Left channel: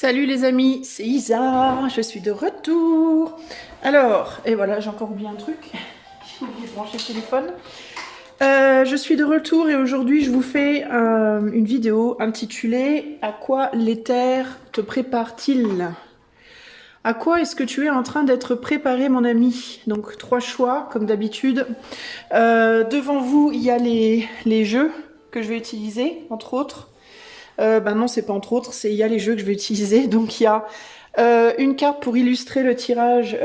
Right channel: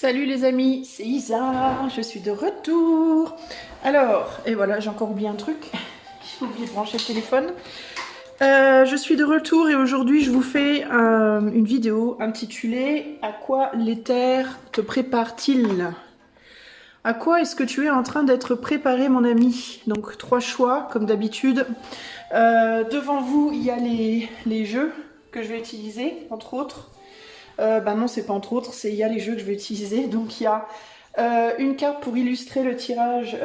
Salut les amis, c'est Isa, je suis de retour. Alors, et voilà, j'ai encore oublié un truc. J'ai oublié de brancher le téléphone. Je suis de retour et aujourd'hui je vous fais une vidéo intitulée « À quoi l'éther te prépare-t-il » À quoi est-ce que tu es en train d'être préparé mon ami? Donc 3 choix comme d'habitude. Devant vous il y a les jeux que je vais utiliser entre autres. Ben non, c'est pas entre autres, il y a les jeux que je vais utiliser. Donc il y a une carte pour illustrer le tirage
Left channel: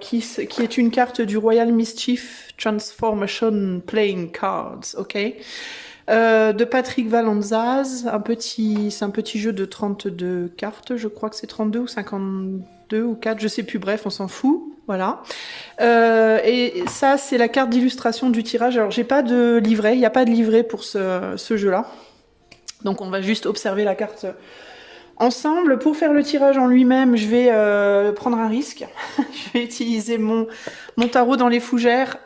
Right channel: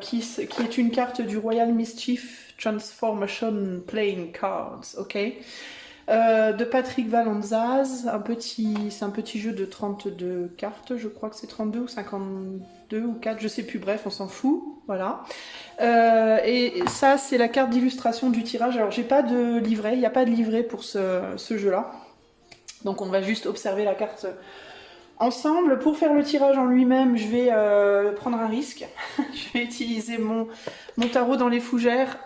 qui est une carte du Royal Mischief Transformation Playing Cards, ok, de Patrick Valanzaz, c'est un petit jeu de 32 cartes, je crois que c'est 32 ou 52 ou 4, je sais plus, bref, on s'en fout, voilà. Et ça, c'est la carte d'illustration du tirage. Alors j'ai pas de livret, il n'y a pas de livret pour ce jeu-là. Donc on va juste observer la carte ensemble. Pour faire le tirage en lui-même, je vais prendre un risque. Je vais utiliser mon tarot dans les fougères.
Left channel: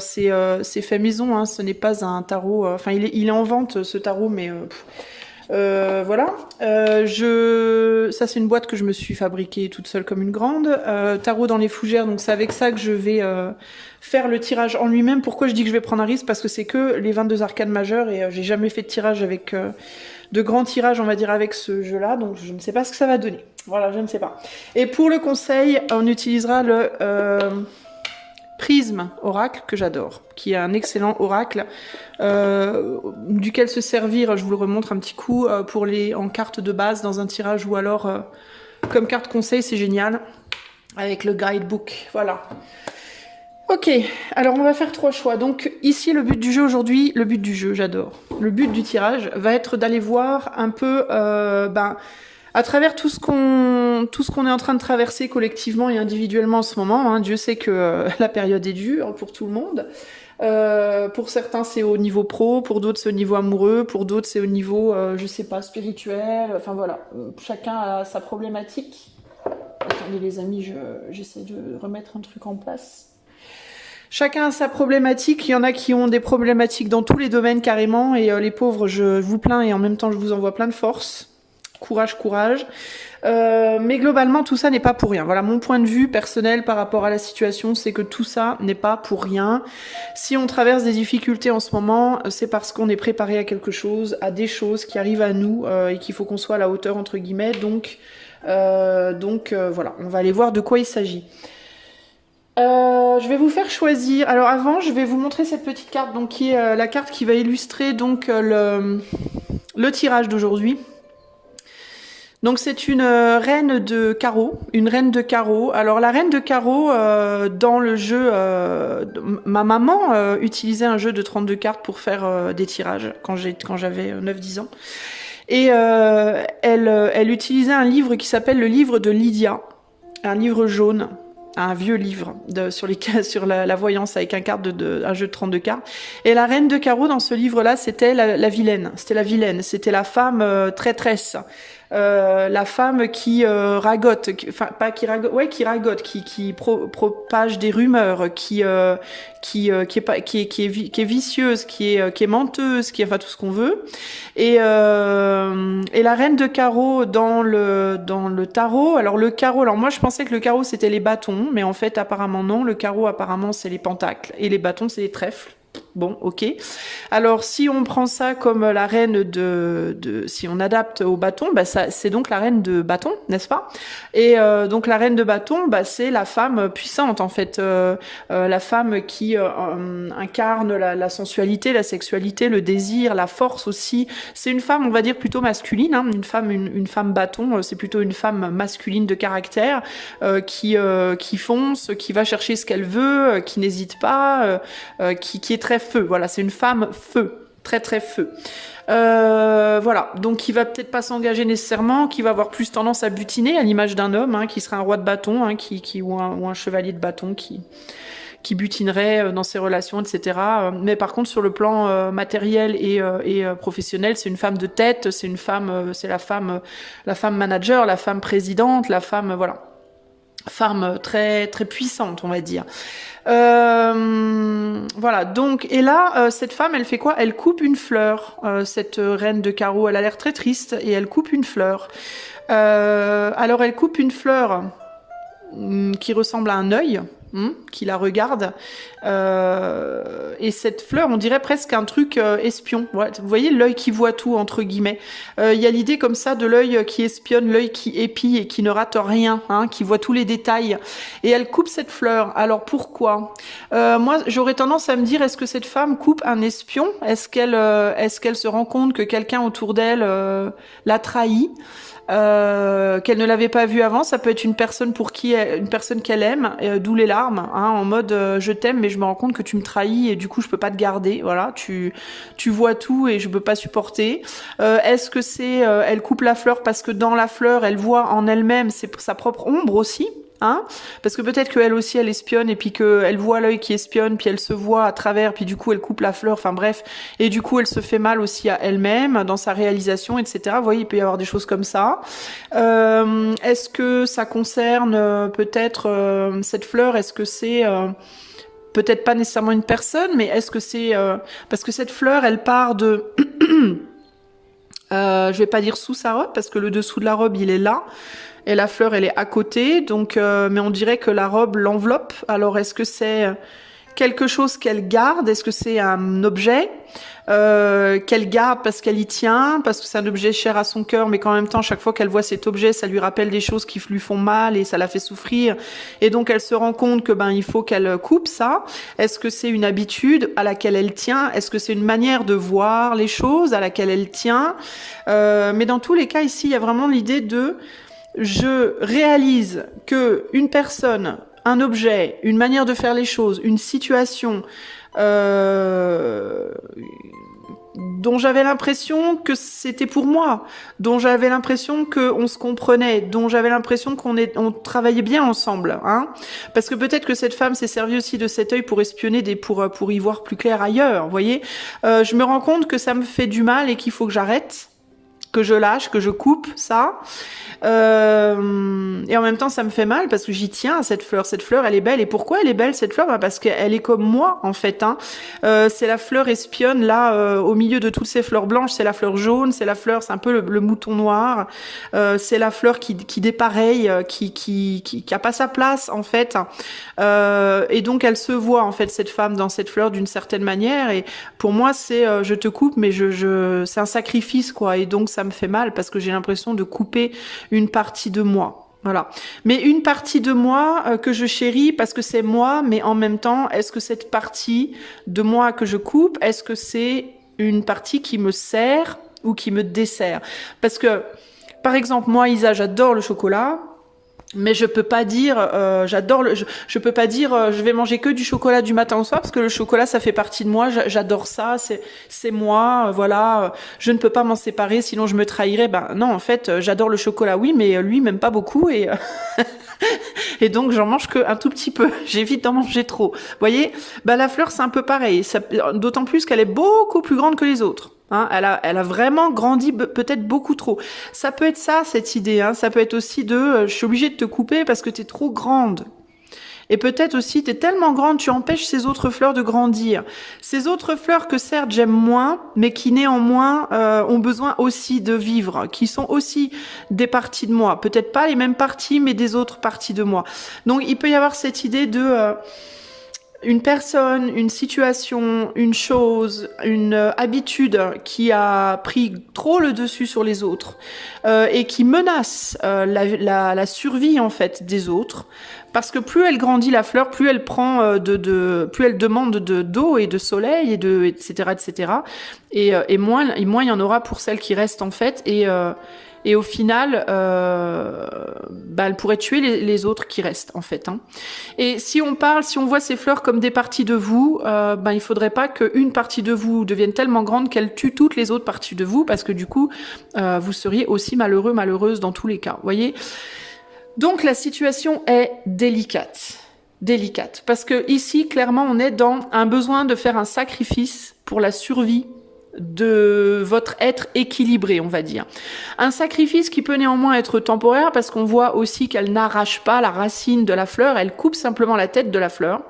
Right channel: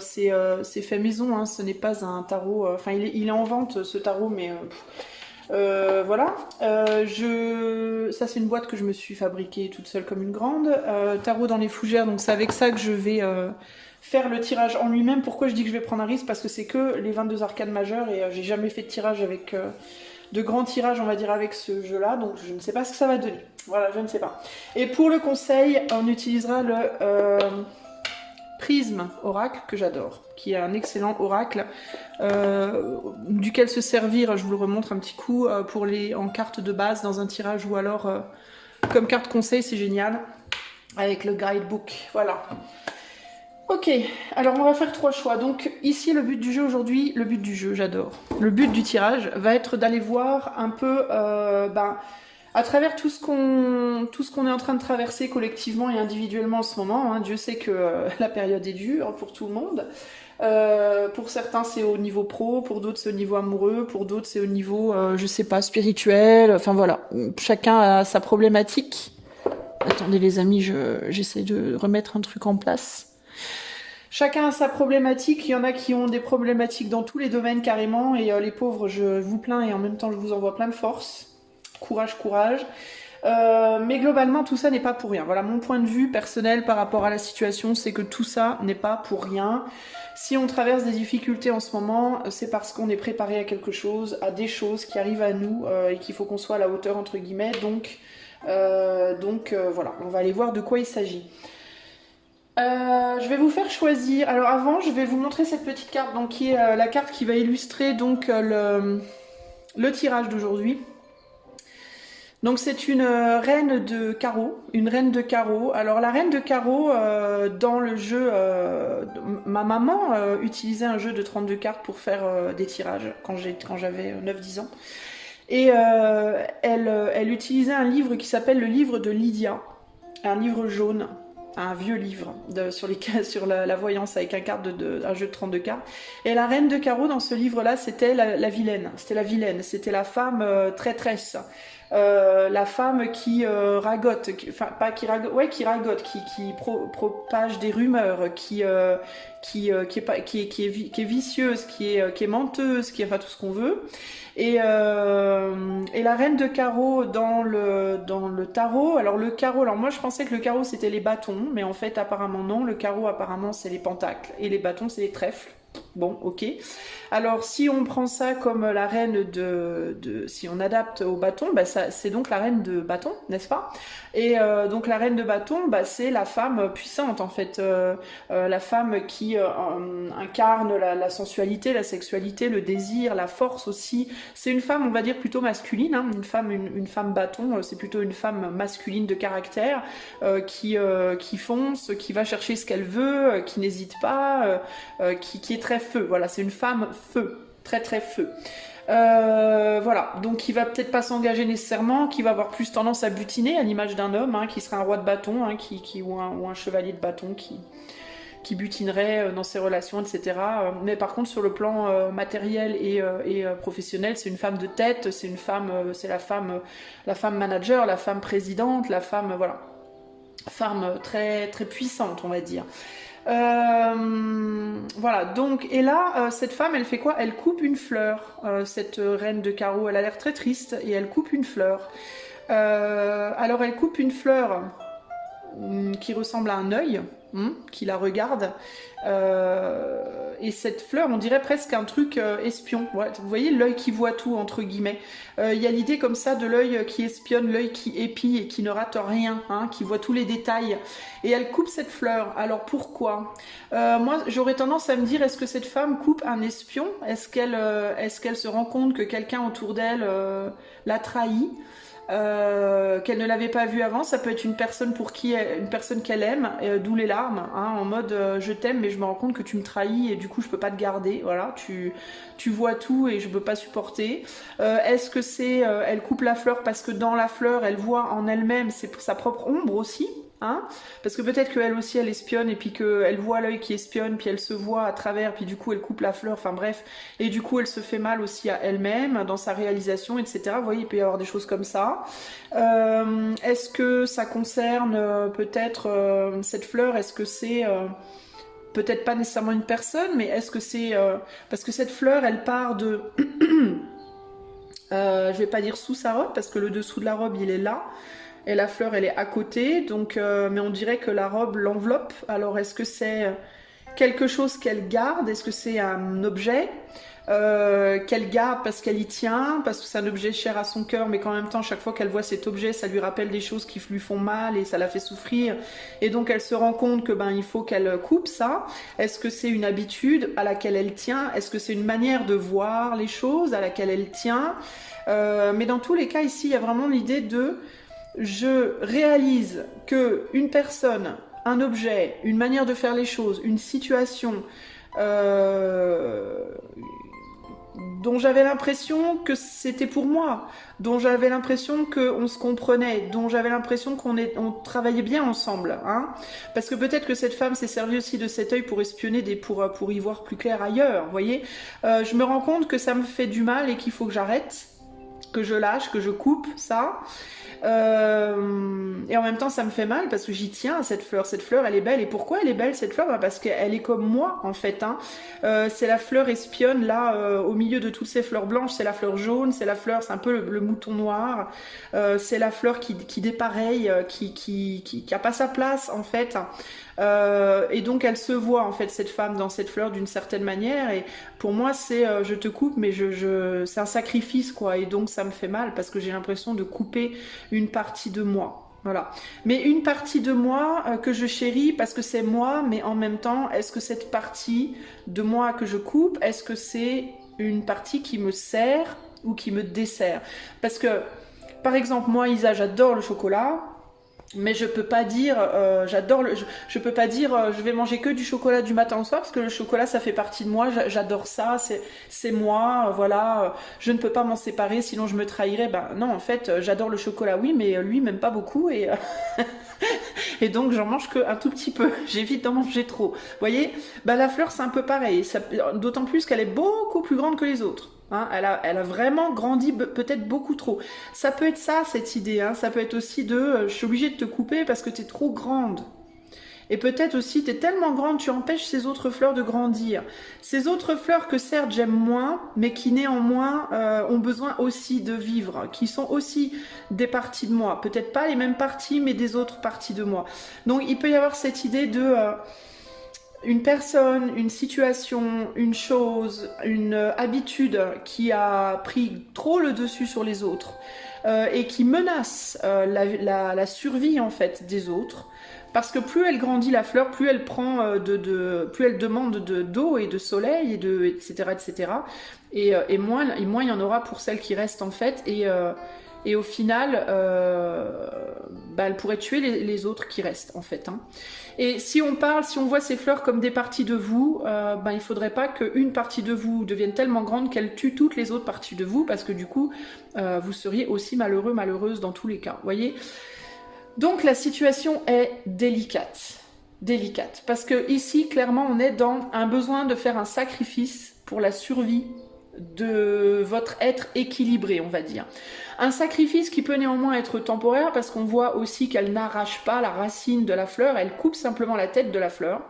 C'est fait maison, hein, ce n'est pas un tarot... Enfin, il est en vente, ce tarot, mais... voilà. Ça, c'est une boîte que je me suis fabriquée toute seule comme une grande. Tarot dans les fougères, donc c'est avec ça que je vais... faire le tirage en lui-même. Pourquoi je dis que je vais prendre un risque? Parce que c'est que les 22 arcanes majeures et j'ai jamais fait de tirage avec de grands tirages, on va dire, avec ce jeu-là, donc je ne sais pas ce que ça va donner. Voilà, je ne sais pas. Et pour le conseil, on utilisera le Prisme Oracle, que j'adore, qui est un excellent oracle, duquel se servir, je vous le remontre un petit coup, en carte de base dans un tirage, ou alors comme carte conseil, c'est génial, avec le guidebook, voilà. Ok, alors on va faire 3 choix. Donc ici, le but du jeu aujourd'hui, j'adore. Le but du tirage va être d'aller voir un peu, à travers tout ce qu'on est en train de traverser collectivement et individuellement en ce moment. Hein. Dieu sait que la période est dure pour tout le monde. Pour certains, c'est au niveau pro, pour d'autres, c'est au niveau amoureux, pour d'autres, c'est au niveau, je sais pas, spirituel. Enfin voilà, chacun a sa problématique. Attendez les amis, j'essaie de remettre un truc en place. Chacun a sa problématique, il y en a qui ont des problématiques dans tous les domaines carrément, et les pauvres, je vous plains et en même temps je vous envoie plein de force. Courage, courage. Mais globalement, tout ça n'est pas pour rien. Voilà, mon point de vue personnel par rapport à la situation, c'est que tout ça n'est pas pour rien. Si on traverse des difficultés en ce moment, c'est parce qu'on est préparé à quelque chose, à des choses qui arrivent à nous, et qu'il faut qu'on soit à la hauteur, entre guillemets. Donc voilà, on va aller voir de quoi il s'agit. Je vais vous faire choisir. Alors avant, je vais vous montrer cette petite carte, donc qui est la carte qui va illustrer donc le tirage d'aujourd'hui. Donc c'est une reine de carreau, une reine de carreau. Alors la reine de carreau, dans le jeu, ma maman utilisait un jeu de 32 cartes pour faire des tirages quand j'avais 9-10 ans. Et elle utilisait un livre qui s'appelle le livre de Lydia, un livre jaune. Un vieux livre sur la voyance avec un jeu de 32 cartes. Et la reine de carreau dans ce livre-là, c'était la vilaine. C'était la vilaine. C'était la femme traîtresse. La femme qui ragote, qui ragote, qui propage des rumeurs, qui est vicieuse, qui est menteuse, qui est enfin tout ce qu'on veut. Et la reine de carreau dans le tarot. Alors le carreau, alors moi je pensais que le carreau c'était les bâtons, mais en fait apparemment non. Le carreau apparemment c'est les pentacles et les bâtons c'est les trèfles. Bon, ok. Alors, si on prend ça comme la reine si on adapte au bâton, bah c'est donc la reine de bâton, n'est-ce pas? Et donc la reine de bâton, bah c'est la femme puissante en fait, la femme qui incarne la sensualité, la sexualité, le désir, la force aussi. C'est une femme, on va dire plutôt masculine, hein. Une femme bâton, c'est plutôt une femme masculine de caractère qui fonce, qui va chercher ce qu'elle veut, qui n'hésite pas, qui est très feu. Voilà, c'est une femme feu, très très feu. Voilà, donc qui va peut-être pas s'engager nécessairement, qui va avoir plus tendance à butiner, à l'image d'un homme, hein, qui serait un roi de bâton, hein, ou un chevalier de bâton qui butinerait dans ses relations, etc. Mais par contre, sur le plan matériel et professionnel, c'est une femme de tête, c'est la femme manager, la femme présidente, la femme, voilà. Femme très très puissante, on va dire. Voilà, donc, et là, cette femme, elle fait quoi? Elle coupe une fleur. Cette reine de carreau, elle a l'air très triste et elle coupe une fleur. Alors, elle coupe une fleur qui ressemble à un œil, qui la regarde. Et cette fleur, on dirait presque un truc espion. Ouais, vous voyez l'œil qui voit tout, entre guillemets. Il y a l'idée comme ça de l'œil qui espionne, l'œil qui épie et qui ne rate rien, hein, qui voit tous les détails. Et elle coupe cette fleur. Alors pourquoi? Moi, j'aurais tendance à me dire, est-ce que cette femme coupe un espion? Est-ce qu'elle se rend compte que quelqu'un autour d'elle l'a trahi? Qu'elle ne l'avait pas vu avant, ça peut être une personne une personne qu'elle aime, d'où les larmes, hein, en mode je t'aime mais je me rends compte que tu me trahis et du coup je peux pas te garder, voilà, tu vois tout et je peux pas supporter. Est-ce que c'est elle coupe la fleur parce que dans la fleur elle voit en elle-même sa propre ombre aussi? Hein, parce que peut-être qu'elle aussi elle espionne et puis qu'elle voit l'œil qui espionne puis elle se voit à travers puis du coup elle coupe la fleur, enfin bref, et du coup elle se fait mal aussi à elle-même dans sa réalisation, etc. Vous voyez, il peut y avoir des choses comme ça. Est-ce que ça concerne peut-être cette fleur, est-ce que c'est peut-être pas nécessairement une personne, mais est-ce que c'est parce que cette fleur elle part de je vais pas dire sous sa robe parce que le dessous de la robe il est là. Et la fleur, elle est à côté, donc, mais on dirait que la robe l'enveloppe. Alors, est-ce que c'est quelque chose qu'elle garde? Est-ce que c'est un objet qu'elle garde parce qu'elle y tient, parce que c'est un objet cher à son cœur, mais qu'en même temps, chaque fois qu'elle voit cet objet, ça lui rappelle des choses qui lui font mal et ça la fait souffrir. Et donc, elle se rend compte que il faut qu'elle coupe ça. Est-ce que c'est une habitude à laquelle elle tient? Est-ce que c'est une manière de voir les choses à laquelle elle tient? Mais dans tous les cas, ici, il y a vraiment l'idée de je réalise que une personne, un objet, une manière de faire les choses, une situation dont j'avais l'impression que c'était pour moi, dont j'avais l'impression qu'on se comprenait, dont j'avais l'impression on travaillait bien ensemble, hein. Parce que peut-être que cette femme s'est servie aussi de cet œil pour espionner pour y voir plus clair ailleurs, vous voyez. Je me rends compte que ça me fait du mal et qu'il faut que j'arrête, que je lâche, que je coupe ça. Et en même temps, ça me fait mal parce que j'y tiens à cette fleur. Cette fleur, elle est belle. Et pourquoi elle est belle, cette fleur? Parce qu'elle est comme moi, en fait. Hein. C'est la fleur espionne, là, au milieu de toutes ces fleurs blanches. C'est la fleur jaune, c'est la fleur, c'est un peu le mouton noir. C'est la fleur qui dépareille, qui a pas sa place, en fait. Et donc, elle se voit, en fait, cette femme dans cette fleur d'une certaine manière. Et pour moi, c'est je te coupe, mais c'est un sacrifice, quoi. Et donc, ça me fait mal parce que j'ai l'impression de couper une partie de moi. Voilà. Mais une partie de moi que je chéris parce que c'est moi, mais en même temps, est-ce que cette partie de moi que je coupe, est-ce que c'est une partie qui me sert ou qui me dessert? Parce que, par exemple, moi, Isa, j'adore le chocolat. Mais je peux pas dire je peux pas dire je vais manger que du chocolat du matin au soir parce que le chocolat ça fait partie de moi, j'adore ça, c'est moi, voilà, je ne peux pas m'en séparer sinon je me trahirais. Ben non, en fait, j'adore le chocolat oui, mais lui même pas beaucoup et et donc j'en mange que un tout petit peu, j'évite d'en manger trop. Vous voyez, ben la fleur c'est un peu pareil, d'autant plus qu'elle est beaucoup plus grande que les autres. Hein, elle a vraiment grandi peut-être beaucoup trop. Ça peut être ça, cette idée. Hein, ça peut être aussi je suis obligée de te couper parce que t'es trop grande. Et peut-être aussi, t'es tellement grande, tu empêches ces autres fleurs de grandir. Ces autres fleurs que certes j'aime moins, mais qui néanmoins ont besoin aussi de vivre, qui sont aussi des parties de moi. Peut-être pas les mêmes parties, mais des autres parties de moi. Donc il peut y avoir cette idée de... une personne, une situation, une chose, une habitude qui a pris trop le dessus sur les autres et qui menace la survie en fait des autres. Parce que plus elle grandit la fleur, plus elle prend plus elle demande d'eau et de soleil et etc. etc. Et moins il y en aura pour celle qui reste en fait et au final, elle pourrait tuer les autres qui restent, en fait. Hein. Et si on voit ces fleurs comme des parties de vous, il faudrait pas qu'une partie de vous devienne tellement grande qu'elle tue toutes les autres parties de vous, parce que du coup, vous seriez aussi malheureux, malheureuse dans tous les cas. Voyez ? Donc la situation est délicate. Délicate. Parce que ici, clairement, on est dans un besoin de faire un sacrifice pour la survie de votre être équilibré, on va dire. Un sacrifice qui peut néanmoins être temporaire parce qu'on voit aussi qu'elle n'arrache pas la racine de la fleur, elle coupe simplement la tête de la fleur.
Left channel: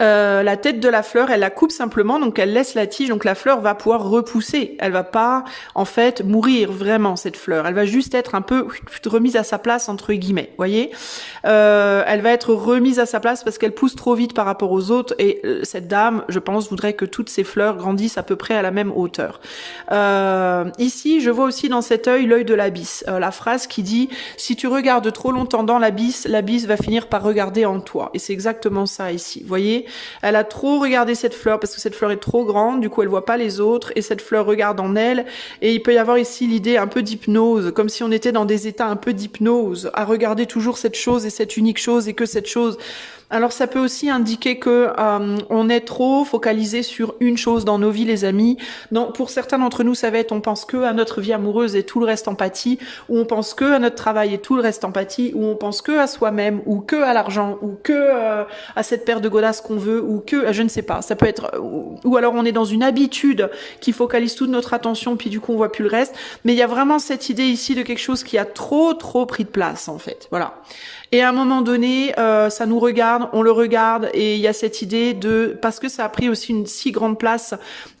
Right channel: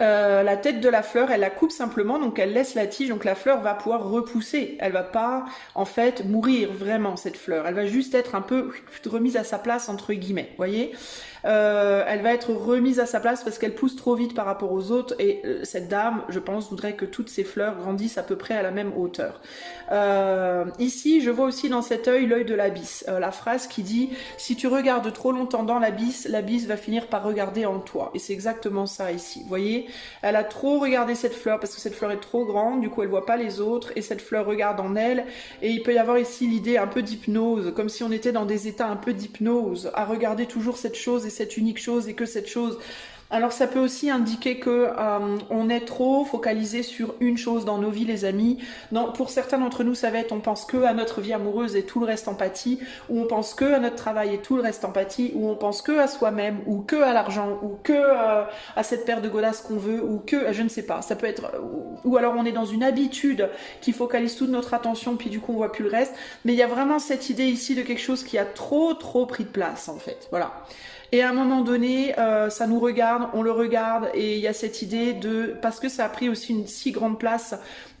La tête de la fleur, elle la coupe simplement, donc elle laisse la tige, donc la fleur va pouvoir repousser. Elle va pas, en fait, mourir vraiment, cette fleur. Elle va juste être un peu remise à sa place, entre guillemets, voyez. Elle va être remise à sa place parce qu'elle pousse trop vite par rapport aux autres, et cette dame, je pense, voudrait que toutes ces fleurs grandissent à peu près à la même hauteur. Ici, je vois aussi dans cet œil l'œil de l'abysse. La phrase qui dit « Si tu regardes trop longtemps dans l'abysse va finir par regarder en toi ». Et c'est exactement ça ici, voyez. Elle a trop regardé cette fleur parce que cette fleur est trop grande, du coup elle voit pas les autres, et cette fleur regarde en elle, et il peut y avoir ici l'idée un peu d'hypnose, comme si on était dans des états un peu d'hypnose, à regarder toujours cette chose et cette unique chose et que cette chose. Alors ça peut aussi indiquer que on est trop focalisé sur une chose dans nos vies, les amis. Pour certains d'entre nous, ça va être on pense que à notre vie amoureuse et tout le reste empathie, ou on pense que à notre travail et tout le reste empathie, ou on pense que à soi-même, ou que à l'argent, ou que à cette paire de godasses qu'on veut, ou que je ne sais pas. Ça peut être, ou alors on est dans une habitude qui focalise toute notre attention, puis du coup on voit plus le reste. Mais il y a vraiment cette idée ici de quelque chose qui a trop pris de place en fait. Voilà. Et à un moment donné, ça nous regarde, on le regarde, et il y a cette idée de, parce que ça a pris aussi une si grande place,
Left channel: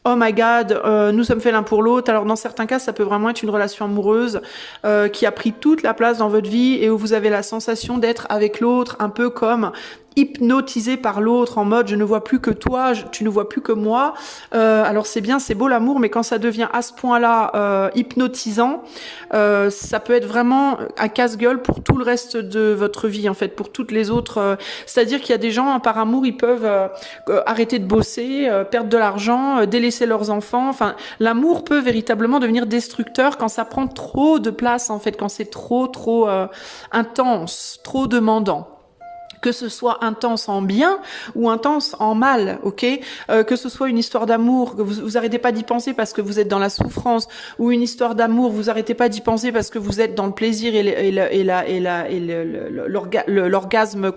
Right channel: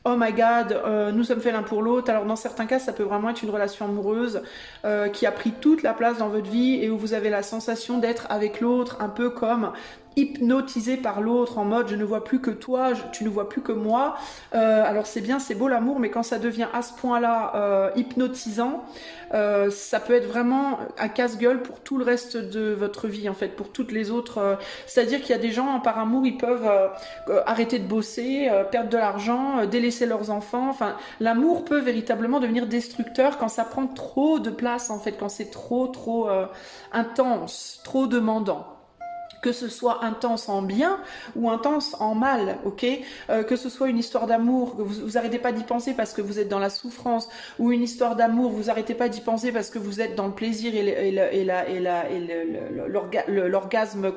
oh my god, nous sommes faits l'un pour l'autre. Alors dans certains cas, ça peut vraiment être une relation amoureuse qui a pris toute la place dans votre vie et où vous avez la sensation d'être avec l'autre, un peu comme hypnotisé par l'autre, en mode je ne vois plus que toi, tu ne vois plus que moi. Alors c'est bien, c'est beau l'amour, mais quand ça devient à ce point-là hypnotisant, ça peut être vraiment un casse-gueule pour tout le reste de votre vie, en fait, pour toutes les autres. C'est-à-dire qu'il y a des gens, par amour, ils peuvent arrêter de bosser, perdre de l'argent, délaisser leurs enfants. Enfin, l'amour peut véritablement devenir destructeur quand ça prend trop de place, en fait, quand c'est trop intense, trop demandant. Que ce soit intense en bien ou intense en mal, ok, que ce soit une histoire d'amour, que vous arrêtez pas d'y penser parce que vous êtes dans la souffrance, ou une histoire d'amour, vous arrêtez pas d'y penser parce que vous êtes dans le plaisir et l'orgasme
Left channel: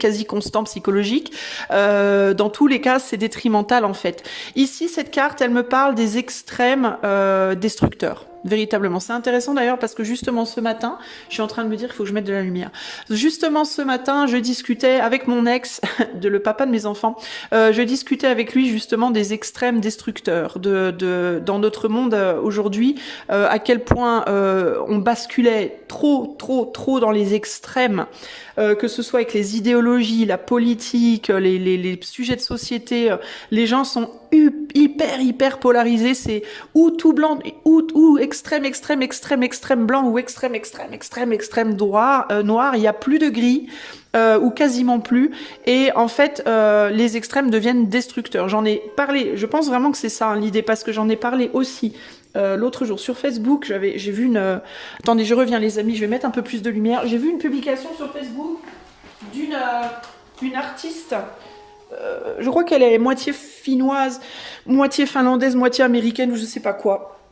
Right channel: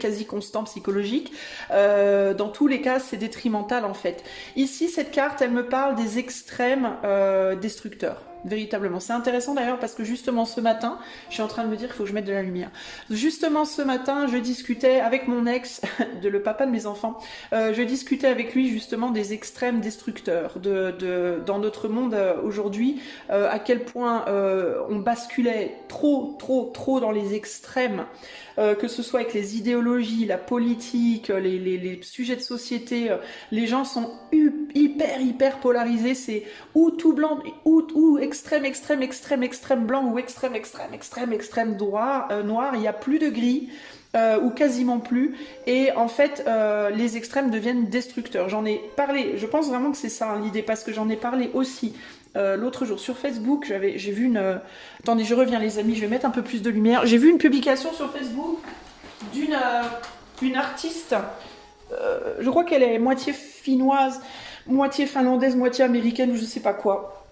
quasi constant psychologique. Dans tous les cas, c'est détrimental en fait. Ici, cette carte, elle me parle des extrêmes destructeurs. Véritablement. C'est intéressant d'ailleurs parce que justement ce matin, je suis en train de me dire qu'il faut que je mette de la lumière. Justement ce matin, je discutais avec mon ex, le papa de mes enfants, je discutais avec lui justement des extrêmes destructeurs dans notre monde aujourd'hui, à quel point on basculait trop dans les extrêmes. Que ce soit avec les idéologies, la politique, les sujets de société, les gens sont hyper polarisés, c'est ou tout blanc, ou extrême blanc, ou extrême noir, il n'y a plus de gris, ou quasiment plus, et en fait les extrêmes deviennent destructeurs. J'en ai parlé, je pense vraiment que c'est ça hein, l'idée, parce que j'en ai parlé aussi l'autre jour sur Facebook. J'ai vu une... Attendez, je reviens les amis, je vais mettre un peu plus de lumière. J'ai vu une publication sur Facebook d'une artiste, je crois qu'elle est moitié finnoise, moitié finlandaise, moitié américaine, ou je sais pas quoi.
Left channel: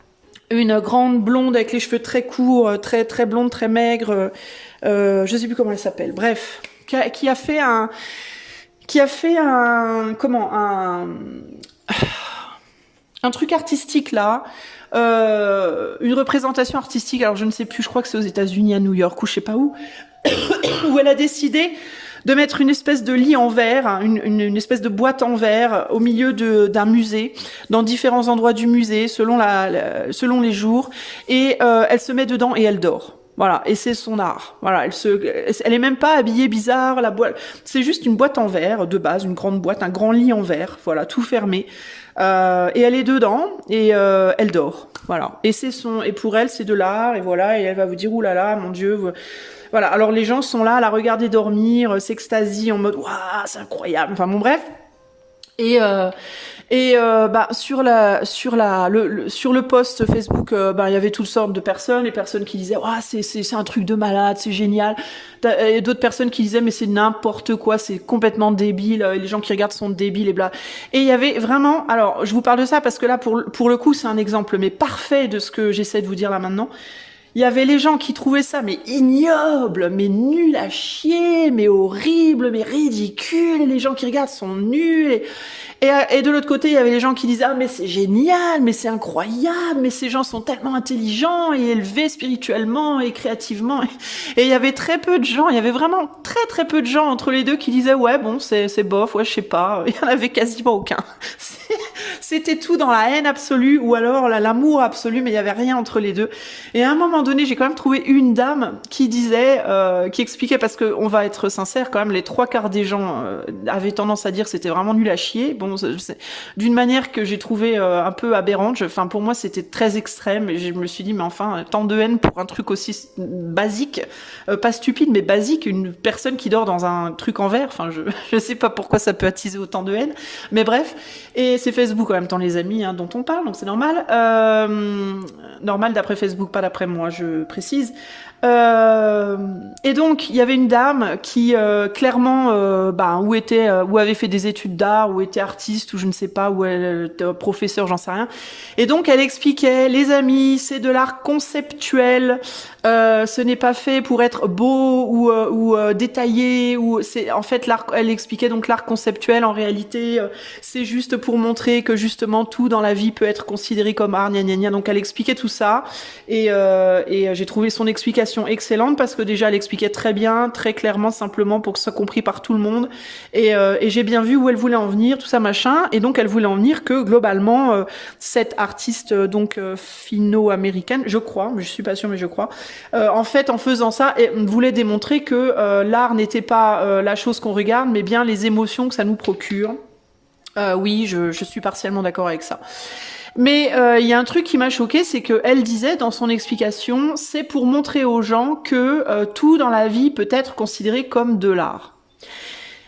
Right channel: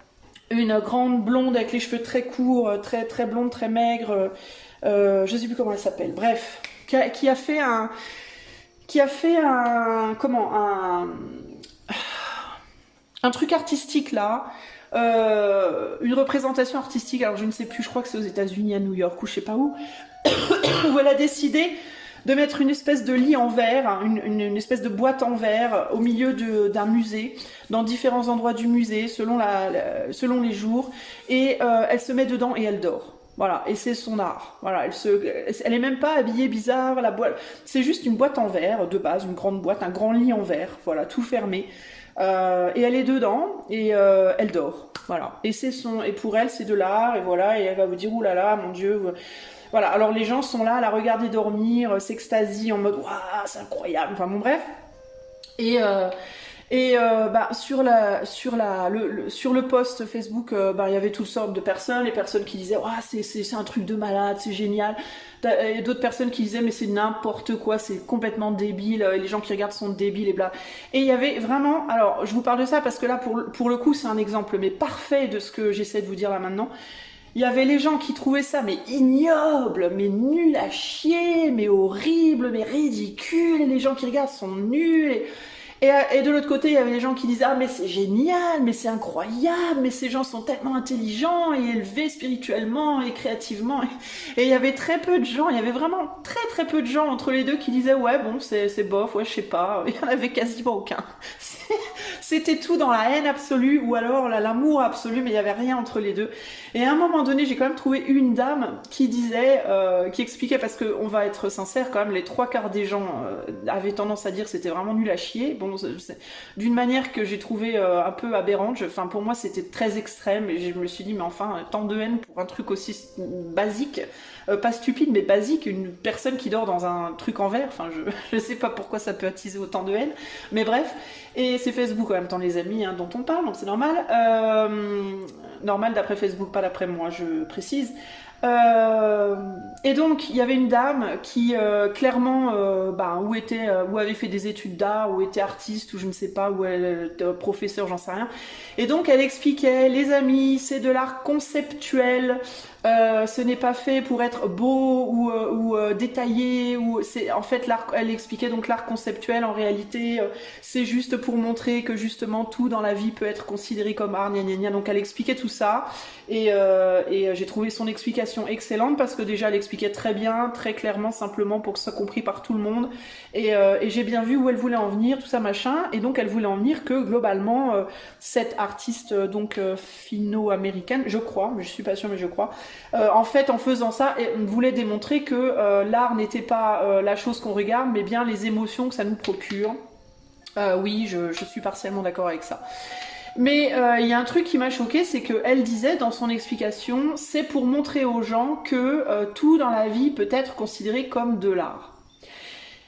Une grande blonde avec les cheveux très courts, très blonde, très maigre, je sais plus comment elle s'appelle. Bref, qui a fait un truc artistique là. Une représentation artistique, alors je ne sais plus, je crois que c'est aux États-Unis, à New York, ou je sais pas où, où elle a décidé de mettre une espèce de lit en verre, hein, une espèce de boîte en verre au milieu d'un musée, dans différents endroits du musée, selon les jours, et elle se met dedans et elle dort. Voilà, et c'est son art. Voilà, elle est même pas habillée bizarre, la boîte, c'est juste une boîte en verre de base, une grande boîte, un grand lit en verre, voilà, tout fermé. Et elle est dedans et elle dort. Voilà. Et pour elle c'est de l'art et voilà, et elle va vous dire oulala, mon Dieu. Voilà. Alors les gens sont là à la regarder dormir, s'extasient en mode waouh, c'est incroyable. Enfin bon bref. Sur le post Facebook, il y avait toutes sortes de personnes, les personnes qui disaient c'est un truc de malade, c'est génial. Et d'autres personnes qui disaient mais c'est n'importe quoi, c'est complètement débile, les gens qui regardent sont débiles et bla. Et il y avait vraiment, alors je vous parle de ça parce que là pour le coup c'est un exemple mais parfait de ce que j'essaie de vous dire là maintenant. Il y avait les gens qui trouvaient ça mais ignoble, mais nul à chier, mais horrible, mais ridicule, et les gens qui regardent sont nuls. Et de l'autre côté, il y avait les gens qui disaient « Ah, mais c'est génial, mais c'est incroyable, mais ces gens sont tellement intelligents et élevés spirituellement et créativement. » Et il y avait très peu de gens, il y avait vraiment très très peu de gens entre les deux qui disaient « Ouais, bon, c'est bof, ouais, je sais pas. » Il y en avait quasiment aucun. C'était tout dans la haine absolue ou alors l'amour absolu, mais il y avait rien entre les deux. Et à un moment donné, j'ai quand même trouvé une dame qui disait, qui expliquait, parce que on va être sincère quand même, les 3/4 des gens avaient tendance à dire que c'était vraiment nul à chier. Bon, c'est d'une manière que j'ai trouvé un peu aberrante. Enfin, pour moi, c'était très extrême et je me suis dit, mais enfin, tant de haine pour un truc aussi basique, pas stupide, mais basique, une personne qui dort dans un truc en verre. Enfin, je sais pas pourquoi ça peut attiser autant de haine, mais bref. Et c'est Facebook en même temps, les amis, hein, dont on parle, donc c'est normal. Normal d'après Facebook, pas d'après moi, je précise. Et donc il y avait une dame qui clairement où avait fait des études d'art, ou était artiste, ou je ne sais pas, où elle était professeur, j'en sais rien. Et donc elle expliquait, les amis, c'est de l'art conceptuel, ce n'est pas fait pour être beau ou détaillé, ou c'est en fait l'art. Elle expliquait donc l'art conceptuel en réalité, c'est juste pour montrer que justement tout dans la vie peut être considéré comme art, gna gna gna. Donc elle expliquait tout ça et j'ai trouvé son explication excellente parce que déjà elle expliquait très bien, très clairement, simplement pour que ce soit compris par tout le monde et j'ai bien vu où elle voulait en venir, tout ça machin, et donc elle voulait en venir que globalement cette artiste donc finno-américaine, je crois, je suis pas sûre mais je crois, en fait en faisant ça elle voulait démontrer que l'art n'était pas la chose qu'on regarde mais bien les émotions que ça nous procure. Oui, je suis partiellement d'accord avec ça. Mais il y a un truc qui m'a choqué, c'est qu'elle disait dans son explication, c'est pour montrer aux gens que tout dans la vie peut être considéré comme de l'art.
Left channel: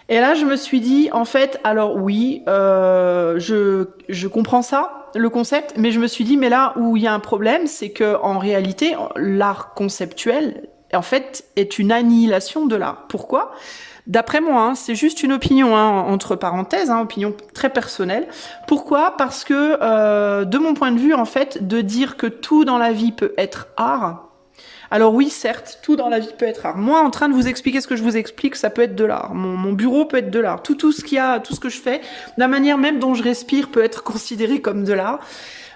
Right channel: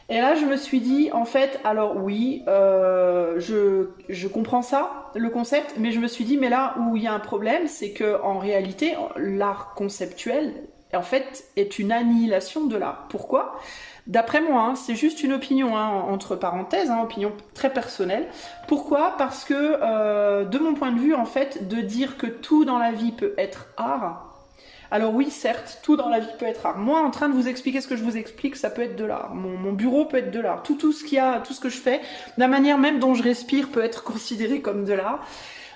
Et là, je me suis dit, en fait, alors oui, je comprends ça, le concept, mais je me suis dit, mais là où il y a un problème, c'est que en réalité, l'art conceptuel, en fait, est une annihilation de l'art. Pourquoi ? D'après moi, hein, c'est juste une opinion, hein, entre parenthèses, hein, opinion très personnelle. Pourquoi ? Parce que, de mon point de vue, en fait, de dire que tout dans la vie peut être art, alors oui, certes, tout dans la vie peut être art. Moi, en train de vous expliquer ce que je vous explique, ça peut être de l'art. Mon bureau peut être de l'art. Tout ce qu'il y a, tout ce que je fais, la manière même dont je respire peut être considéré comme de l'art.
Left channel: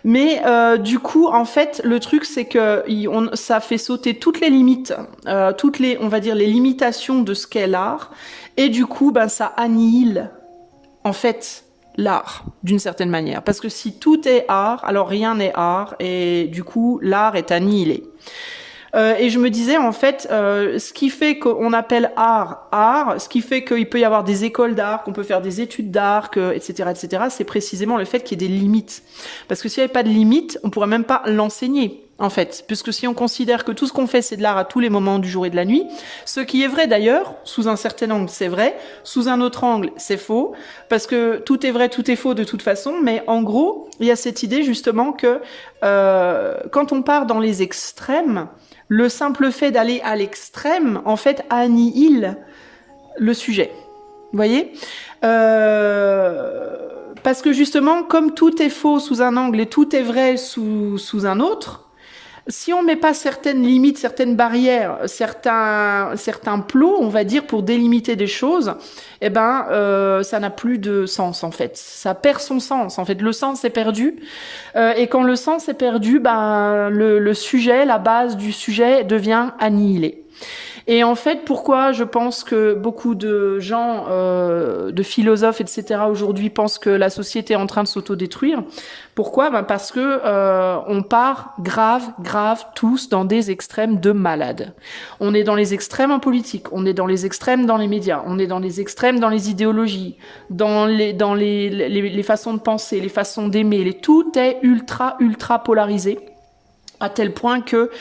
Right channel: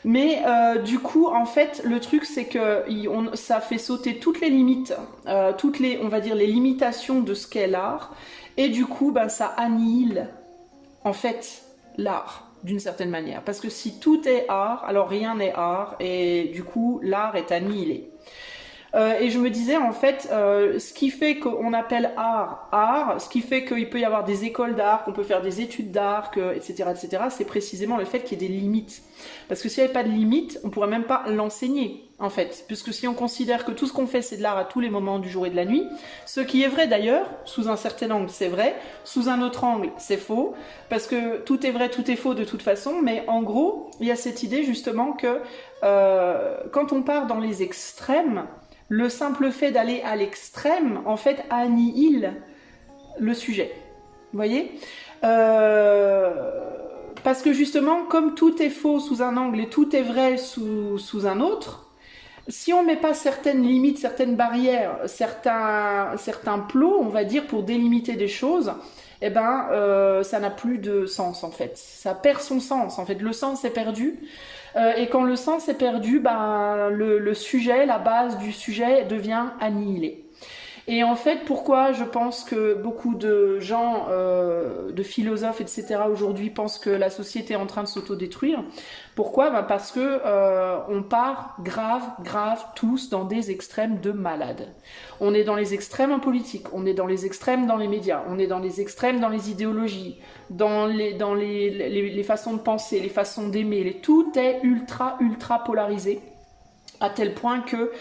Mais du coup, en fait, le truc, c'est que ça fait sauter toutes les limites, on va dire, les limitations de ce qu'est l'art. Et du coup, ben, ça annihile, en fait, l'art, d'une certaine manière. Parce que si tout est art, alors rien n'est art. Et du coup, l'art est annihilé. Et je me disais, en fait, ce qui fait qu'on appelle art, ce qui fait qu'il peut y avoir des écoles d'art, qu'on peut faire des études d'art, etc., c'est précisément le fait qu'il y ait des limites. Parce que s'il n'y avait pas de limites, on pourrait même pas l'enseigner, en fait. Puisque si on considère que tout ce qu'on fait, c'est de l'art à tous les moments du jour et de la nuit, ce qui est vrai d'ailleurs, sous un certain angle, c'est vrai, sous un autre angle, c'est faux, parce que tout est vrai, tout est faux de toute façon, mais en gros, il y a cette idée justement que quand on part dans les extrêmes, le simple fait d'aller à l'extrême, en fait, annihile le sujet. Vous voyez ? Parce que justement, comme tout est faux sous un angle et tout est vrai sous un autre, si on ne met pas certaines limites, certaines barrières, certains plots, on va dire, pour délimiter des choses, eh ben, ça n'a plus de sens, en fait. Ça perd son sens, en fait. Le sens est perdu. Et quand le sens est perdu, ben, le sujet, la base du sujet devient annihilée. Et en fait, pourquoi je pense que beaucoup de gens, de philosophes, etc., aujourd'hui pensent que la société est en train de s'autodétruire. Pourquoi ? Ben parce que on part grave, tous dans des extrêmes de malades. On est dans les extrêmes en politique, on est dans les extrêmes dans les médias, on est dans les extrêmes dans les idéologies, dans les façons de penser, les façons d'aimer. Tout est ultra polarisé. À tel point que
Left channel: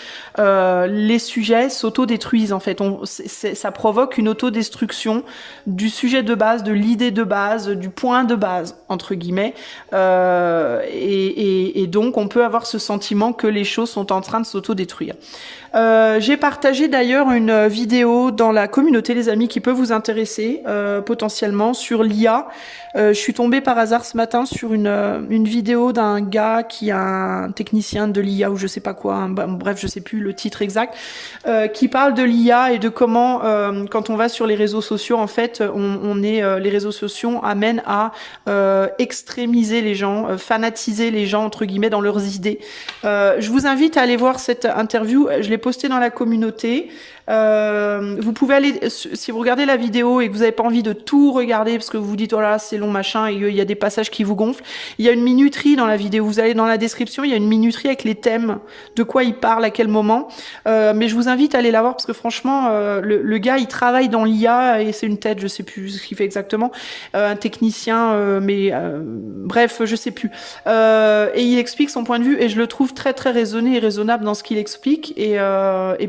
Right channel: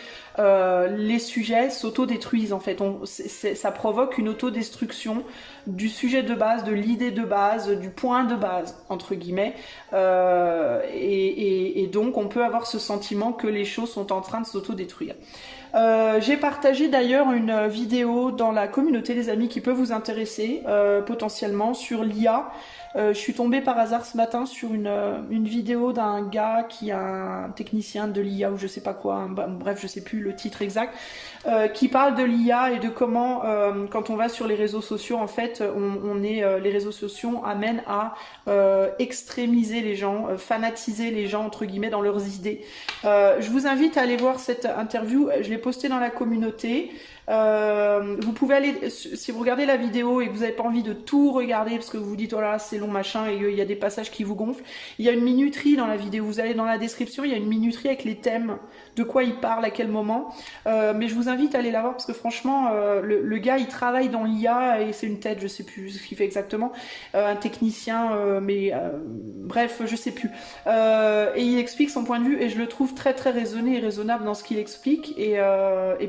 les sujets s'autodétruisent, en fait. Ça provoque une autodestruction du sujet de base, de l'idée de base, du point de base, entre guillemets. Et donc, on peut avoir ce sentiment que les choses sont en train de s'autodétruire. J'ai partagé d'ailleurs une vidéo dans la communauté, les amis, qui peut vous intéresser potentiellement sur l'IA. Je suis tombée par hasard ce matin sur une vidéo d'un gars qui a un technicien de l'IA ou je sais pas quoi, hein, bref, je sais plus le titre exact, qui parle de l'IA et de comment, quand on va sur les réseaux sociaux, en fait, les réseaux sociaux amènent à extrémiser les gens, fanatiser les gens, entre guillemets, dans leurs idées. Je vous invite à aller voir cette interview, je l'ai postée dans la communauté. Vous pouvez aller, si vous regardez la vidéo et que vous n'avez pas envie de tout regarder parce que vous vous dites oh là c'est long machin et il y a des passages qui vous gonflent, il y a une minuterie dans la vidéo, vous allez dans la description, il y a une minuterie avec les thèmes, de quoi il parle, à quel moment, mais je vous invite à aller la voir parce que franchement le gars il travaille dans l'IA et c'est une tête, je sais plus ce qu'il fait exactement, un technicien bref je sais plus, et il explique son point de vue et je le trouve très très raisonné et raisonnable dans ce qu'il explique et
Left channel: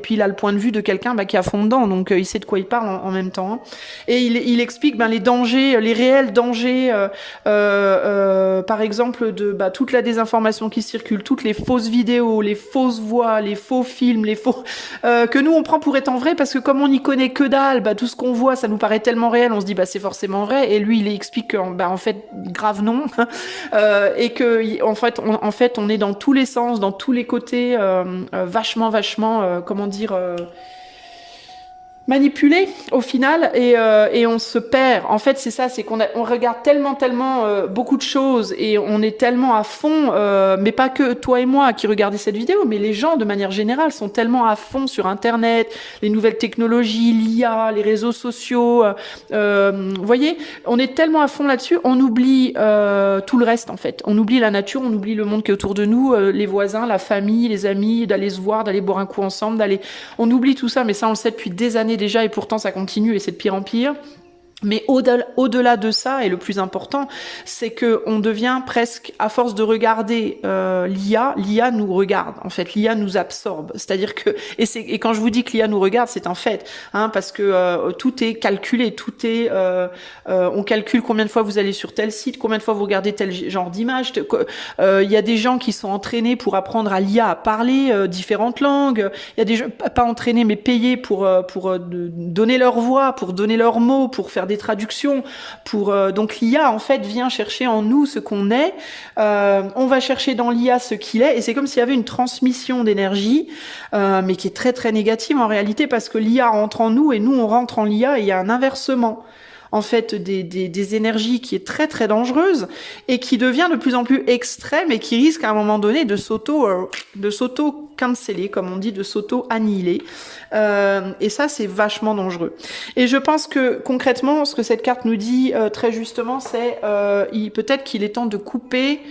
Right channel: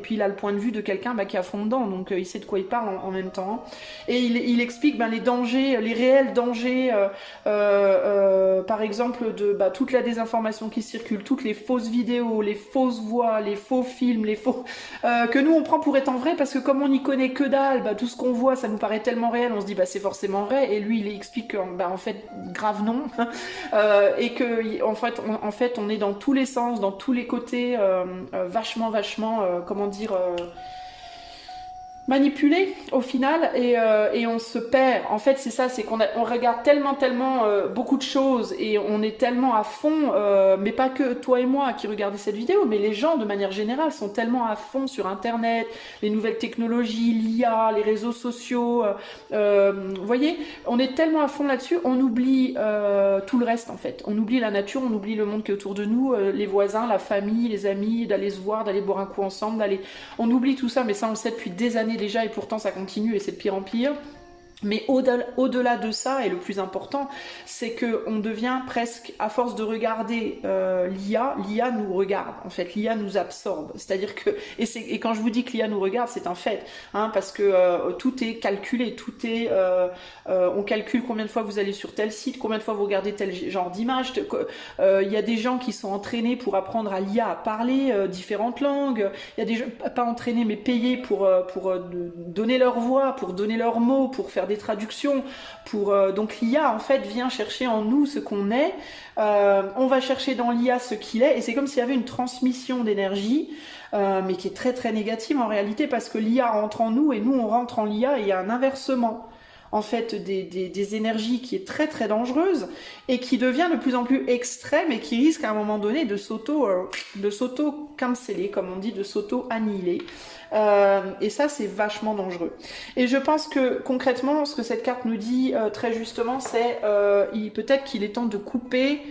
puis il a le point de vue de quelqu'un qui est à fond dedans, donc il sait de quoi il parle en même temps. Et il explique les dangers, les réels dangers, par exemple, de toute la désinformation qui circule, toutes les fausses vidéos, les fausses voix, les faux films, les faux que nous on prend pour étant vrai parce que comme on n'y connaît que dalle, tout ce qu'on voit, ça nous paraît tellement réel, on se dit c'est forcément vrai. Et lui, il explique que en fait, grave non, et que en fait, on est dans tous les sens, dans tous les côtés, vachement, comment dire. Manipulé au final et on se perd. En fait, c'est ça, c'est on regarde tellement beaucoup de choses et on est tellement à fond, mais pas que toi et moi qui regardez cette vidéo, mais les gens de manière générale sont tellement à fond sur Internet, les nouvelles technologies, l'IA, les réseaux sociaux. Vous voyez, on est tellement à fond là-dessus, on oublie tout le reste en fait. On oublie la nature, on oublie le monde qui est autour de nous, les voisins, la famille, les amis, d'aller se voir, d'aller boire un coup ensemble, on oublie tout ça, mais ça on le sait depuis des années déjà et pourtant ça continue et c'est de pire en pire. Mais au-delà de ça, et le plus important, c'est que on devient presque, à force de regarder l'IA nous regarde. En fait, l'IA nous absorbe. C'est-à-dire que, et quand je vous dis que l'IA nous regarde, c'est un fait, parce que tout est calculé, on calcule combien de fois vous allez sur tel site, combien de fois vous regardez tel genre d'image. Il y a des gens qui sont entraînés pour apprendre à l'IA à parler différentes langues. Il y a des gens pas entraînés mais payés pour donner leur voix, pour donner leurs mots, pour faire des traductions, donc l'IA en fait vient chercher en nous ce qu'on est, on va chercher dans l'IA ce qu'il est et c'est comme s'il y avait une transmission d'énergie mais qui est très très négative en réalité parce que l'IA rentre en nous et nous on rentre en l'IA et il y a un inversement en fait des énergies qui est très très dangereuse et qui devient de plus en plus extrême et qui risque à un moment donné de s'auto-canceller, comme on dit, de s'auto-annihiler. Et ça, c'est vachement dangereux. Et je pense que concrètement, ce que cette carte nous dit très justement, c'est peut-être qu'il est temps de couper.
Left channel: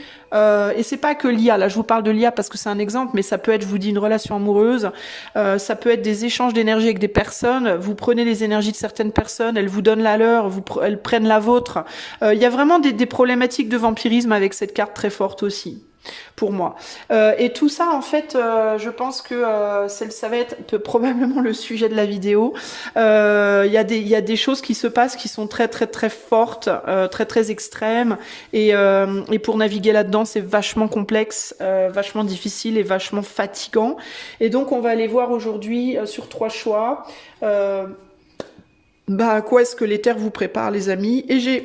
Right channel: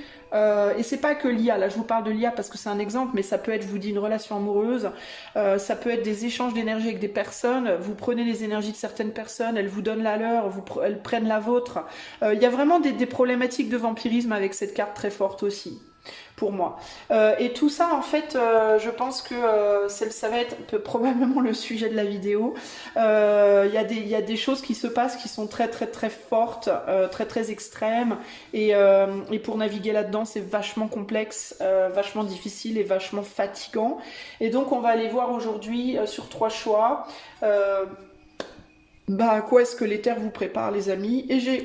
Et c'est pas que l'IA, là je vous parle de l'IA parce que c'est un exemple, mais ça peut être, je vous dis, une relation amoureuse, ça peut être des échanges d'énergie avec des personnes, vous prenez les énergies de certaines personnes, elles vous donnent la leur, elles prennent la vôtre. Il y a vraiment des problématiques de vampirisme avec cette carte très forte aussi. Pour moi. Et tout ça, en fait, je pense que ça va être probablement le sujet de la vidéo. Il y a des choses qui se passent qui sont très très très fortes, très très extrêmes. Et pour naviguer là-dedans, c'est vachement complexe, vachement difficile et vachement fatigant. Et donc, on va aller voir aujourd'hui sur 3 choix. Quoi est-ce que l'éther vous prépare, les amis? Et je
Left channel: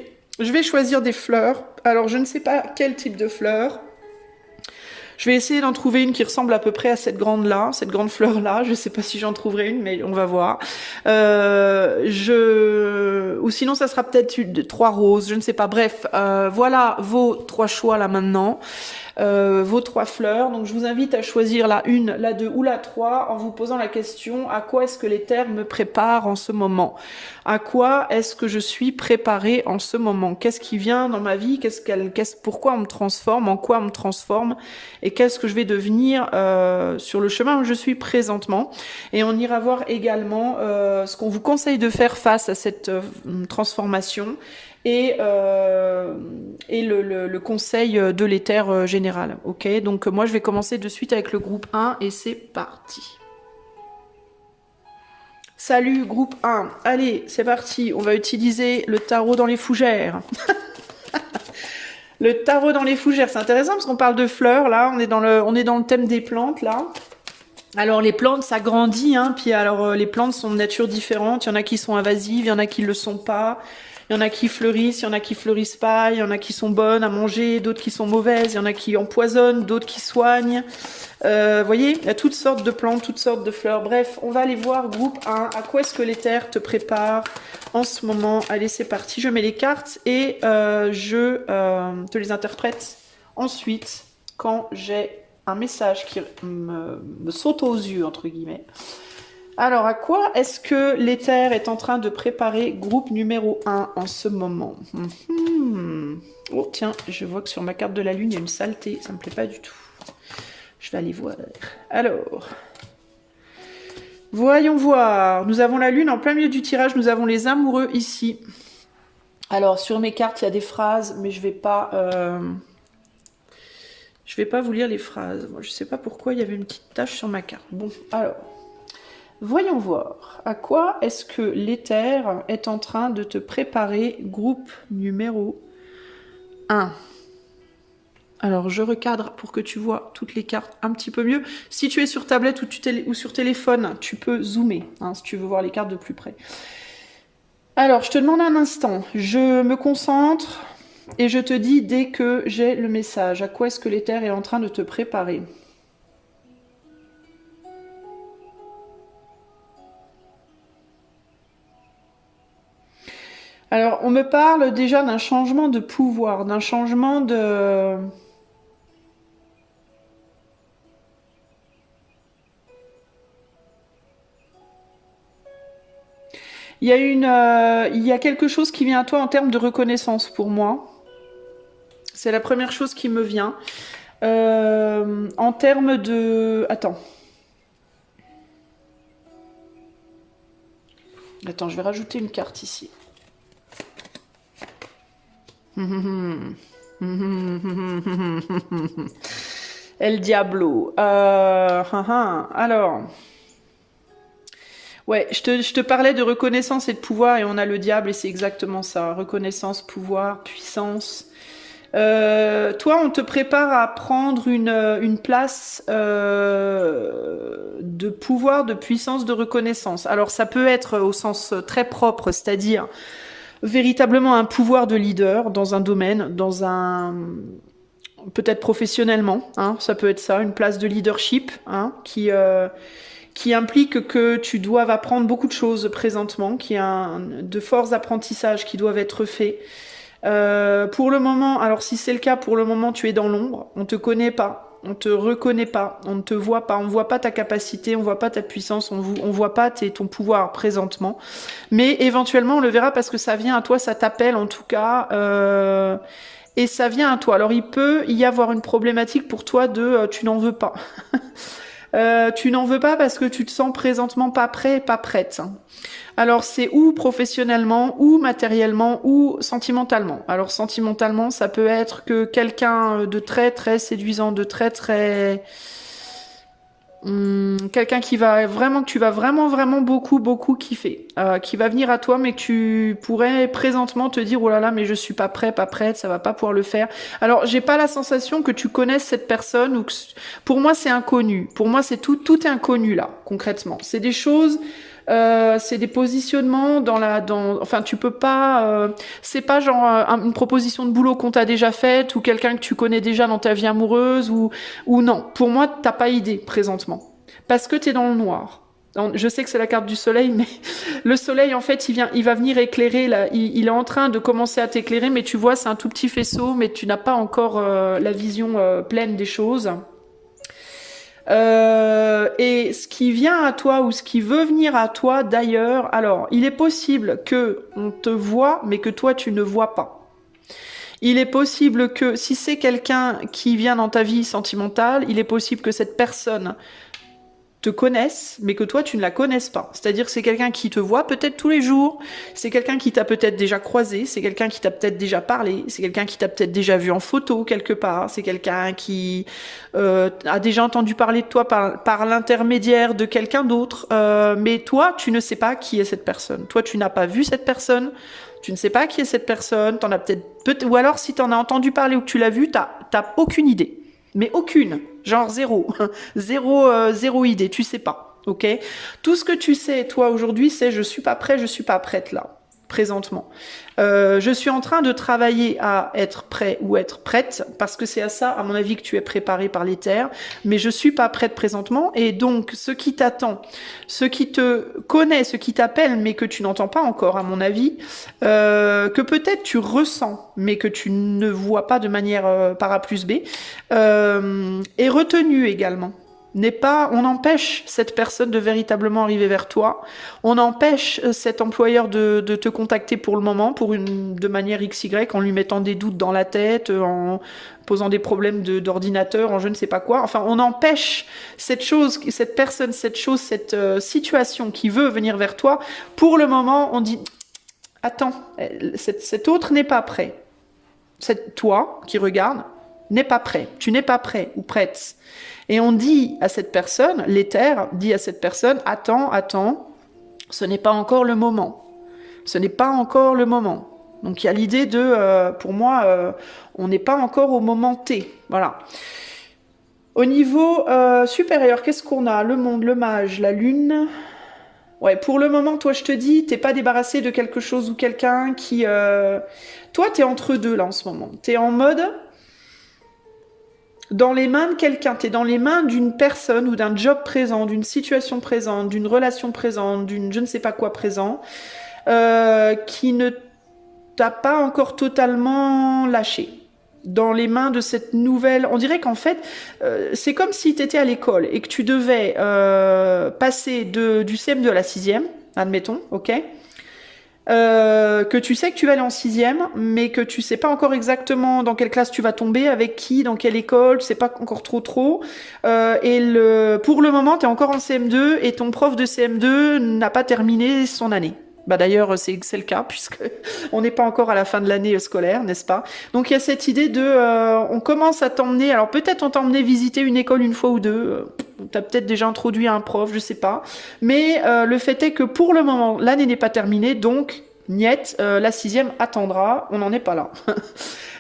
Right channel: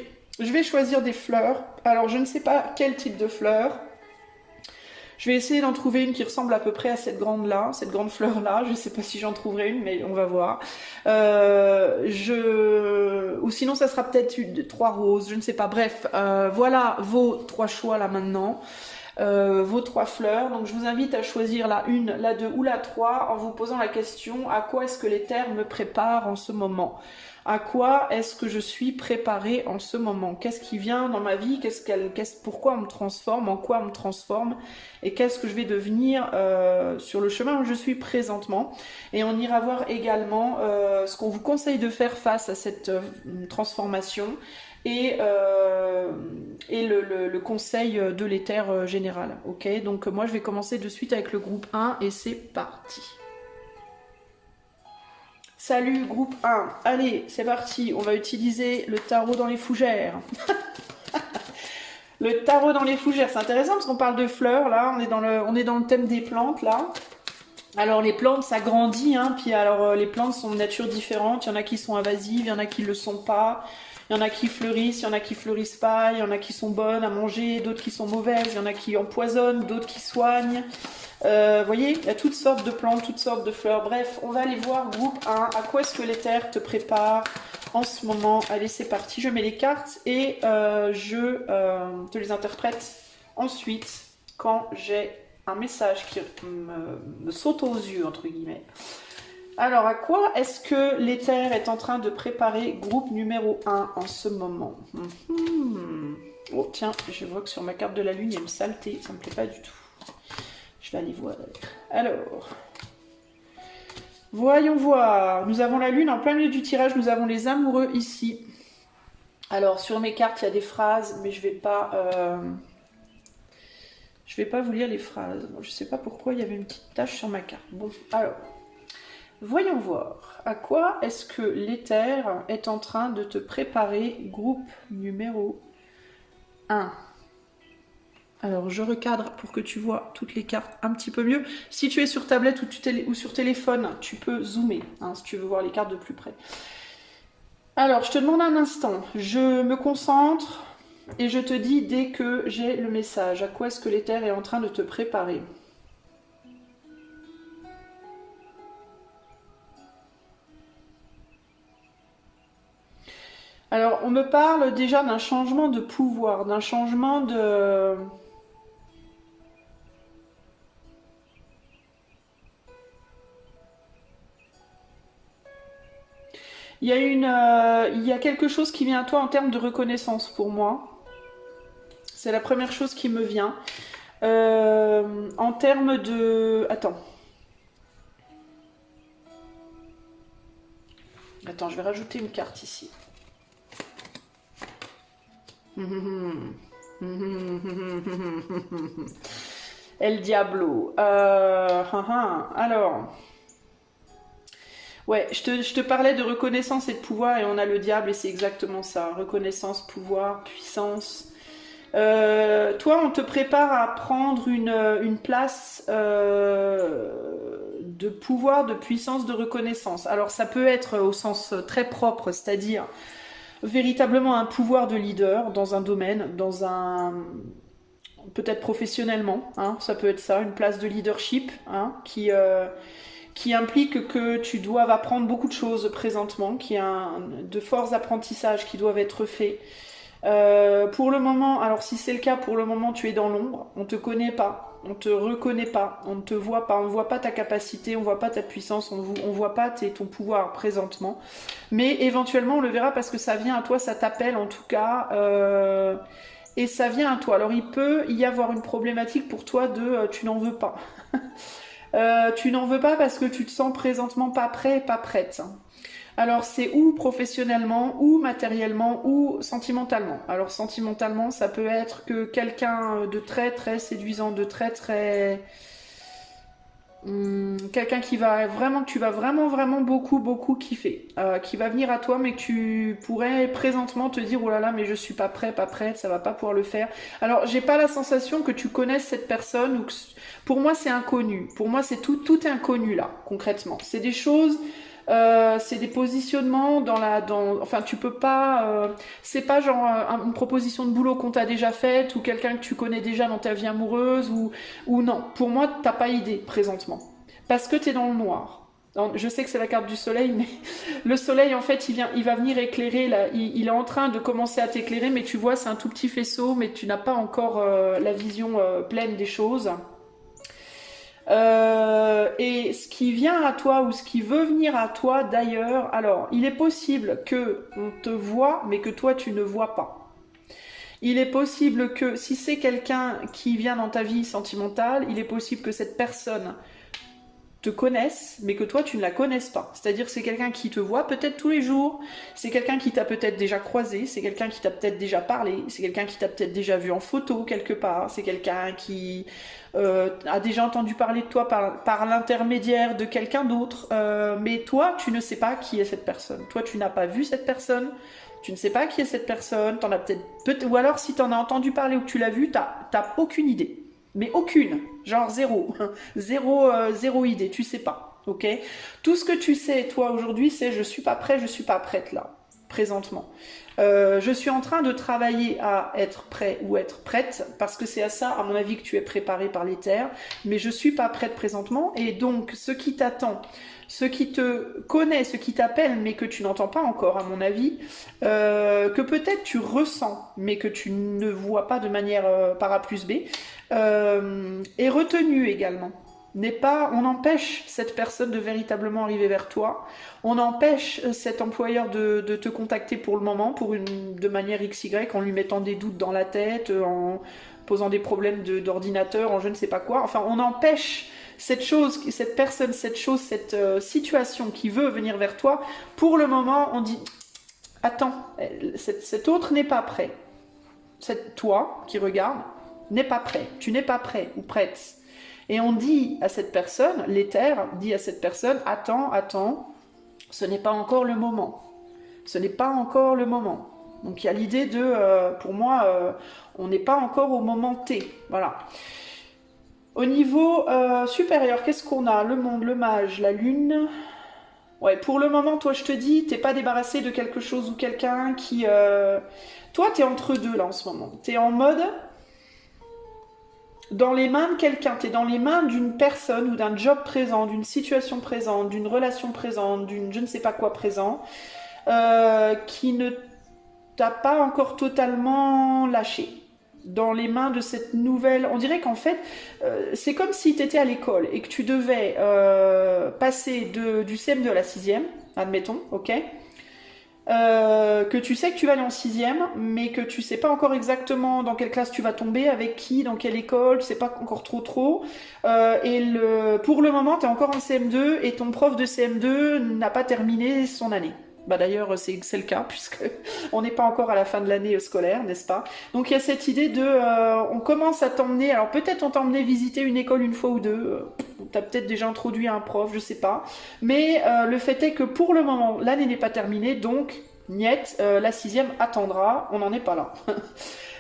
vais choisir des fleurs. Alors, je ne sais pas quel type de fleurs. Je vais essayer d'en trouver une qui ressemble à peu près à cette grande fleur-là. Je ne sais pas si j'en trouverai une, mais on va voir. Ou sinon, ça sera peut-être 3 roses, je ne sais pas. Bref, voilà vos 3 choix là maintenant. Vos 3 fleurs. Donc je vous invite à choisir la 1, la 2 ou la 3 en vous posant la question: à quoi est-ce que l'éther me prépare en ce moment? À quoi est-ce que je suis préparée en ce moment? Qu'est-ce qui vient dans ma vie? Pourquoi on me transforme? En quoi on me transforme? Et qu'est-ce que je vais devenir sur le chemin où je suis présentement? Et on ira voir également ce qu'on vous conseille de faire face à cette transformation. Et le conseil de l'éther général. Ok, donc moi je vais commencer de suite avec le groupe 1 et c'est parti. Salut groupe 1, allez c'est parti, on va utiliser le tarot dans les fougères. Le tarot dans les fougères, c'est intéressant parce qu'on parle de fleurs là, on est dans le thème des plantes là. Alors les plantes ça grandit, puis alors les plantes sont de nature différente, il y en a qui sont invasives, il y en a qui ne le sont pas. Il y en a qui fleurissent, il y en a qui fleurissent pas, il y en a qui sont bonnes à manger, d'autres qui sont mauvaises, il y en a qui empoisonnent, d'autres qui soignent. Vous voyez, il y a toutes sortes de plantes, toutes sortes de fleurs. Bref, on va aller voir groupe 1. À quoi est-ce que l'éther te prépare en ce moment? Allez, c'est parti. Je mets les cartes et je te les interprète ensuite quand j'ai un message qui me saute aux yeux, entre guillemets. Alors, à quoi est-ce que l'éther est en train de préparer groupe numéro 1 en ce moment? Oh, tiens, je vois que sur ma carte de la lune, il y a une saleté. Ça me plaît pas du tout. Je vais aller voir. Alors, voyons voir. Nous avons la lune en plein milieu du tirage. Nous avons les amoureux ici. Alors, sur mes cartes, il y a des phrases, mais je vais pas vous lire les phrases. Moi, je sais pas pourquoi il y avait une petite tache sur ma carte. Bon, alors, voyons voir. À quoi est-ce que l'éther est en train de te préparer groupe numéro 1? Alors, je recadre pour que tu vois toutes les cartes un petit peu mieux. Si tu es sur tablette ou sur téléphone, tu peux zoomer, hein, si tu veux voir les cartes de plus près. Alors, je te demande un instant. Je me concentre et je te dis dès que j'ai le message. À quoi est-ce que l'éther est en train de te préparer? Alors, on me parle déjà d'un changement de pouvoir, d'un changement de... Il y a quelque chose qui vient à toi en termes de reconnaissance pour moi. C'est la première chose qui me vient. En termes de... Attends, je vais rajouter une carte ici. El Diablo. Alors... Ouais, je te parlais de reconnaissance et de pouvoir et on a le diable et c'est exactement ça. Reconnaissance, pouvoir, puissance. Toi, on te prépare à prendre une place de pouvoir, de puissance, de reconnaissance. Alors ça peut être au sens très propre, c'est-à-dire véritablement un pouvoir de leader dans un domaine, peut-être professionnellement, hein, ça peut être ça, une place de leadership, hein, qui implique que tu doives apprendre beaucoup de choses présentement, qu'il y a de forts apprentissages qui doivent être faits. Pour le moment, alors si c'est le cas, pour le moment tu es dans l'ombre, on te connaît pas, on te reconnaît pas, on ne te voit pas, on voit pas ta capacité, on voit pas ta puissance, on voit pas ton pouvoir présentement, mais éventuellement on le verra parce que ça vient à toi, ça t'appelle en tout cas, et ça vient à toi. Alors il peut y avoir une problématique pour toi de tu n'en veux pas. Tu n'en veux pas parce que tu te sens présentement pas prêt, pas prête. Alors c'est ou professionnellement, ou matériellement, ou sentimentalement. Alors sentimentalement, ça peut être que quelqu'un de très très séduisant, de très très... quelqu'un qui va vraiment, que tu vas vraiment vraiment beaucoup kiffer, qui va venir à toi mais que tu pourrais présentement te dire oh là là mais je suis pas prêt, pas prête, ça va pas pouvoir le faire. Alors j'ai pas la sensation que tu connaisses cette personne ou que pour moi c'est inconnu. Pour moi c'est tout est inconnu là concrètement. C'est des choses. C'est des positionnements enfin tu peux pas c'est pas genre une proposition de boulot qu'on t'a déjà faite ou quelqu'un que tu connais déjà dans ta vie amoureuse ou non, pour moi t'as pas idée présentement parce que t'es dans le noir. Je sais que c'est la carte du soleil mais le soleil en fait il va venir éclairer là, il est en train de commencer à t'éclairer mais tu vois c'est un tout petit faisceau mais tu n'as pas encore la vision pleine des choses. Et ce qui vient à toi ou ce qui veut venir à toi d'ailleurs, alors il est possible que on te voit mais que toi tu ne vois pas. Il est possible que si c'est quelqu'un qui vient dans ta vie sentimentale, il est possible que cette personne te connaisse, mais que toi tu ne la connaisses pas. C'est-à-dire que c'est quelqu'un qui te voit peut-être tous les jours, c'est quelqu'un qui t'a peut-être déjà croisé, c'est quelqu'un qui t'a peut-être déjà parlé, c'est quelqu'un qui t'a peut-être déjà vu en photo quelque part, c'est quelqu'un qui a déjà entendu parler de toi par l'intermédiaire de quelqu'un d'autre, mais toi tu ne sais pas qui est cette personne. Toi tu n'as pas vu cette personne, tu ne sais pas qui est cette personne, t'en as peut-être, ou alors si t'en as entendu parler ou que tu l'as vu, t'as aucune idée. Mais aucune, genre zéro, zéro idée, tu sais pas, ok? Tout ce que tu sais, toi, aujourd'hui, c'est je suis pas prêt, je suis pas prête là. présentement. Je suis en train de travailler à être prêt ou être prête, parce que c'est à ça, à mon avis, que tu es préparé par l'éther, mais je suis pas prête présentement, et donc ce qui t'attend, ce qui te connaît, ce qui t'appelle, mais que tu n'entends pas encore, à mon avis, que peut-être tu ressens, mais que tu ne vois pas de manière par A plus B, est retenu également. On empêche cette personne de véritablement arriver vers toi. On empêche cet employeur de te contacter pour le moment, de manière XY, en lui mettant des doutes dans la tête, en posant des problèmes d'ordinateur, en je ne sais pas quoi. Enfin, on empêche cette situation qui veut venir vers toi. Pour le moment, on dit, attends, cet autre n'est pas prêt. Toi qui regarde, n'est pas prêt. Tu n'es pas prêt ou prête. Et on dit à cette personne, l'éther dit à cette personne, attends, ce n'est pas encore le moment. Ce n'est pas encore le moment. Donc il y a l'idée pour moi, on n'est pas encore au moment T. Voilà. Au niveau supérieur, qu'est-ce qu'on a? Le monde, le mage, la lune. Ouais, pour le moment, toi, je te dis, t'es pas débarrassé de quelque chose ou quelqu'un qui... Toi, t'es entre deux, là, en ce moment. T'es en mode... dans les mains de quelqu'un, tu es dans les mains d'une personne ou d'un job présent, d'une situation présente, d'une relation présente, d'une je ne sais pas quoi présent, qui ne t'a pas encore totalement lâché. Dans les mains de cette nouvelle... On dirait qu'en fait, c'est comme si tu étais à l'école et que tu devais passer du CM2 à la 6e, admettons, ok, que tu sais que tu vas aller en 6e, mais que tu sais pas encore exactement dans quelle classe tu vas tomber, avec qui, dans quelle école, tu sais pas encore trop. Pour le moment, tu es encore en CM2 et ton prof de CM2 n'a pas terminé son année. Bah d'ailleurs, c'est le cas, puisque on n'est pas encore à la fin de l'année scolaire, n'est-ce pas? Donc il y a cette idée on commence à t'emmener, alors peut-être on t'a emmené visiter une école une fois ou deux, t'as peut-être déjà introduit un prof, je sais pas, mais le fait est que pour le moment, l'année n'est pas terminée, donc niet, la 6e attendra, on n'en est pas là.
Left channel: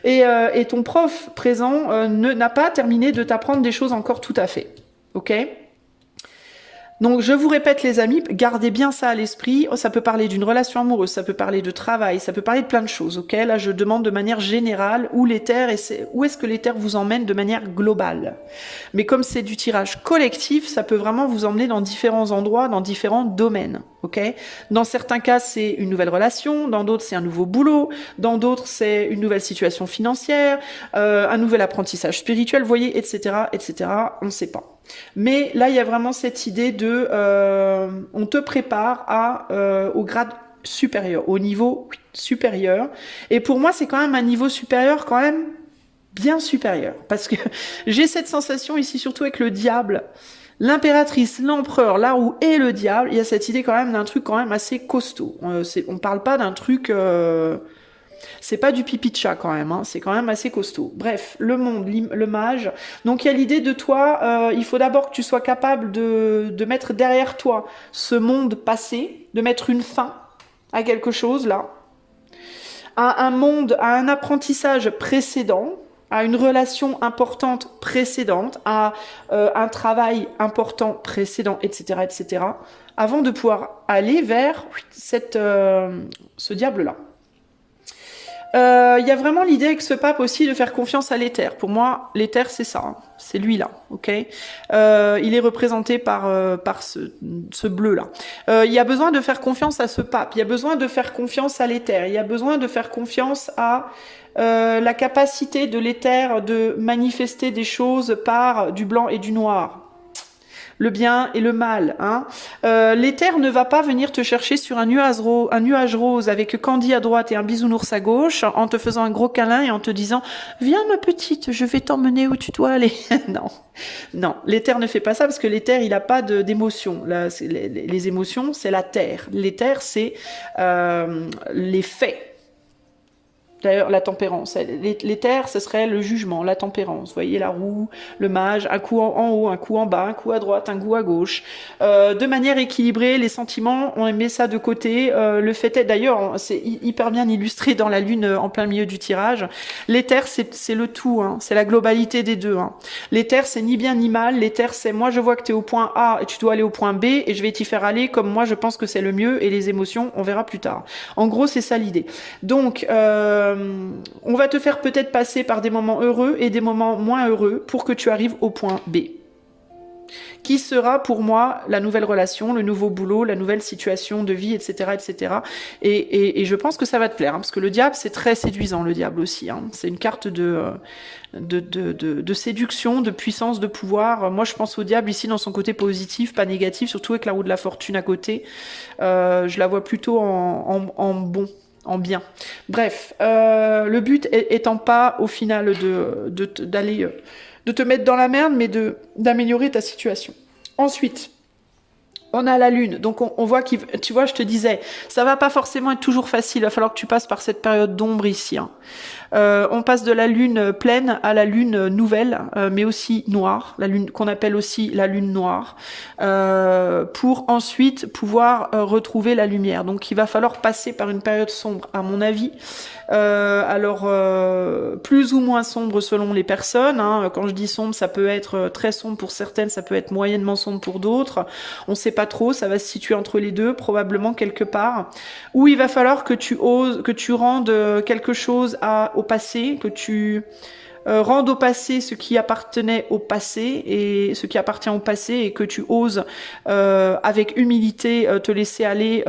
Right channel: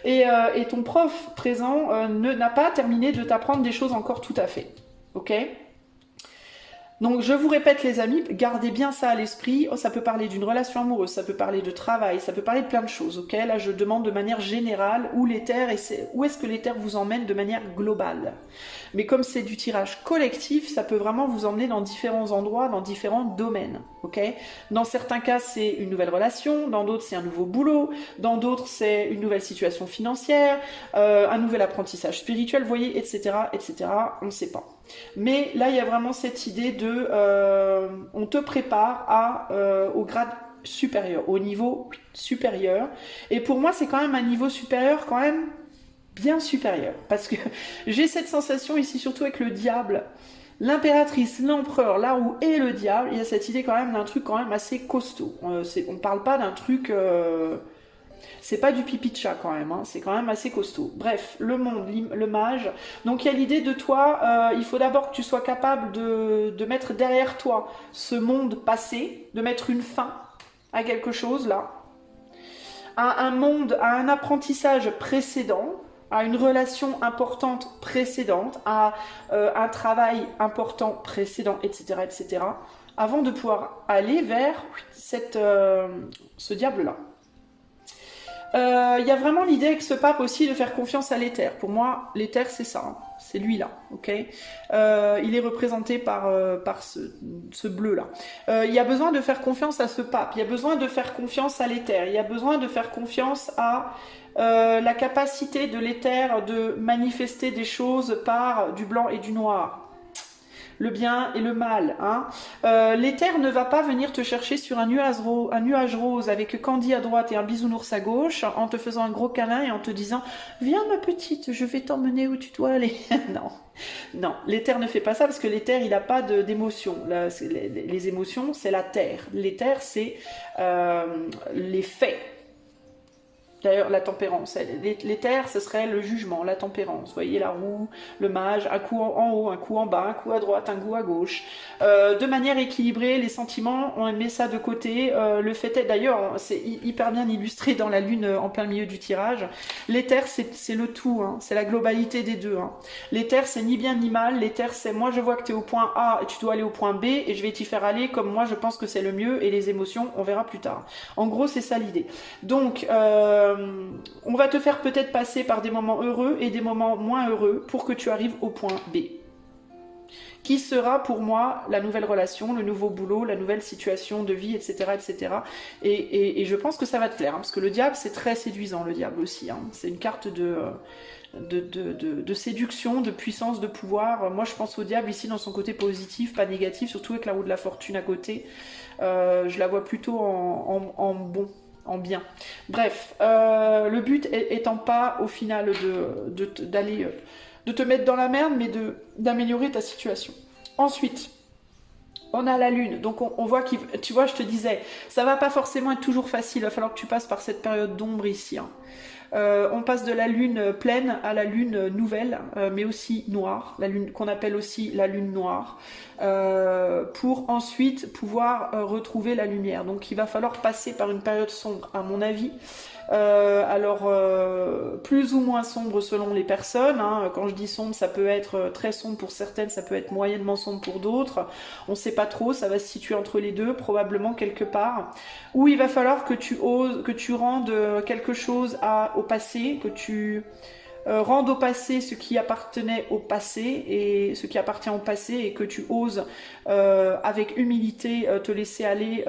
Et ton prof présent n'a pas terminé de t'apprendre des choses encore tout à fait, ok? Donc je vous répète les amis, gardez bien ça à l'esprit, ça peut parler d'une relation amoureuse, ça peut parler de travail, ça peut parler de plein de choses, ok? Là je demande de manière générale où est-ce que l'éther vous emmène de manière globale. Mais comme c'est du tirage collectif, ça peut vraiment vous emmener dans différents endroits, dans différents domaines, ok? Dans certains cas c'est une nouvelle relation, dans d'autres c'est un nouveau boulot, dans d'autres c'est une nouvelle situation financière, un nouvel apprentissage spirituel, vous voyez, etc., on ne sait pas. Mais là, il y a vraiment cette idée on te prépare au grade supérieur, au niveau supérieur. Et pour moi, c'est quand même un niveau supérieur, quand même bien supérieur. Parce que j'ai cette sensation ici, surtout avec le diable, l'impératrice, l'empereur, là où est le diable, il y a cette idée quand même d'un truc quand même assez costaud. On parle pas d'un truc... c'est pas du pipi de chat quand même, hein. C'est quand même assez costaud. Bref, le monde, le mage. Donc il y a l'idée de toi, il faut d'abord que tu sois capable de mettre derrière toi ce monde passé, de mettre une fin à quelque chose là, à un monde, à un apprentissage précédent, à une relation importante précédente, à un travail important précédent, etc., avant de pouvoir aller vers ce diable-là. Il y a vraiment l'idée avec ce pape aussi de faire confiance à l'éther. Pour moi, l'éther, c'est ça, hein. C'est lui-là, ok. Il est représenté par ce bleu-là. Il y a besoin de faire confiance à ce pape, il y a besoin de faire confiance à l'éther, il y a besoin de faire confiance à la capacité de l'éther de manifester des choses par du blanc et du noir. Le bien et le mal. Hein. L'éther ne va pas venir te chercher sur un nuage rose avec Candy à droite et un bisounours à gauche en te faisant un gros câlin et en te disant « Viens ma petite, je vais t'emmener où tu dois aller. » Non, l'éther ne fait pas ça parce que l'éther, il n'a pas d'émotion. Les émotions, c'est la terre. L'éther, c'est les faits. D'ailleurs, la tempérance. L'éther, ce serait le jugement, la tempérance. Vous voyez la roue, le mage, un coup en haut, un coup en bas, un coup à droite, un coup à gauche. De manière équilibrée, les sentiments, on met ça de côté. Le fait est, d'ailleurs, c'est hyper bien illustré dans la lune en plein milieu du tirage. L'éther, c'est le tout, hein. C'est la globalité des deux. Hein. L'éther, c'est ni bien ni mal. L'éther, c'est moi, je vois que tu es au point A et tu dois aller au point B et je vais t'y faire aller comme moi, je pense que c'est le mieux et les émotions, on verra plus tard. En gros, c'est ça l'idée. Donc, on va te faire peut-être passer par des moments heureux et des moments moins heureux pour que tu arrives au point B. Qui sera pour moi la nouvelle relation, le nouveau boulot, la nouvelle situation de vie, etc. etc. Et je pense que ça va te plaire, hein, parce que le diable, c'est très séduisant, le diable aussi. Hein. C'est une carte de séduction, de puissance, de pouvoir. Moi, je pense au diable ici dans son côté positif, pas négatif, surtout avec la roue de la fortune à côté. Je la vois plutôt en bon. En bien. Bref, le but étant pas au final d'aller de te mettre dans la merde, mais d'améliorer ta situation. Ensuite, on a la lune, donc on voit tu vois, je te disais, ça va pas forcément être toujours facile, il va falloir que tu passes par cette période d'ombre ici. Hein. On passe de la lune pleine à la lune nouvelle, mais aussi noire, la lune qu'on appelle aussi la lune noire, pour ensuite pouvoir retrouver la lumière. Donc il va falloir passer par une période sombre, à mon avis. Alors plus ou moins sombre selon les personnes. Hein. Quand je dis sombre, ça peut être très sombre pour certaines, ça peut être moyennement sombre pour d'autres. On ne sait pas trop, ça va se situer entre les deux, probablement quelque part. Où il va falloir que tu oses, que tu rendes quelque chose au passé, que tu rendes au passé ce qui appartenait au passé et ce qui appartient au passé et que tu oses avec humilité te laisser aller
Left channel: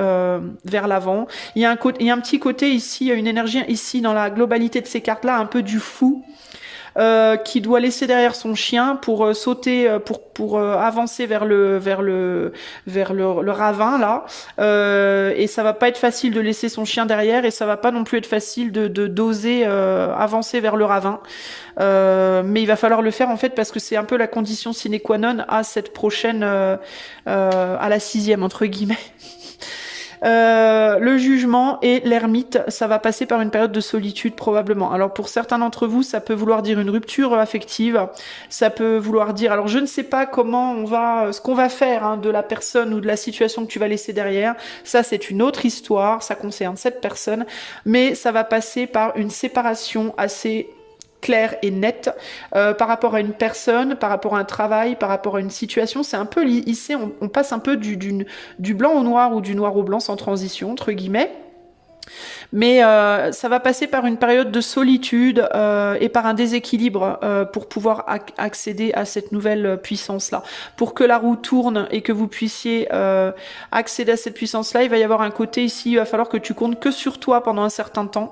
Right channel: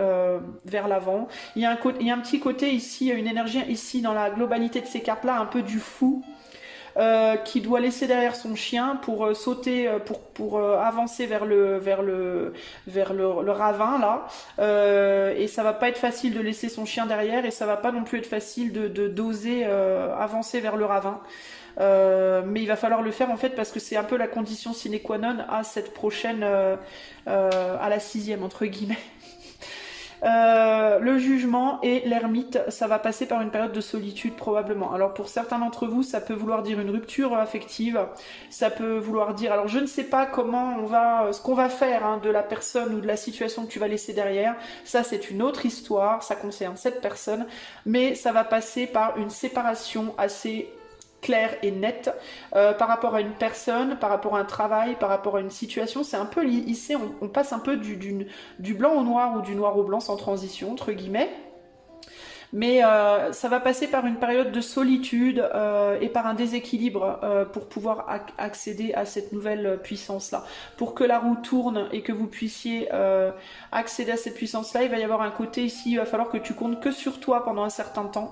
vers l'avant. Il y a un petit côté ici, une énergie ici dans la globalité de ces cartes-là, un peu du fou. Qui doit laisser derrière son chien pour sauter, pour avancer vers le ravin là. Et ça va pas être facile de laisser son chien derrière et ça va pas non plus être facile d'oser avancer vers le ravin. Mais il va falloir le faire en fait parce que c'est un peu la condition sine qua non à cette prochaine, à la 6e entre guillemets. Le jugement et l'ermite, ça va passer par une période de solitude probablement. Alors pour certains d'entre vous, ça peut vouloir dire une rupture affective, ça peut vouloir dire, alors je ne sais pas ce qu'on va faire hein, de la personne ou de la situation que tu vas laisser derrière, ça c'est une autre histoire, ça concerne cette personne, mais ça va passer par une séparation assez clair et net par rapport à une personne, par rapport à un travail, par rapport à une situation. C'est un peu ici, on passe un peu du blanc au noir ou du noir au blanc sans transition, entre guillemets. Mais ça va passer par une période de solitude et par un déséquilibre pour pouvoir accéder à cette nouvelle puissance-là. Pour que la roue tourne et que vous puissiez accéder à cette puissance-là, il va y avoir un côté ici, il va falloir que tu comptes que sur toi pendant un certain temps.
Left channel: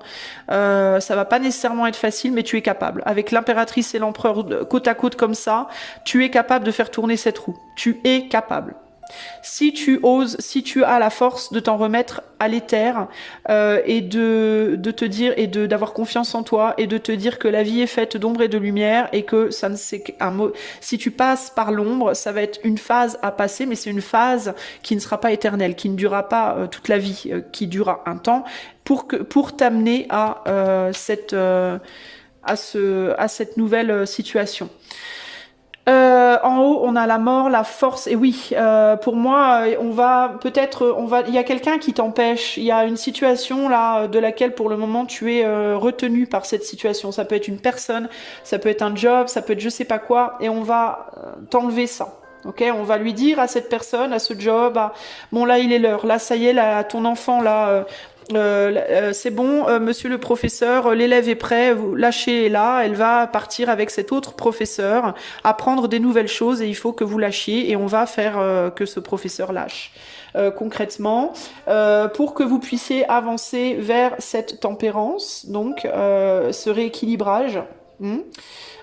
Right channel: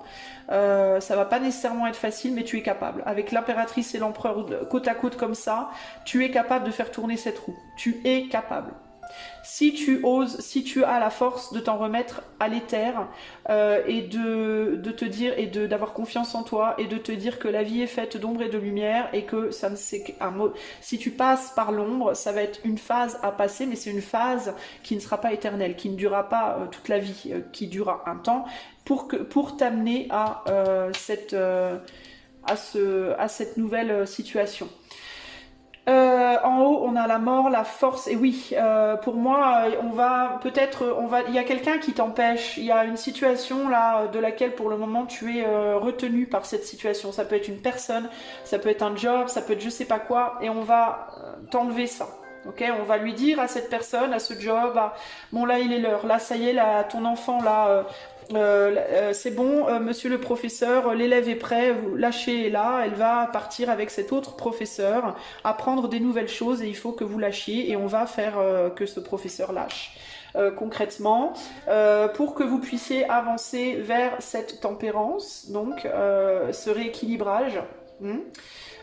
Ça va pas nécessairement être facile, mais tu es capable. Avec l'impératrice et l'empereur côte à côte comme ça, tu es capable de faire tourner cette roue. Tu es capable. Si tu oses, si tu as la force de t'en remettre à l'éther et de te dire et d'avoir confiance en toi et de te dire que la vie est faite d'ombre et de lumière et que ça ne c'est qu'un mot. Si tu passes par l'ombre, ça va être une phase à passer, mais c'est une phase qui ne sera pas éternelle, qui ne durera pas toute la vie, qui durera un temps pour t'amener à cette nouvelle situation. En haut, on a la mort, la force. Et oui, pour moi, il y a quelqu'un qui t'empêche. Il y a une situation là de laquelle, pour le moment, tu es retenu par cette situation. Ça peut être une personne, ça peut être un job, ça peut être je sais pas quoi, et on va t'enlever ça. Ok, on va lui dire à cette personne, à ce job, bon là il est l'heure, là ça y est, là ton enfant là. C'est bon, monsieur le professeur, l'élève est prêt, vous lâchez là, elle va partir avec cet autre professeur, apprendre des nouvelles choses et il faut que vous lâchiez et on va faire que ce professeur lâche. Concrètement, pour que vous puissiez avancer vers cette tempérance, donc ce rééquilibrage.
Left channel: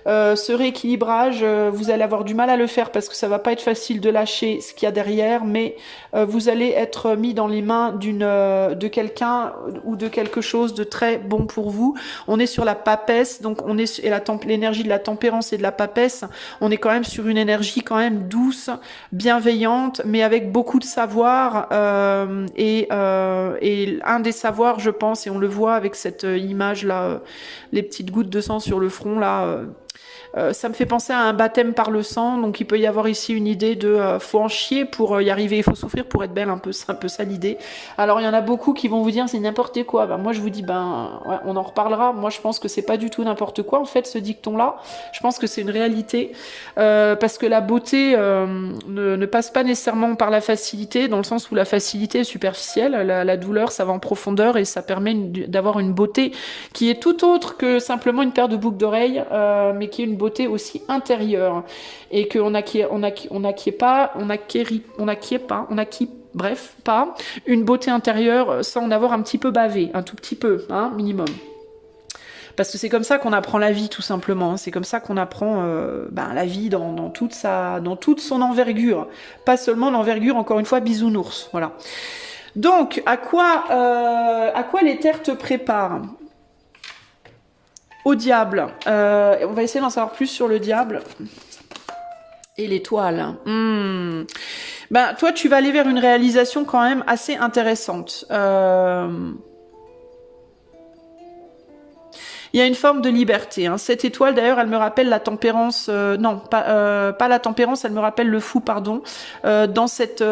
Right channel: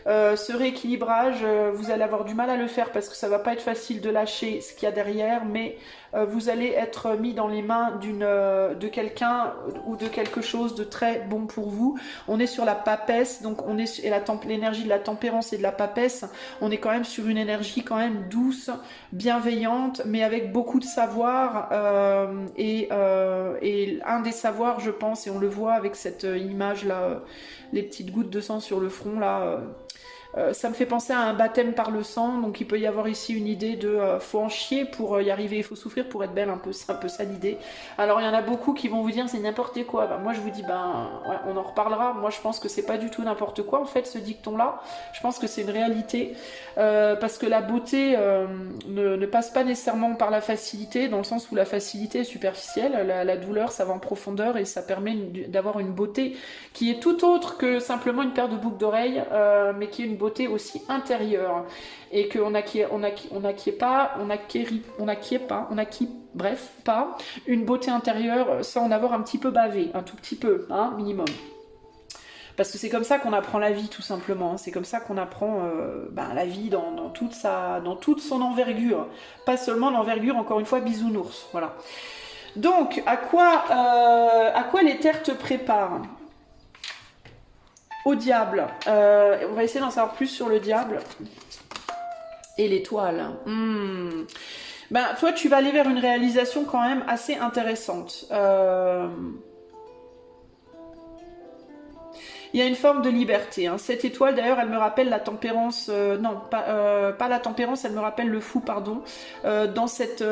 Ce rééquilibrage, vous allez avoir du mal à le faire parce que ça va pas être facile de lâcher ce qu'il y a derrière, mais vous allez être mis dans les mains de quelqu'un ou de quelque chose de très bon pour vous. On est sur la papesse, donc on est et l'énergie de la tempérance et de la papesse. On est quand même sur une énergie quand même douce, bienveillante, mais avec beaucoup de savoir et un des savoirs, je pense, et on le voit avec cette image là, les petites gouttes de sang sur le front là. Ça me fait penser à un baptême par le sang, donc il peut y avoir ici une idée de faut en chier pour y arriver, il faut souffrir pour être belle, c'est un peu ça l'idée. Alors il y en a beaucoup qui vont vous dire c'est n'importe quoi, moi je vous dis ouais, on en reparlera, moi je pense que c'est pas du tout n'importe quoi en fait ce dicton là, je pense que c'est une réalité, parce que la beauté ne passe pas nécessairement par la facilité, dans le sens où la facilité est superficielle, la douleur ça va en profondeur et ça permet d'avoir une beauté qui est tout autre que simplement une paire de boucles d'oreilles, mais qui est une beauté aussi intérieure et qu'on n'acquiert pas une beauté intérieure sans en avoir un petit peu bavé, un tout petit peu, hein, minimum. Parce que c'est comme ça qu'on apprend la vie, tout simplement. C'est comme ça qu'on apprend la vie dans toute son envergure. Pas seulement l'envergure, encore une fois, bisounours. Voilà. Donc, à quoi l'éther te prépare ? Au diable. On va essayer d'en savoir plus sur le diable. Et l'étoile. Toi, tu vas aller vers une réalisation quand même assez intéressante. Il y a une forme de liberté. Hein. Cette étoile, d'ailleurs, elle me rappelle la tempérance. Non, pas la tempérance, elle me rappelle le fou, pardon. Dans cette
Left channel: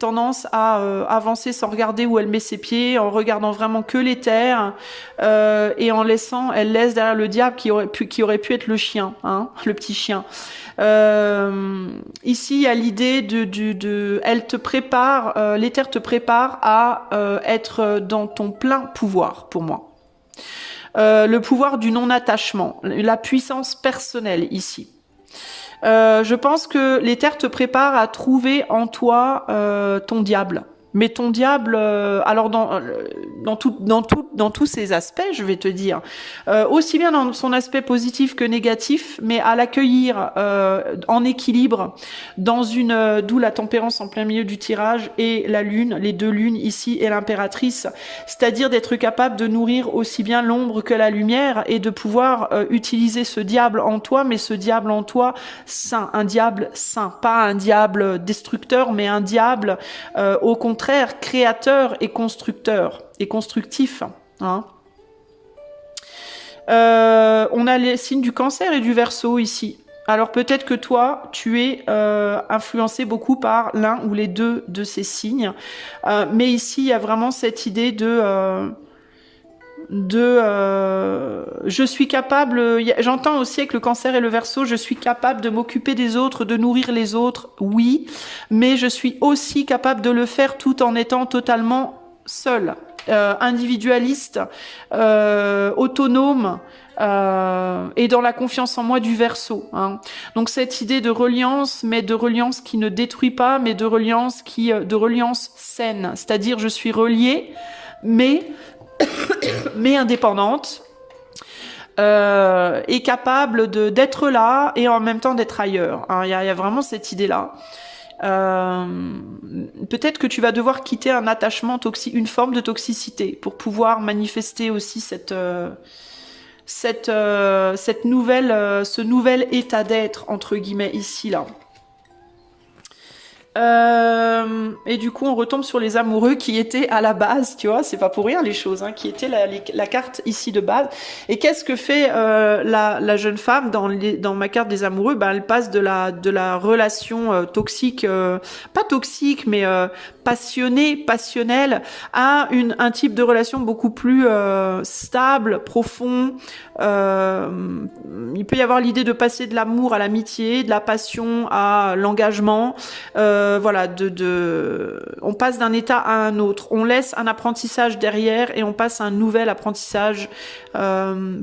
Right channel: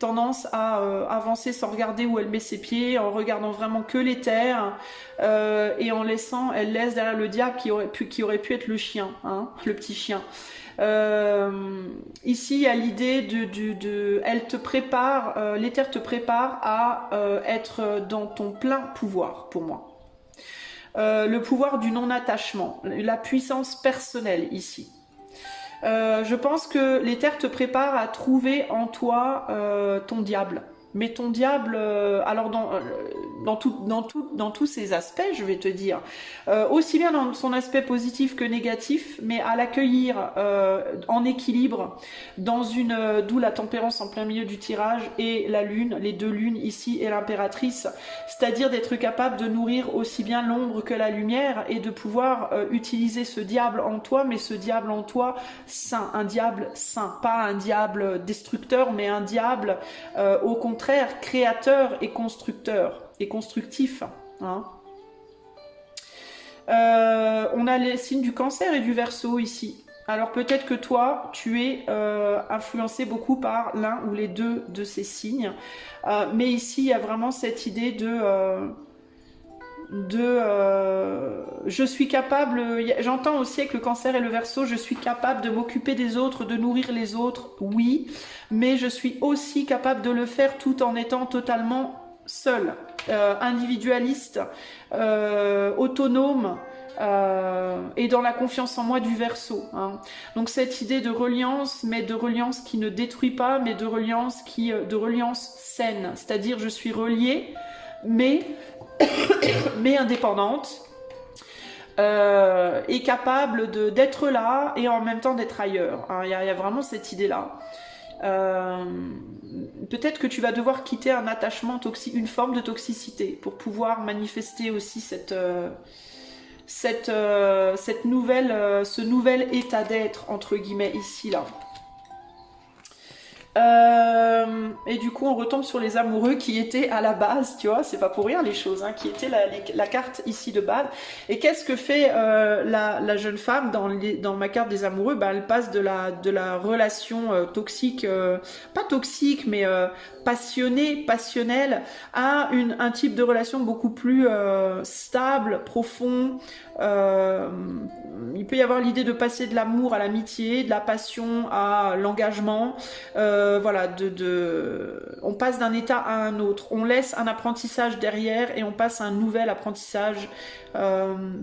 tendance à avancer sans regarder où elle met ses pieds, en regardant vraiment que les terres, et elle laisse derrière le diable qui aurait pu être le chien, hein, le petit chien. Ici, il y a l'idée elle te prépare, l'éther te prépare à être dans ton plein pouvoir, pour moi. Le pouvoir du non-attachement, la puissance personnelle ici. Je pense que l'éther te prépare à trouver en toi ton diable. Mais ton diable, alors dans tous ses aspects, je vais te dire, aussi bien dans son aspect positif que négatif, mais à l'accueillir en équilibre, d'où la tempérance en plein milieu du tirage et la lune, les deux lunes ici et l'impératrice, c'est-à-dire d'être capable de nourrir aussi bien l'ombre que la lumière et de pouvoir utiliser ce diable en toi, mais ce diable en toi saint, un diable saint, pas un diable destructeur, mais un diable au contraire créateur et constructeur et constructif. Hein. On a les signes du Cancer et du Verseau ici. Alors peut-être que toi, tu es influencé beaucoup par l'un ou les deux de ces signes. Mais ici, il y a vraiment cette idée je suis capable, j'entends aussi avec le Cancer et le Verseau, je suis capable de m'occuper des autres, de nourrir les autres, oui, mais je suis aussi capable de le faire tout en étant totalement seule, individualiste, autonome, et dans la confiance en moi du Verseau. Hein. Donc cette idée de reliance, mais de reliance qui ne détruit pas, mais de reliance saine, c'est-à-dire je suis reliée, mais indépendante, et capable d'être là et en même temps d'être ailleurs. Il y a vraiment cette idée-là. Peut-être que tu vas devoir quitter un attachement toxique, une forme de toxicité, pour pouvoir manifester aussi ce nouvel état d'être, entre guillemets, ici, là. Et du coup on retombe sur les amoureux qui étaient à la base, tu vois, c'est pas pour rien les choses, hein, qui étaient la carte ici de base. Et qu'est-ce que fait la jeune femme dans ma carte des amoureux? Elle passe de la relation toxique, pas toxique mais passionnelle, à un type de relation beaucoup plus stable, profond. Il peut y avoir l'idée de passer de l'amour à l'amitié, de la passion à l'engagement. Voilà, on passe d'un état à un autre. On laisse un apprentissage derrière et on passe à un nouvel apprentissage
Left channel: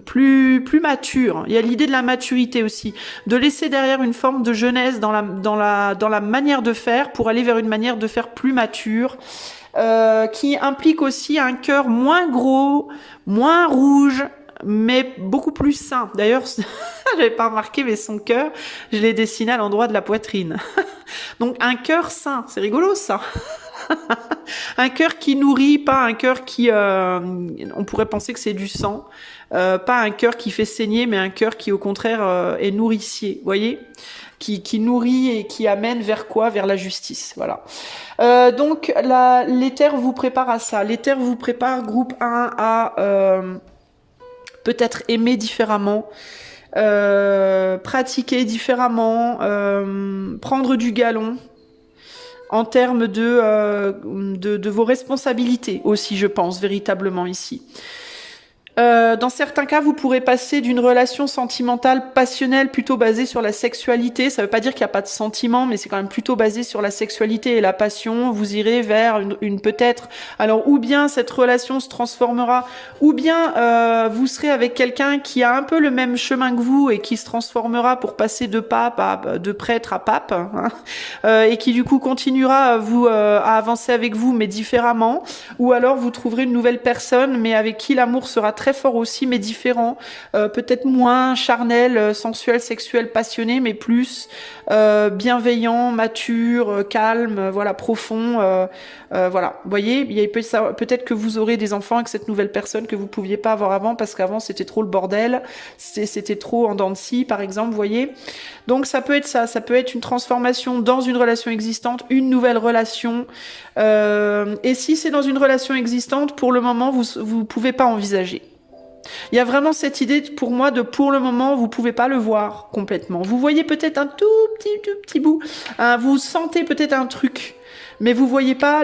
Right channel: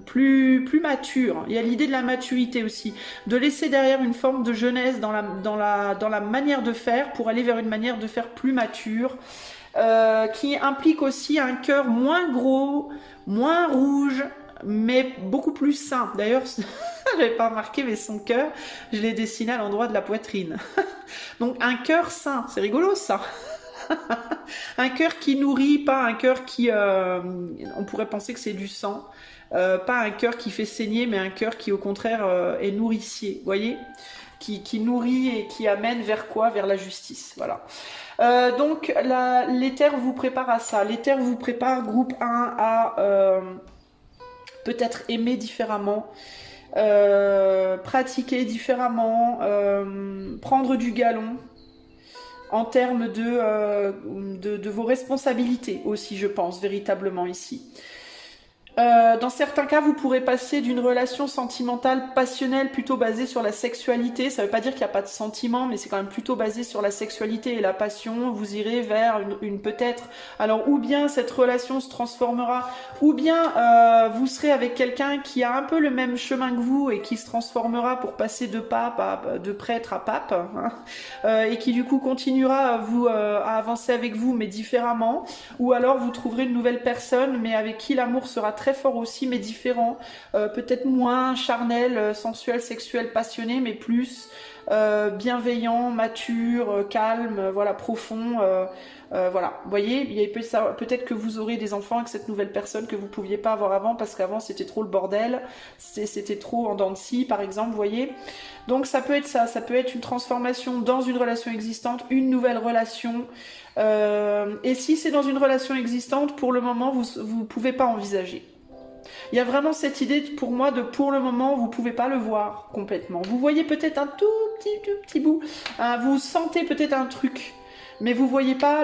plus mature. Il y a l'idée de la maturité aussi, de laisser derrière une forme de jeunesse dans la manière de faire pour aller vers une manière de faire plus mature, qui implique aussi un cœur moins gros, moins rouge, mais beaucoup plus sain. D'ailleurs, j'avais pas remarqué, mais son cœur, je l'ai dessiné à l'endroit de la poitrine. Donc un cœur sain, c'est rigolo ça. Un cœur qui nourrit, pas un cœur qui, on pourrait penser que c'est du sang, pas un cœur qui fait saigner, mais un cœur qui au contraire est nourricier, vous voyez, qui nourrit et qui amène vers quoi? Vers la justice, voilà. Donc l'éther vous prépare à ça. L'éther vous prépare, groupe 1, à peut-être aimer différemment, pratiquer différemment, prendre du galon en termes de vos responsabilités aussi, je pense, véritablement ici. Dans certains cas, vous pourrez passer d'une relation sentimentale passionnelle plutôt basée sur la sexualité. Ça ne veut pas dire qu'il n'y a pas de sentiment, mais c'est quand même plutôt basé sur la sexualité et la passion. Vous irez vers une peut-être... Alors, ou bien cette relation se transformera, ou bien vous serez avec quelqu'un qui a un peu le même chemin que vous et qui se transformera pour passer de pape de prêtre à pape, hein, et qui du coup continuera à avancer avec vous, mais différemment. Ou alors vous trouverez une nouvelle personne, mais avec qui l'amour sera très fort aussi, mais différent, peut-être moins charnel, sensuel, sexuel, passionné, mais plus bienveillant, mature, calme, voilà, profond, voilà. Vous voyez, peut-être que vous aurez des enfants avec cette nouvelle personne que vous pouviez pas avoir avant, parce qu'avant c'était trop le bordel, c'était trop en dents de scie, par exemple, vous voyez. Donc ça peut être ça peut être une transformation dans une relation existante, une nouvelle relation. Et si c'est dans une relation existante, pour le moment, vous pouvez pas envisager. Il y a vraiment cette idée pour moi de pour le moment, vous pouvez pas le voir complètement. Vous voyez peut-être un tout petit bout, vous sentez peut-être un truc, mais vous voyez pas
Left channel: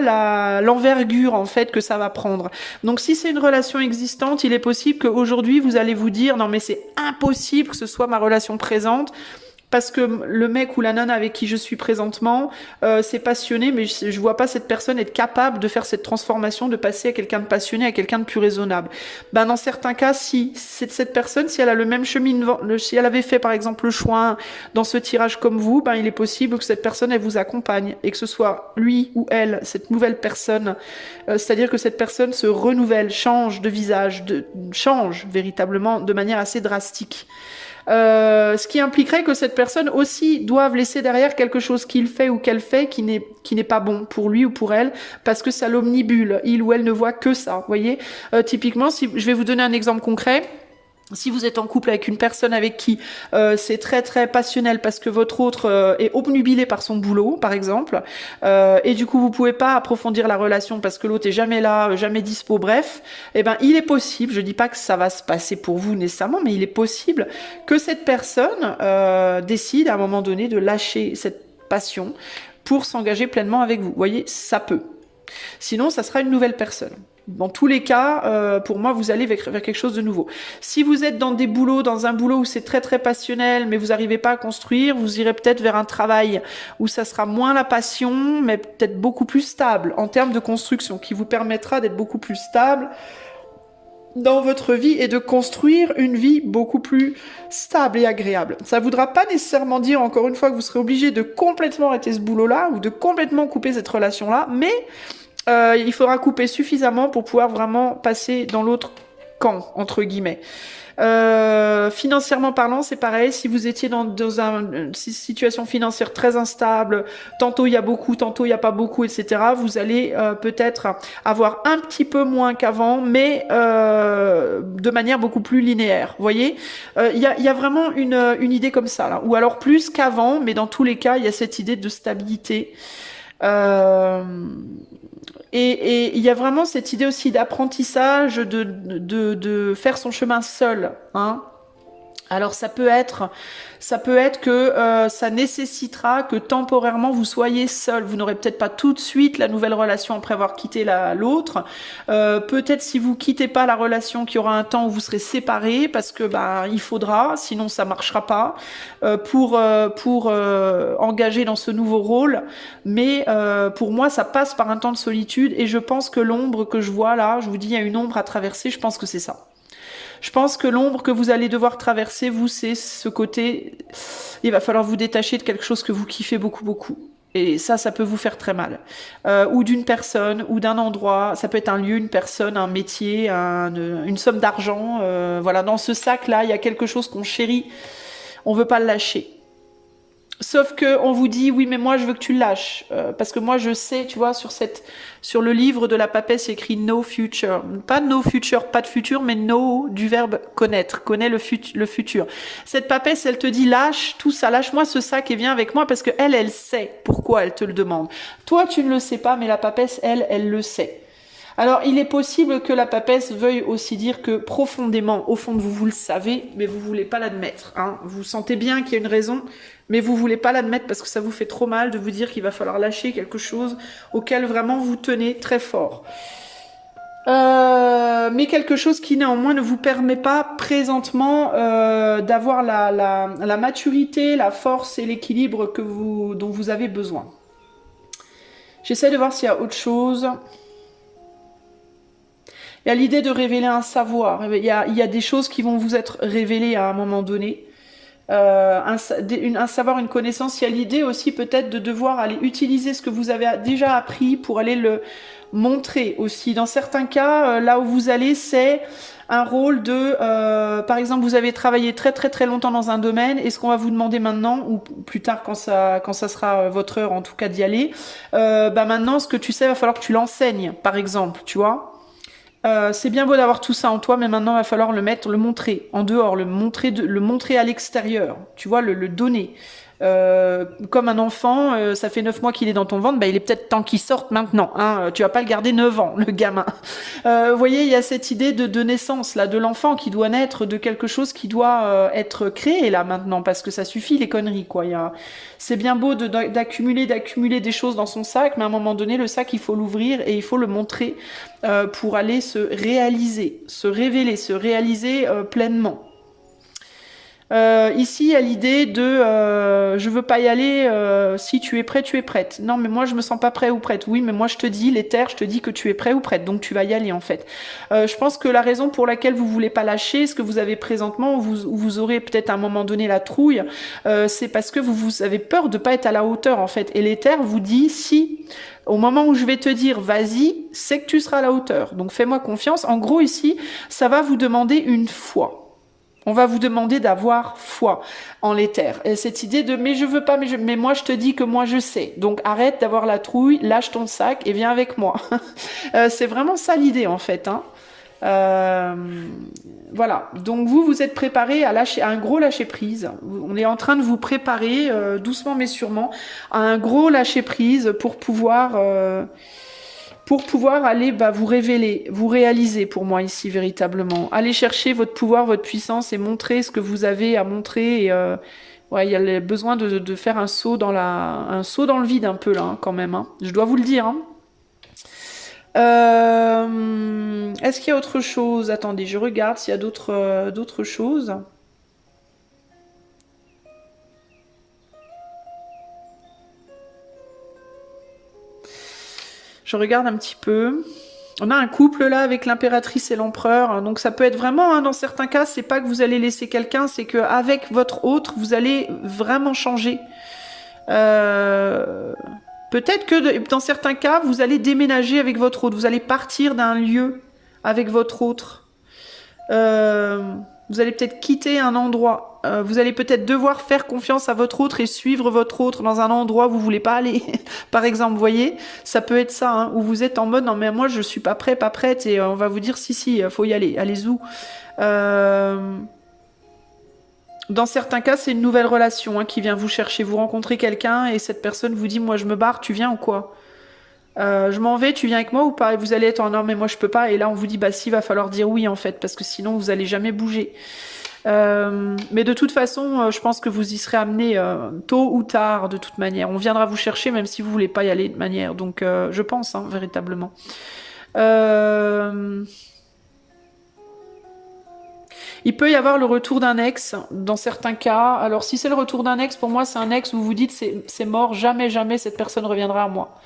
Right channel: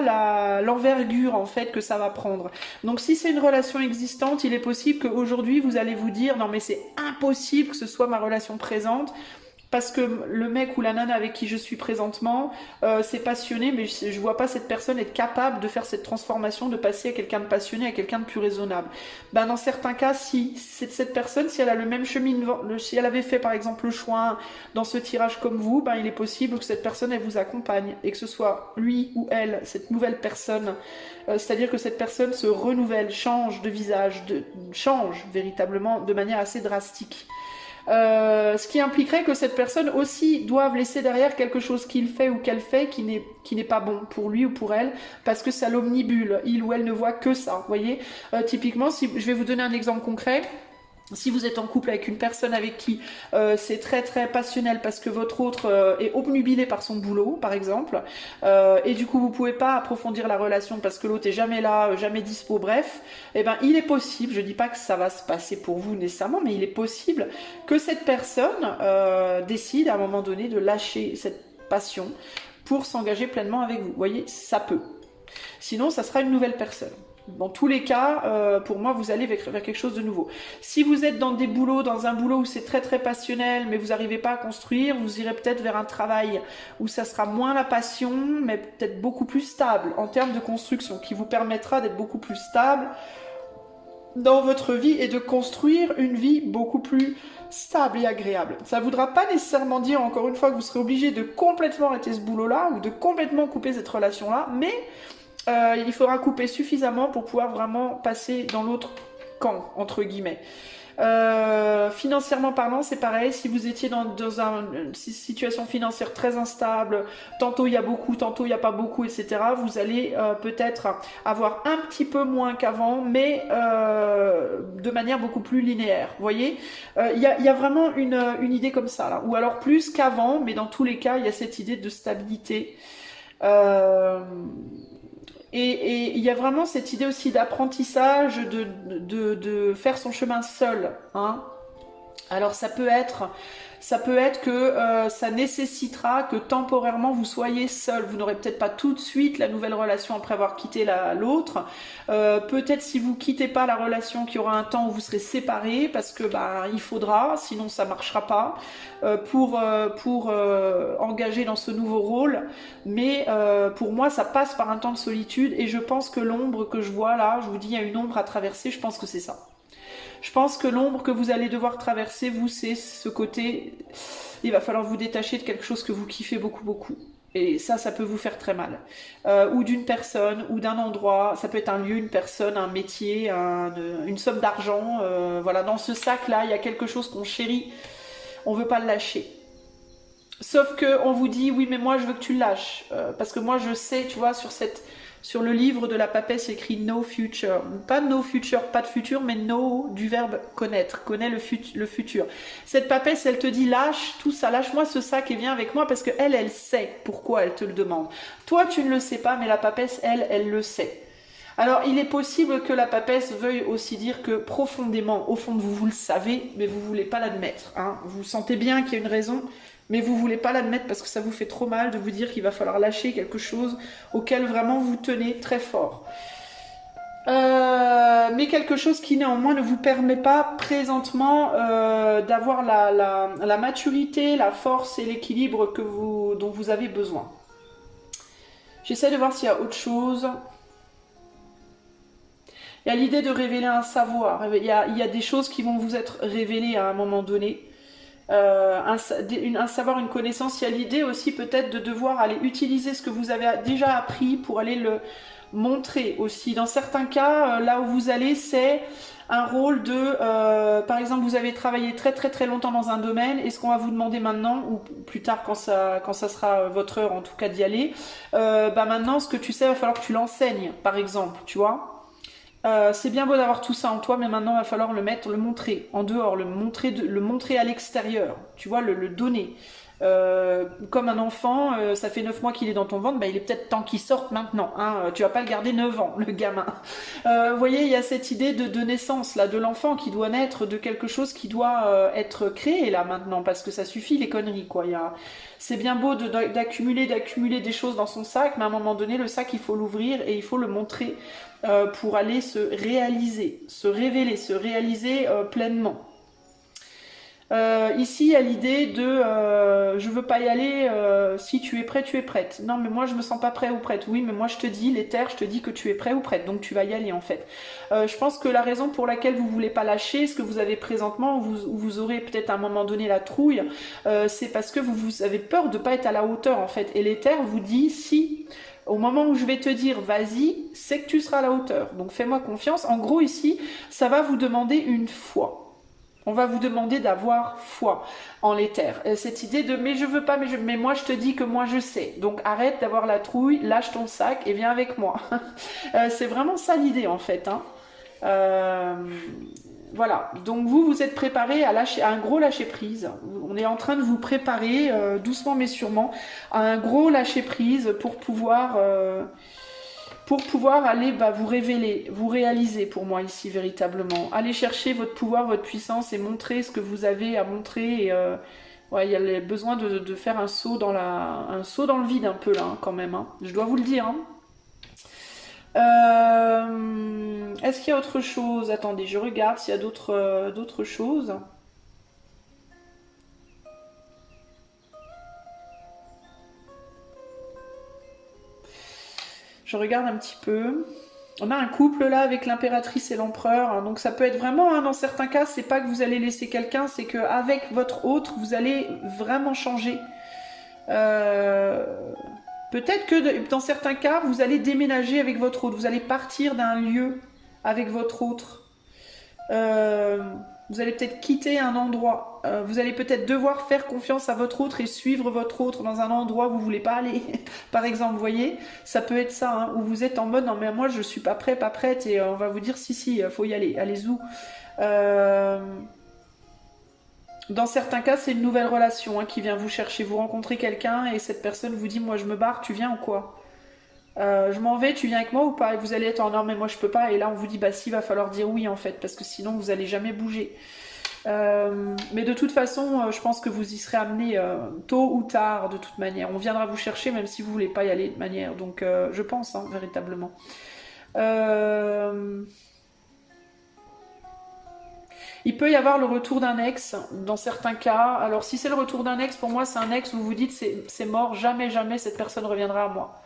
l'envergure en fait que ça va prendre. Donc si c'est une relation existante, il est possible qu'aujourd'hui vous allez vous dire non mais c'est impossible que ce soit ma relation présente. Parce que le mec ou la nana avec qui je suis présentement, c'est passionné, mais je vois pas cette personne être capable de faire cette transformation, de passer à quelqu'un de passionné, à quelqu'un de plus raisonnable. Ben dans certains cas, si c'est cette personne, si elle a le même cheminement, si elle avait fait par exemple le choix dans ce tirage comme vous, ben il est possible que cette personne elle vous accompagne et que ce soit lui ou elle, cette nouvelle personne, c'est-à-dire que cette personne se renouvelle, change de visage, change véritablement de manière assez drastique. Ce qui impliquerait que cette personne aussi doive laisser derrière quelque chose qu'il fait ou qu'elle fait qui n'est pas bon pour lui ou pour elle, parce que ça l'omnibule, il ou elle ne voit que ça, vous voyez. Typiquement, si je vais vous donner un exemple concret. Si vous êtes en couple avec une personne avec qui c'est très très passionnel parce que votre autre est obnubilé par son boulot, par exemple, et du coup vous pouvez pas approfondir la relation parce que l'autre est jamais là, jamais dispo, bref, eh ben il est possible, je dis pas que ça va se passer pour vous nécessairement, mais il est possible que cette personne décide à un moment donné de lâcher cette passion pour s'engager pleinement avec vous. Vous voyez, ça peut. Sinon, ça sera une nouvelle personne. Dans tous les cas, pour moi, vous allez vers quelque chose de nouveau. Si vous êtes dans un boulot où c'est très très passionnel, mais vous n'arrivez pas à construire, vous irez peut-être vers un travail où ça sera moins la passion, mais peut-être beaucoup plus stable en termes de construction, qui vous permettra d'être beaucoup plus stable dans votre vie et de construire une vie beaucoup plus stable et agréable. Ça ne voudra pas nécessairement dire, encore une fois, que vous serez obligé de complètement arrêter ce boulot-là ou de complètement couper cette relation-là, mais il faudra couper suffisamment pour pouvoir vraiment passer dans l'autre camp, entre guillemets. Financièrement parlant, c'est pareil. Si vous étiez dans une situation financière très instable, tantôt il y a beaucoup, tantôt il n'y a pas beaucoup, etc., vous allez peut-être avoir un petit peu moins qu'avant, mais de manière beaucoup plus linéaire. Vous voyez, il y a vraiment une idée comme ça, là. Ou alors plus qu'avant, mais dans tous les cas, il y a cette idée de stabilité. Et il y a vraiment cette idée aussi d'apprentissage, de faire son chemin seul, hein. Alors ça peut être que ça nécessitera que temporairement vous soyez seul. Vous n'aurez peut-être pas tout de suite la nouvelle relation après avoir quitté l'autre. Peut-être si vous quittez pas la relation, qu'il y aura un temps où vous serez séparés parce que il faudra, sinon ça marchera pas pour engager dans ce nouveau rôle. Mais pour moi ça passe par un temps de solitude et je pense que l'ombre que je vois là, je vous dis il y a une ombre à traverser, je pense que c'est ça. Je pense que l'ombre que vous allez devoir traverser, vous, c'est ce côté, il va falloir vous détacher de quelque chose que vous kiffez beaucoup, beaucoup. Et ça peut vous faire très mal. Ou d'une personne, ou d'un endroit. Ça peut être un lieu, une personne, un métier, une somme d'argent. Voilà, dans ce sac-là, il y a quelque chose qu'on chérit. On veut pas le lâcher. Sauf que on vous dit, oui, mais moi, je veux que tu le lâches. Parce que moi, je sais, tu vois, sur le livre de la papesse, il y a écrit no future. Pas no future, pas de futur, mais no du verbe connaître. Connais le futur. Cette papesse, elle te dit, lâche tout ça, lâche-moi ce sac et viens avec moi parce que elle sait pourquoi elle te le demande. Toi, tu ne le sais pas, mais la papesse, elle le sait. Alors, il est possible que la papesse veuille aussi dire que profondément, au fond de vous, vous le savez, mais vous voulez pas l'admettre. Hein. Vous sentez bien qu'il y a une raison, mais vous voulez pas l'admettre parce que ça vous fait trop mal de vous dire qu'il va falloir lâcher quelque chose auquel vraiment vous tenez très fort. Mais quelque chose qui néanmoins ne vous permet pas présentement d'avoir la maturité, la force et l'équilibre dont vous avez besoin. J'essaie de voir s'il y a autre chose. Il y a l'idée de révéler un savoir. Il y a des choses qui vont vous être révélées à un moment donné. Un savoir, une connaissance. Il y a l'idée aussi peut-être de devoir aller utiliser ce que vous avez déjà appris pour aller le montrer aussi. Dans certains cas, là où vous allez, c'est un rôle de... par exemple, vous avez travaillé très très très longtemps dans un domaine et ce qu'on va vous demander maintenant, ou plus tard quand ça sera votre heure en tout cas d'y aller, maintenant ce que tu sais, il va falloir que tu l'enseignes, par exemple, tu vois. C'est bien beau d'avoir tout ça en toi, mais maintenant il va falloir le montrer en dehors, le montrer à l'extérieur, tu vois, le donner. Comme un enfant, ça fait 9 mois qu'il est dans ton ventre, il est peut-être temps qu'il sorte maintenant. Hein, tu vas pas le garder 9 ans, le gamin. Vous voyez, il y a cette idée de naissance là, de l'enfant qui doit naître de quelque chose qui doit être créé là maintenant, parce que ça suffit les conneries quoi. C'est bien beau d'accumuler des choses dans son sac, mais à un moment donné, le sac il faut l'ouvrir et il faut le montrer pour aller se réaliser, se révéler, se réaliser pleinement. Ici, il y a l'idée de je veux pas y aller, si tu es prêt, tu es prête. Non, mais moi je me sens pas prêt ou prête. Oui, mais moi je te dis, l'éther, je te dis que tu es prêt ou prête, donc tu vas y aller en fait. Je pense que la raison pour laquelle vous voulez pas lâcher ce que vous avez présentement, vous aurez peut-être à un moment donné la trouille, c'est parce que vous avez peur de pas être à la hauteur en fait. Et l'éther vous dit si au moment où je vais te dire vas-y, c'est que tu seras à la hauteur. Donc fais-moi confiance. En gros ici, ça va vous demander une foi. On va vous demander d'avoir foi en l'éther. Et cette idée de mais je veux pas, mais moi je te dis que moi je sais. Donc arrête d'avoir la trouille, lâche ton sac et viens avec moi. C'est vraiment ça l'idée en fait. Hein. Voilà. Donc vous êtes préparé à un gros lâcher prise. On est en train de vous préparer doucement mais sûrement à un gros lâcher prise pour pouvoir aller vous révéler, vous réaliser pour moi ici véritablement. Aller chercher votre pouvoir, votre puissance et montrer ce que vous avez à montrer. Et, ouais, il y a le besoin de faire un saut dans le vide un peu là hein, quand même. Hein. Je dois vous le dire. Hein. Est-ce qu'il y a autre chose? Attendez, je regarde s'il y a d'autres choses. Je regarde un petit peu. On a un couple là avec l'impératrice et l'empereur. Donc ça peut être vraiment, hein, dans certains cas, c'est pas que vous allez laisser quelqu'un, c'est qu'avec votre autre, vous allez vraiment changer. Peut-être que dans certains cas, vous allez déménager avec votre autre. Vous allez partir d'un lieu avec votre autre. Vous allez peut-être quitter un endroit. Vous allez peut-être devoir faire confiance à votre autre et suivre votre autre dans un endroit où vous voulez pas aller. Par exemple, vous voyez, ça peut être ça, hein, où vous êtes en mode non mais moi je suis pas prêt, pas prête et on va vous dire si, faut y aller. Allez où. Dans certains cas, c'est une nouvelle relation hein, qui vient vous chercher. Vous rencontrez quelqu'un et cette personne vous dit moi je me barre, tu viens ou quoi? Je m'en vais, tu viens avec moi ou pas? Et vous allez être en non mais moi je peux pas. Et là on vous dit bah si, va falloir dire oui en fait parce que sinon vous allez jamais bouger. Mais de toute façon, je pense que vous y serez amené tôt ou tard de toute manière. On viendra vous chercher même si vous voulez pas y aller de manière. Donc je pense hein, véritablement. Il peut y avoir le retour d'un ex dans certains cas. Alors si c'est le retour d'un ex, pour moi c'est un ex où vous vous dites c'est mort, jamais jamais cette personne reviendra à moi.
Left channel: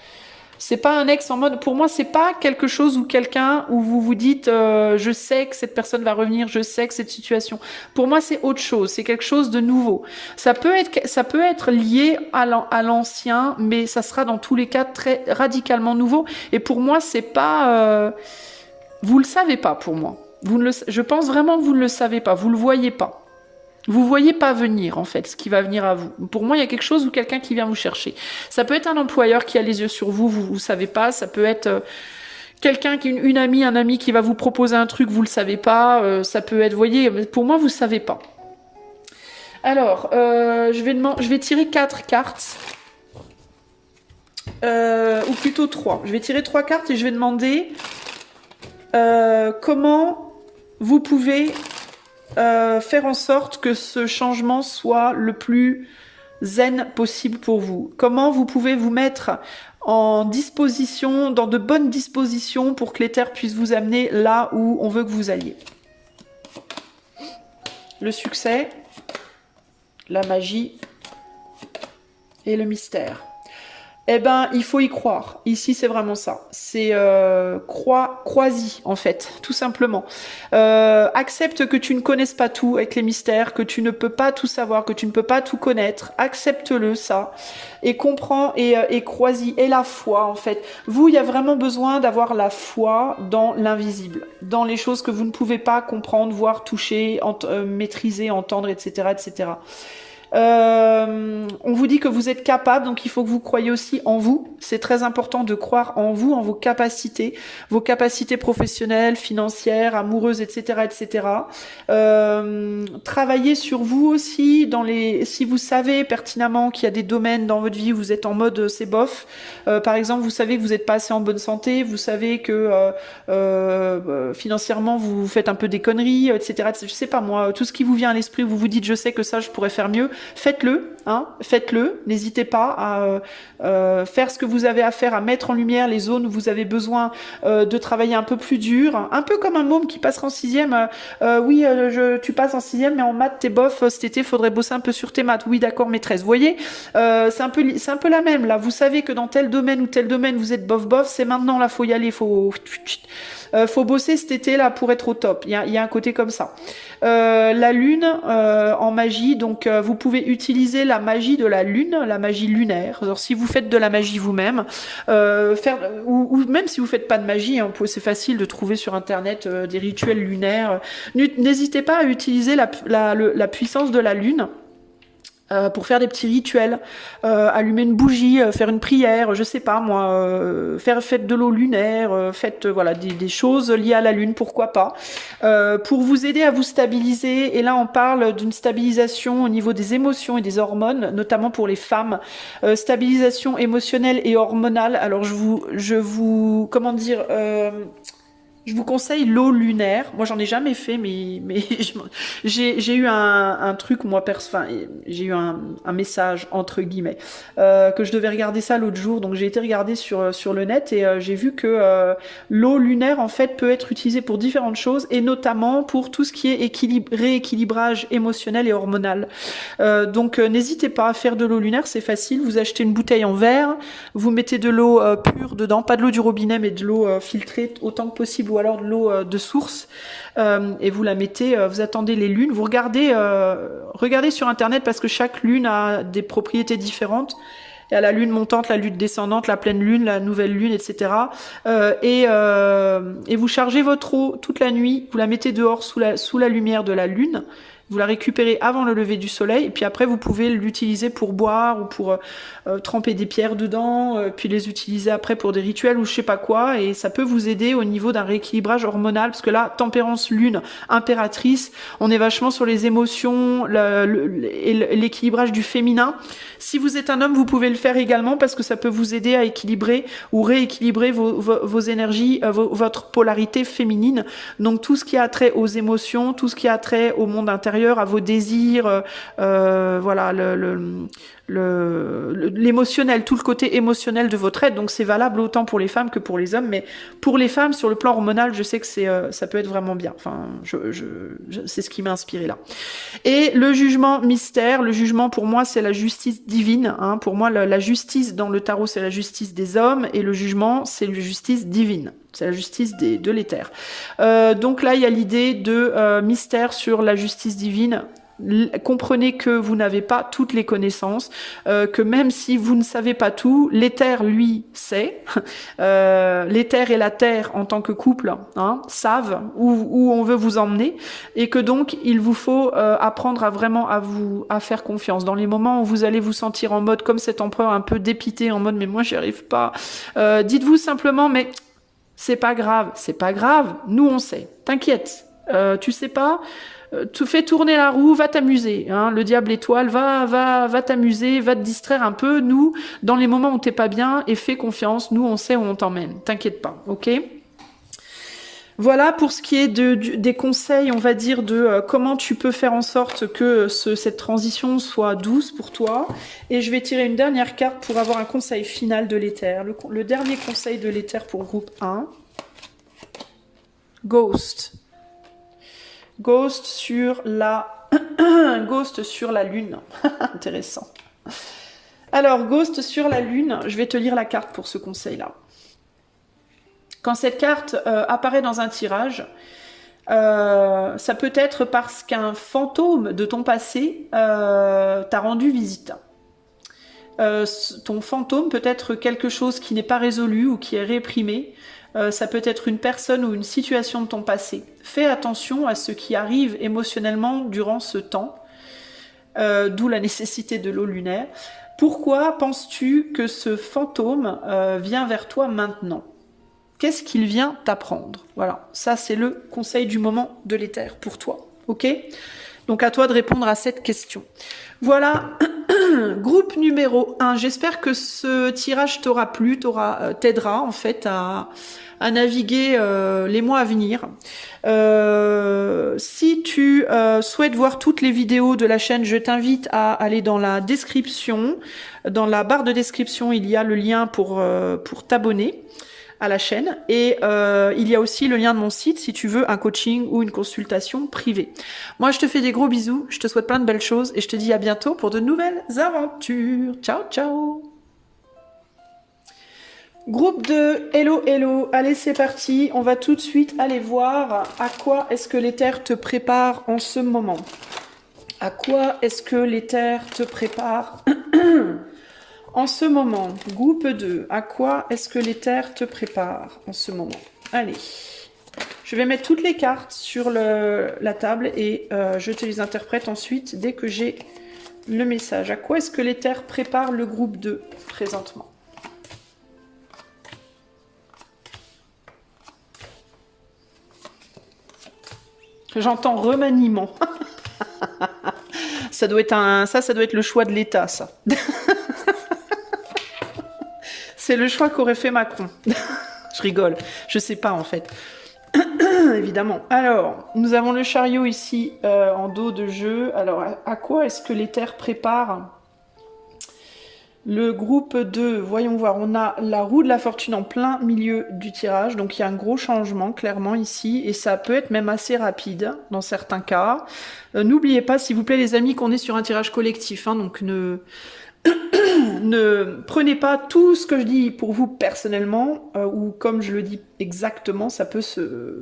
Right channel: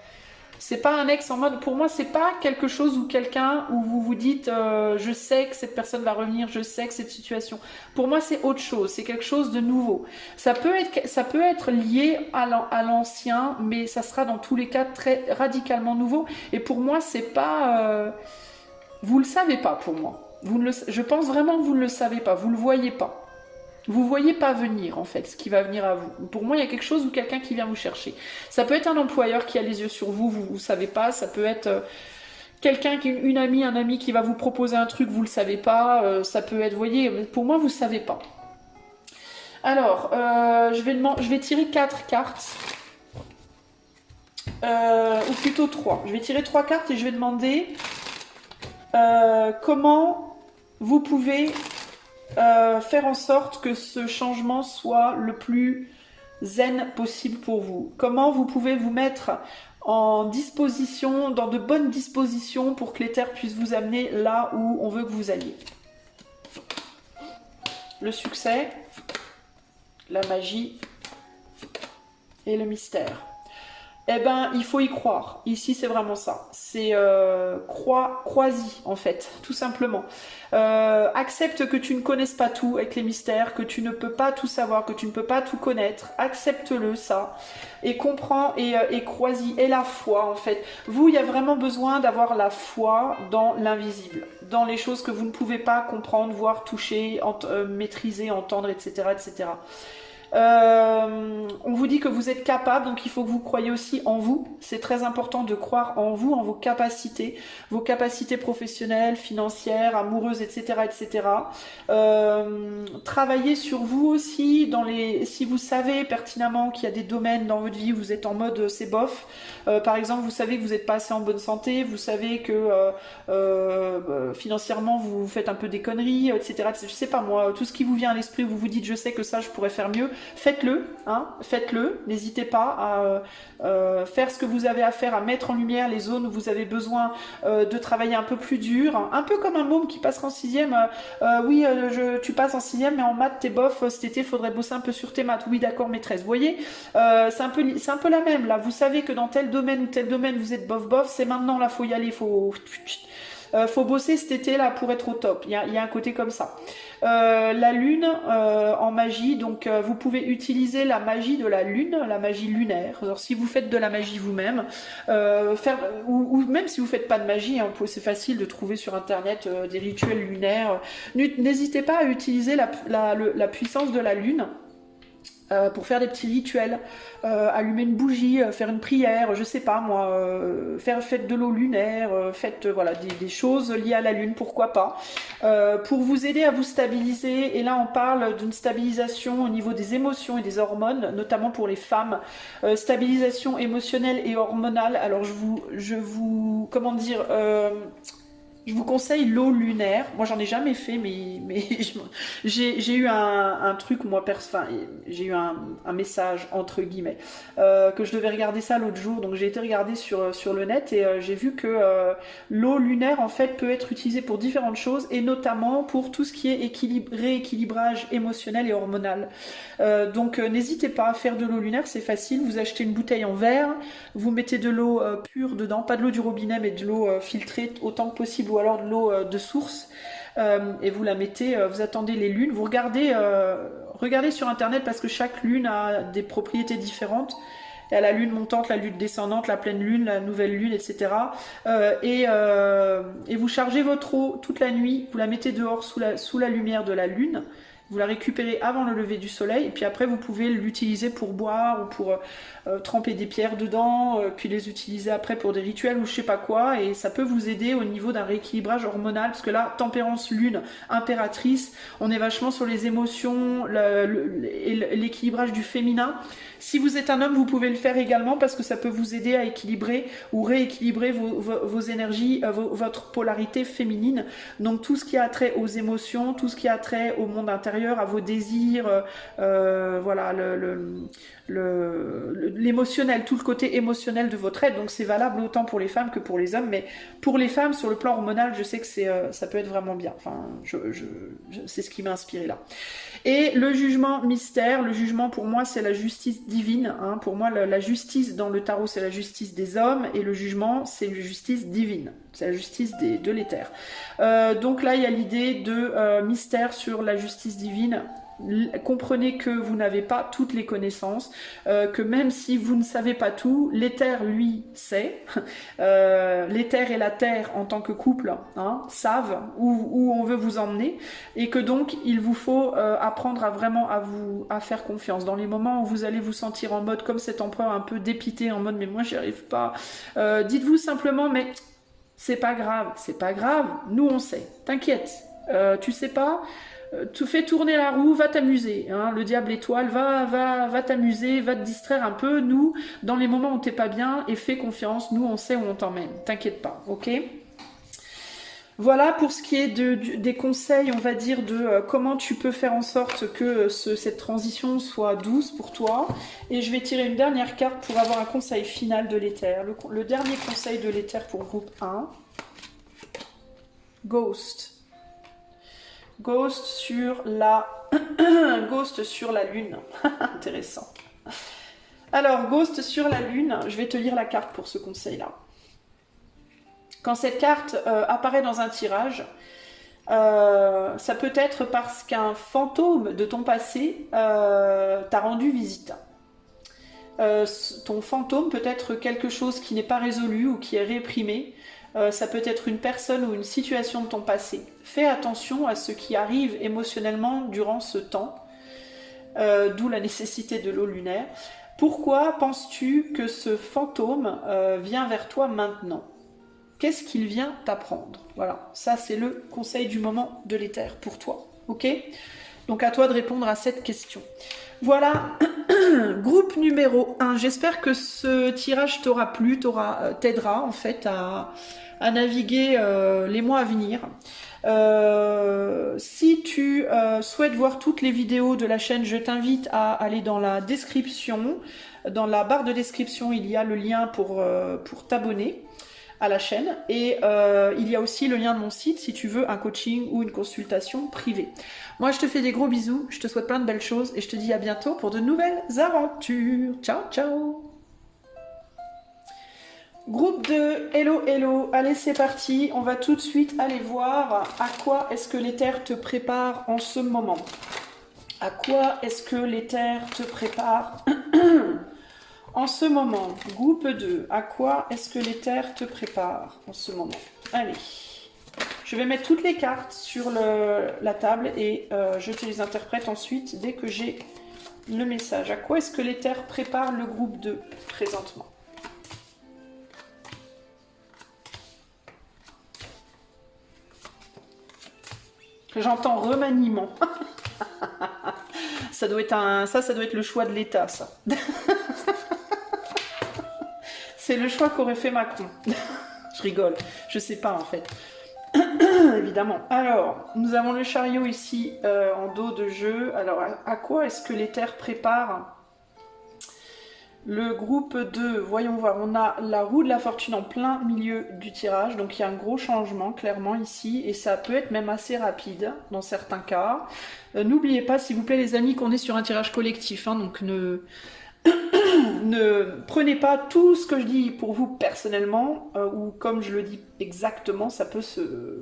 C'est pas un ex en mode, pour moi, c'est pas quelque chose ou quelqu'un où vous vous dites, je sais que cette personne va revenir, je sais que cette situation. Pour moi, c'est autre chose, c'est quelque chose de nouveau. Ça peut être lié à l'ancien, mais ça sera dans tous les cas très radicalement nouveau. Et pour moi, c'est pas, vous le savez pas pour moi. Je pense vraiment que vous ne le savez pas, vous le voyez pas. Vous voyez pas venir, en fait, ce qui va venir à vous. Pour moi, il y a quelque chose ou quelqu'un qui vient vous chercher. Ça peut être un employeur qui a les yeux sur vous, vous savez pas. Ça peut être quelqu'un une amie, un ami qui va vous proposer un truc, vous le savez pas. Ça peut être, vous voyez, pour moi, vous savez pas. Alors, je vais tirer 4 cartes. Ou plutôt 3. Je vais tirer 3 cartes et je vais demander comment vous pouvez faire en sorte que ce changement soit le plus zen possible pour vous. Comment vous pouvez vous mettre en disposition, dans de bonnes dispositions pour que l'éther puisse vous amener là où on veut que vous alliez. Le succès, la magie et le mystère. Eh ben, il faut y croire. Ici, c'est vraiment ça. C'est crois-y, en fait, tout simplement. Accepte que tu ne connaisses pas tout avec les mystères, que tu ne peux pas tout savoir, que tu ne peux pas tout connaître. Accepte-le, ça. Et comprends et crois-y. Et la foi, en fait. Vous, il y a vraiment besoin d'avoir la foi dans l'invisible, dans les choses que vous ne pouvez pas comprendre, voir, toucher, maîtriser, entendre, etc., etc. On vous dit que vous êtes capable, donc il faut que vous croyiez aussi en vous. C'est très important de croire en vous, en vos capacités professionnelles, financières, amoureuses, etc., etc. Travaillez sur vous aussi si vous savez pertinemment qu'il y a des domaines dans votre vie où vous êtes en mode c'est bof. Par exemple, vous savez que vous n'êtes pas assez en bonne santé, vous savez que financièrement vous faites un peu des conneries, etc. Je sais pas moi, tout ce qui vous vient à l'esprit où vous vous dites je sais que ça je pourrais faire mieux. Faites-le, hein, faites-le. N'hésitez pas à faire ce que vous avez à faire, à mettre en lumière les zones où vous avez besoin de travailler un peu plus dur. Un peu comme un môme qui passera en 6e. Oui, tu passes en 6e, mais en maths, t'es bof. Cet été, faudrait bosser un peu sur tes maths. Oui, d'accord, maîtresse. Vous voyez, c'est un peu la même. Là, vous savez que dans tel domaine ou tel domaine, vous êtes bof. C'est maintenant, là, faut y aller. Faut bosser cet été là pour être au top. Il y a un côté comme ça. La lune en magie, donc vous pouvez utiliser la magie de la lune, la magie lunaire. Alors si vous faites de la magie vous-même, ou même si vous faites pas de magie, hein, c'est facile de trouver sur internet des rituels lunaires. N'hésitez pas à utiliser la puissance de la lune. Pour faire des petits rituels, allumer une bougie, faire une prière, je sais pas moi, faites de l'eau lunaire, faites voilà des choses liées à la lune, pourquoi pas, pour vous aider à vous stabiliser. Et là on parle d'une stabilisation au niveau des émotions et des hormones, notamment pour les femmes, stabilisation émotionnelle et hormonale. Alors je vous comment dire, je vous conseille l'eau lunaire. Moi, j'en ai jamais fait, mais j'ai eu un truc, moi, enfin, j'ai eu un message, entre guillemets, que je devais regarder ça l'autre jour. Donc, j'ai été regarder sur le net et j'ai vu que l'eau lunaire, en fait, peut être utilisée pour différentes choses et notamment pour tout ce qui est rééquilibrage émotionnel et hormonal. Donc, n'hésitez pas à faire de l'eau lunaire, c'est facile. Vous achetez une bouteille en verre, vous mettez de l'eau pure dedans, pas de l'eau du robinet, mais de l'eau filtrée autant que possible, ou alors de l'eau de source, et vous la mettez, vous attendez les lunes, vous regardez sur internet parce que chaque lune a des propriétés différentes. Il y a la lune montante, la lune descendante, la pleine lune, la nouvelle lune, etc. Et vous chargez votre eau toute la nuit, vous la mettez dehors sous la lumière de la lune. Vous la récupérez avant le lever du soleil et puis après vous pouvez l'utiliser pour boire ou pour tremper des pierres dedans, puis les utiliser après pour des rituels ou je sais pas quoi, et ça peut vous aider au niveau d'un rééquilibrage hormonal parce que là, tempérance lune, impératrice, on est vachement sur les émotions et l'équilibrage du féminin. Si vous êtes un homme, vous pouvez le faire également parce que ça peut vous aider à équilibrer ou rééquilibrer vos énergies, votre polarité féminine. Donc tout ce qui a trait aux émotions, tout ce qui a trait au monde intérieur, intérieur, à vos désirs, voilà, l'émotionnel, tout le côté émotionnel de votre être. Donc c'est valable autant pour les femmes que pour les hommes, mais pour les femmes, sur le plan hormonal, je sais que ça peut être vraiment bien. Enfin, c'est ce qui m'a inspiré là. Et le jugement mystère, le jugement pour moi c'est la justice divine. Hein. Pour moi la justice dans le tarot c'est la justice des hommes et le jugement c'est la justice divine. C'est la justice de l'éther. Donc là il y a l'idée de mystère sur la justice divine. Comprenez que vous n'avez pas toutes les connaissances, que même si vous ne savez pas tout, l'éther lui sait, l'éther et la terre en tant que couple savent où on veut vous emmener, et que donc il vous faut apprendre à vraiment à faire confiance. Dans les moments où vous allez vous sentir en mode comme cet empereur un peu dépité, en mode mais moi j'y arrive pas, dites-vous simplement mais c'est pas grave, nous on sait, t'inquiète, tu sais pas, tu fais tourner la roue, va t'amuser, hein, le diable étoile, va t'amuser, va te distraire un peu, nous, dans les moments où t'es pas bien, et fais confiance, nous on sait où on t'emmène, t'inquiète pas, ok? Voilà pour ce qui est des conseils, on va dire, de comment tu peux faire en sorte que cette transition soit douce pour toi. Et je vais tirer une dernière carte pour avoir un conseil final de l'éther. Le dernier conseil de l'éther pour groupe 1. Ghost. Ghost sur la... Ghost sur la lune. Intéressant. Alors, Ghost sur la lune, je vais te lire la carte pour ce conseil-là. Quand cette carte apparaît dans un tirage, ça peut être parce qu'un fantôme de ton passé t'a rendu visite. Ton fantôme peut être quelque chose qui n'est pas résolu ou qui est réprimé. Ça peut être une personne ou une situation de ton passé. Fais attention à ce qui arrive émotionnellement durant ce temps, d'où la nécessité de l'eau lunaire. Pourquoi penses-tu que ce fantôme vient vers toi maintenant ? Qu'est-ce qu'il vient t'apprendre? Voilà, ça c'est le conseil du moment de l'éther pour toi, ok? Donc à toi de répondre à cette question. Voilà, groupe numéro 1. J'espère que ce tirage t'aura plu, t'aidera en fait à naviguer les mois à venir. Si tu souhaites voir toutes les vidéos de la chaîne, je t'invite à aller dans la description. Dans la barre de description, il y a le lien pour t'abonner à la chaîne, et il y a aussi le lien de mon site si tu veux un coaching ou une consultation privée. Moi je te fais des gros bisous, je te souhaite plein de belles choses et je te dis à bientôt pour de nouvelles aventures. Ciao ciao. Groupe 2, hello hello, allez c'est parti, on va tout de suite aller voir à quoi est-ce que l'éther te prépare en ce moment. À quoi est-ce que l'éther te prépare en ce moment, groupe 2, à quoi est-ce que l'éther te prépare en ce moment? Allez, je vais mettre toutes les cartes sur la table et je te les interprète ensuite dès que j'ai le message. À quoi est-ce que l'éther prépare le groupe 2 présentement? J'entends remaniement. Ça doit être ça doit être le choix de l'État, ça. C'est le choix qu'aurait fait Macron. Je rigole, je sais pas en fait. Évidemment. Alors, nous avons le chariot ici en dos de jeu. Alors, à quoi est-ce que l'éther prépare le groupe 2? Voyons voir, on a la roue de la fortune en plein milieu du tirage. Donc, il y a un gros changement clairement ici. Et ça peut être même assez rapide dans certains cas. N'oubliez pas, s'il vous plaît les amis, qu'on est sur un tirage collectif. Hein, donc, ne prenez pas tout ce que je dis pour vous personnellement, ou comme je le dis exactement, ça peut se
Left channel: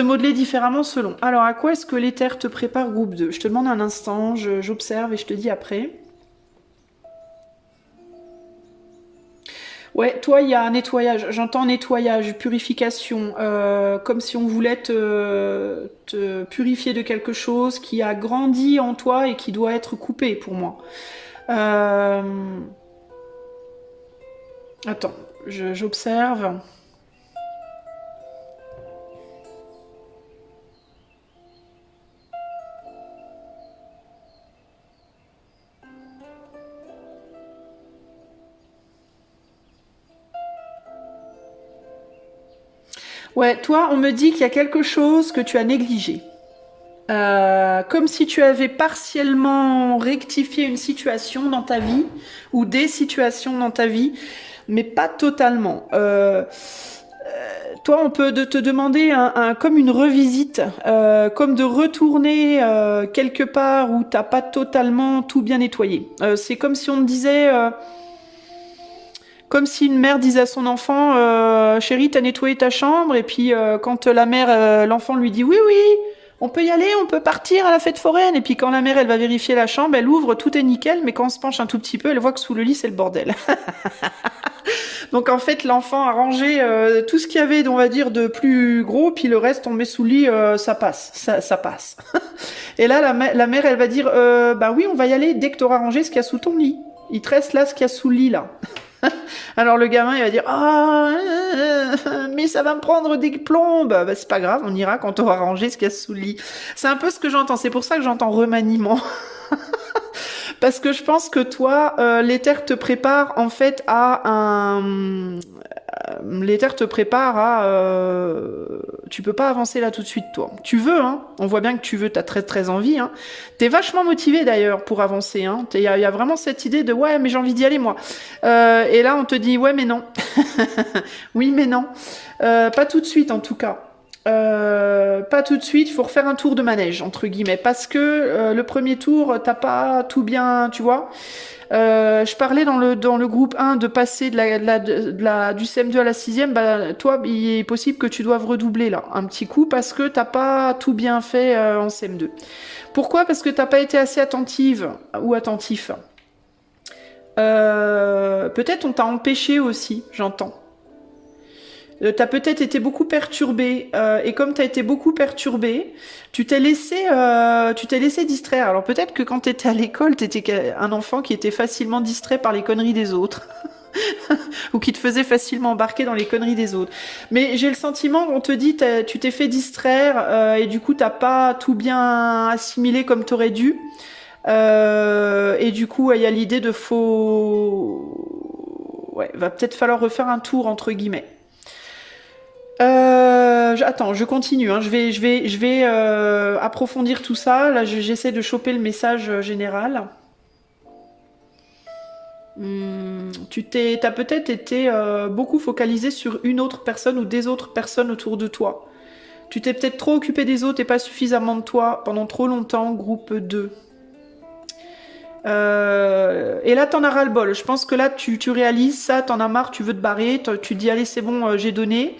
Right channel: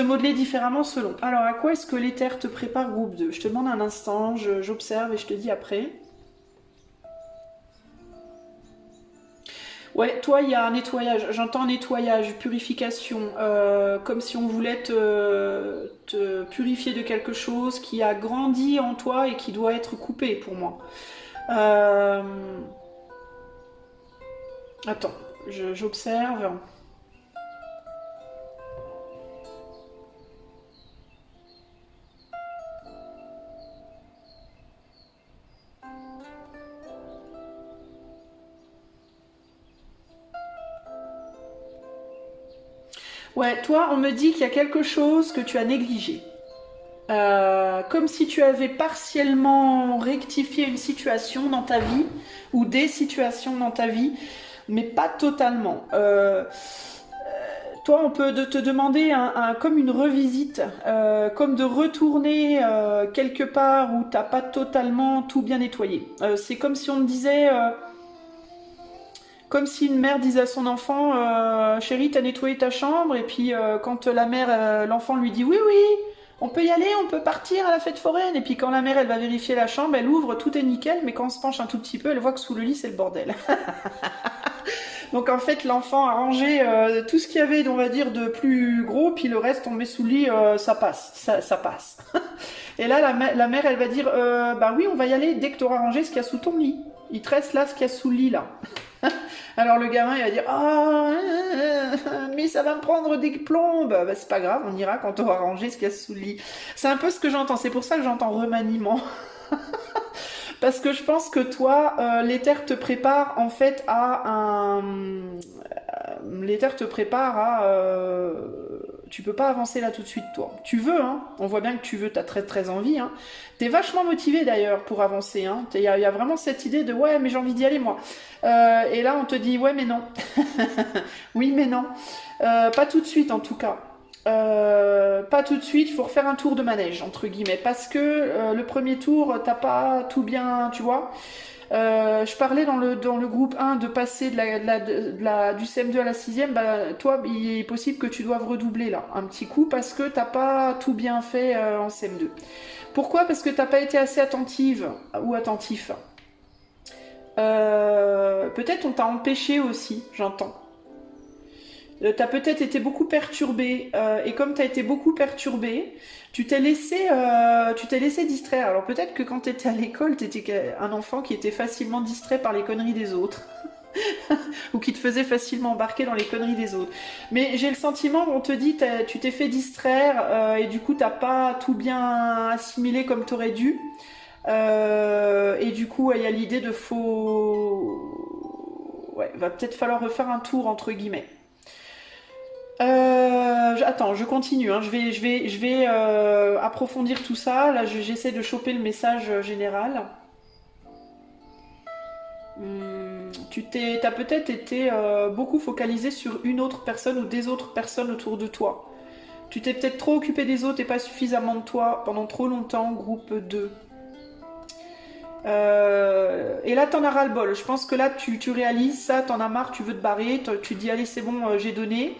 modeler différemment selon. Alors, à quoi est-ce que l'éther te prépare groupe 2? Je te demande un instant, j'observe et je te dis après. Ouais, toi, il y a un nettoyage. J'entends nettoyage, purification, comme si on voulait te purifier de quelque chose qui a grandi en toi et qui doit être coupé pour moi. Attends, j'observe. Ouais, toi, on me dit qu'il y a quelque chose que tu as négligé. Comme si tu avais partiellement rectifié une situation dans ta vie ou des situations dans ta vie, mais pas totalement. Toi, on peut te demander comme une revisite, comme de retourner quelque part où t'as pas totalement tout bien nettoyé. C'est comme si on te disait, comme si une mère disait à son enfant, chérie, t'as nettoyé ta chambre, et puis quand la mère, l'enfant lui dit oui, oui, on peut y aller, on peut partir à la fête foraine, et puis quand la mère, elle va vérifier la chambre, elle ouvre, tout est nickel, mais quand on se penche un tout petit peu, elle voit que sous le lit, c'est le bordel. Donc en fait, l'enfant a rangé tout ce qu'il y avait, on va dire, de plus gros, puis le reste, on le met sous le lit, ça passe, ça passe. Et là, la mère, elle va dire, bah oui, on va y aller dès que tu auras rangé ce qu'il y a sous ton lit. Il te reste là ce qu'il y a sous le lit, là. Alors le gamin, il va dire, ah, mais ça va me prendre des plombes. Bah, c'est pas grave, on ira quand on aura rangé ce qu'il y a sous le lit. C'est un peu ce que j'entends, c'est pour ça que j'entends remaniement. Parce que je pense que toi, l'éther te prépare en fait à un... L'éther te prépare à... Tu peux pas avancer là tout de suite, toi. Tu veux, hein. On voit bien que tu veux, t'as très très envie, hein. T'es vachement motivé d'ailleurs pour avancer, hein. Il y a vraiment cette idée de ouais, mais j'ai envie d'y aller moi. Et là, on te dit ouais, mais non. Oui, mais non. Pas tout de suite en tout cas. Pas tout de suite, il faut refaire un tour de manège, entre guillemets, parce que le premier tour, t'as pas tout bien, tu vois. Je parlais dans le groupe 1 de passer du CM2 à la 6e, bah, toi, il est possible que tu doives redoubler là, un petit coup, parce que t'as pas tout bien fait en CM2. Pourquoi? Parce que t'as pas été assez attentive ou attentif. Peut-être on t'a empêché aussi, j'entends. T'as peut-être été beaucoup perturbé et comme t'as été beaucoup perturbé, tu t'es laissé distraire. Alors peut-être que quand t'étais à l'école, t'étais un enfant qui était facilement distrait par les conneries des autres ou qui te faisait facilement embarquer dans les conneries des autres. Mais j'ai le sentiment qu'on te dit tu t'es fait distraire et du coup t'as pas tout bien assimilé comme t'aurais dû. Et du coup il y a l'idée de ouais, va peut-être falloir refaire un tour entre guillemets. Attends, je continue. Hein. Je vais approfondir tout ça. Là, j'essaie de choper le message général. T'as peut-être été beaucoup focalisé sur une autre personne ou des autres personnes autour de toi. Tu t'es peut-être trop occupé des autres et pas suffisamment de toi pendant trop longtemps, groupe 2. Et là, t'en as ras-le-bol. Je pense que là, tu réalises ça, t'en as marre, tu veux te barrer, tu dis allez, c'est bon, j'ai donné.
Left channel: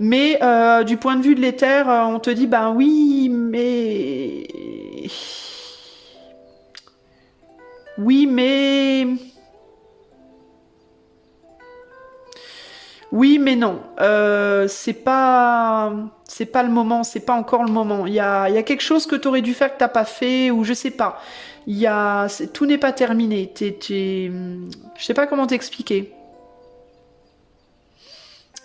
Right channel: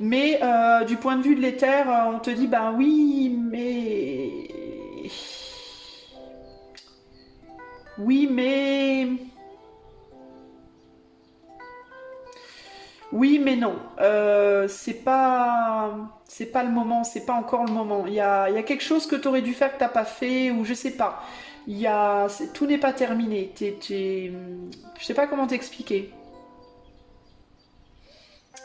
Mais du point de vue de l'éther, on te dit bah oui, mais oui, mais oui, mais non. C'est pas le moment, c'est pas encore le moment. Il y a quelque chose que tu aurais dû faire que t'as pas fait ou je sais pas. Tout n'est pas terminé. Je sais pas comment t'expliquer.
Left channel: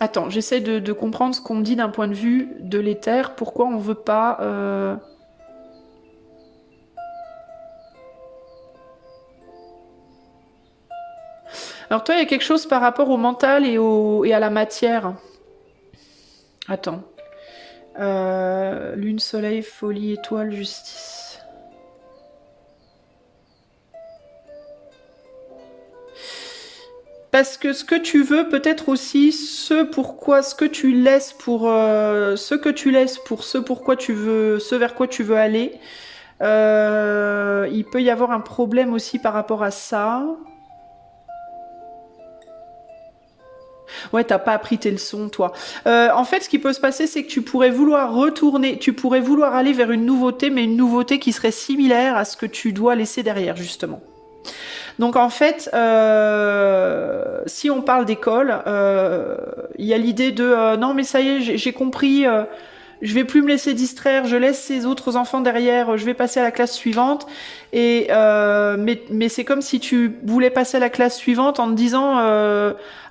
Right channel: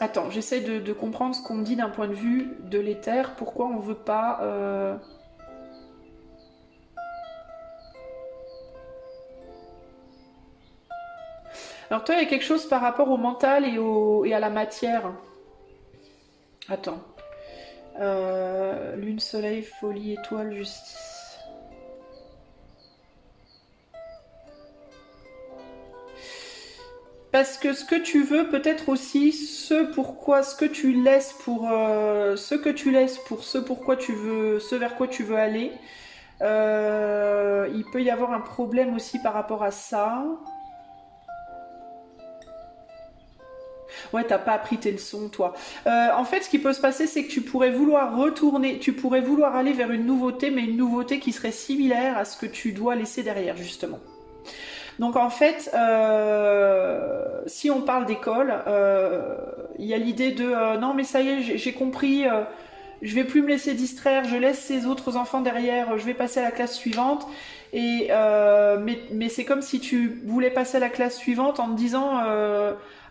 Attends, j'essaie de comprendre ce qu'on me dit d'un point de vue de l'éther. Pourquoi on veut pas... Alors toi, il y a quelque chose par rapport au mental et à la matière. Attends. Lune, soleil, folie, étoile, justice. Parce que ce que tu veux, peut-être aussi ce que tu laisses pour ce pourquoi tu veux, ce vers quoi tu veux aller. Il peut y avoir un problème aussi par rapport à ça. Ouais, t'as pas appris tes leçons, toi. En fait, ce qui peut se passer, c'est que tu pourrais vouloir retourner, tu pourrais vouloir aller vers une nouveauté, mais une nouveauté qui serait similaire à ce que tu dois laisser derrière, justement. Donc en fait, si on parle d'école, il y a l'idée de non mais ça y est, j'ai compris, je vais plus me laisser distraire, je laisse ces autres enfants derrière, je vais passer à la classe suivante. Mais c'est comme si tu voulais passer à la classe suivante en te disant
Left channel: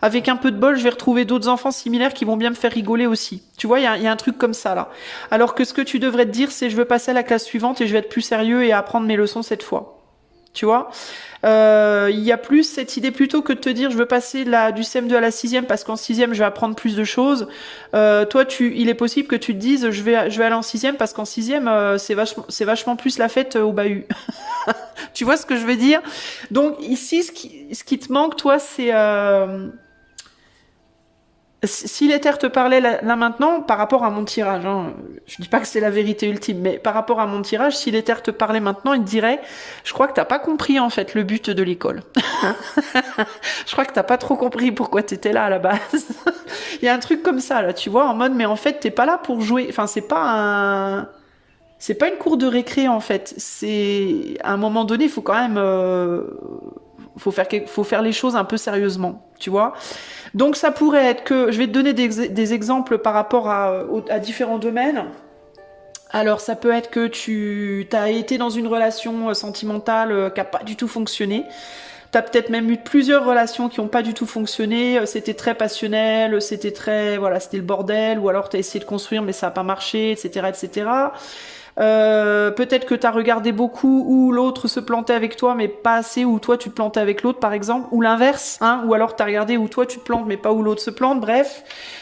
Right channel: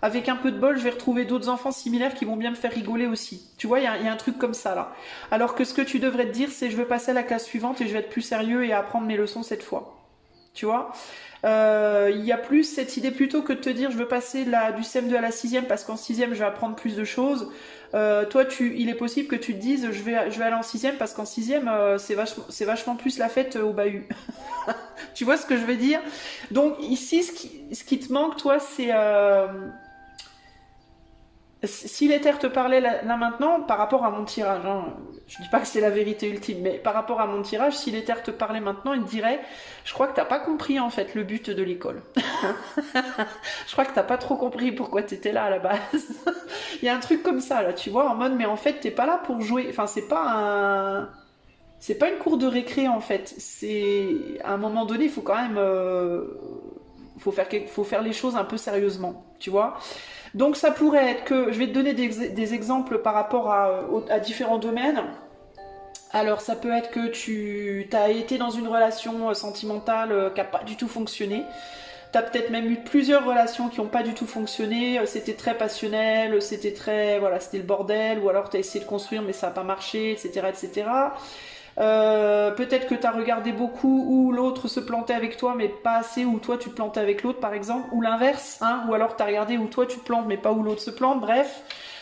avec un peu de bol, je vais retrouver d'autres enfants similaires qui vont bien me faire rigoler aussi. Tu vois, il y a un truc comme ça là. Alors que ce que tu devrais te dire, c'est je veux passer à la classe suivante et je vais être plus sérieux et apprendre mes leçons cette fois. tu vois. Il y a plus cette idée plutôt que de te dire je veux passer du CM2 à la 6e parce qu'en 6e je vais apprendre plus de choses. Toi, il est possible que tu te dises je vais aller en 6e parce qu'en 6e c'est vachement plus la fête au bahut. Tu vois ce que je veux dire? Donc ici, ce qui te manque, toi, c'est si l'éther te parlait là maintenant, par rapport à mon tirage, hein, je dis pas que c'est la vérité ultime, mais par rapport à mon tirage, si l'éther te parlait maintenant, il te dirait, je crois que t'as pas compris en fait le but de l'école. Je crois que t'as pas trop compris pourquoi t'étais là à la base. Il y a un truc comme ça là, tu vois, en mode, mais en fait t'es pas là pour jouer. Enfin, c'est pas une cour de récré en fait. C'est à un moment donné, il faut quand même, faut faire les choses un peu sérieusement, tu vois. Donc ça pourrait être que, je vais te donner des exemples par rapport à différents domaines. Alors ça peut être que tu as été dans une relation sentimentale qui n'a pas du tout fonctionné. Tu as peut-être même eu plusieurs relations qui n'ont pas du tout fonctionné. C'était très passionnel, voilà, c'était le bordel. Ou alors tu as essayé de construire mais ça n'a pas marché, etc., etc. Peut-être que tu as regardé beaucoup où l'autre se plantait avec toi mais pas assez, où toi tu te plantais avec l'autre par exemple, ou l'inverse, hein, ou alors tu as regardé où toi tu te plantes mais pas où l'autre se plante, bref.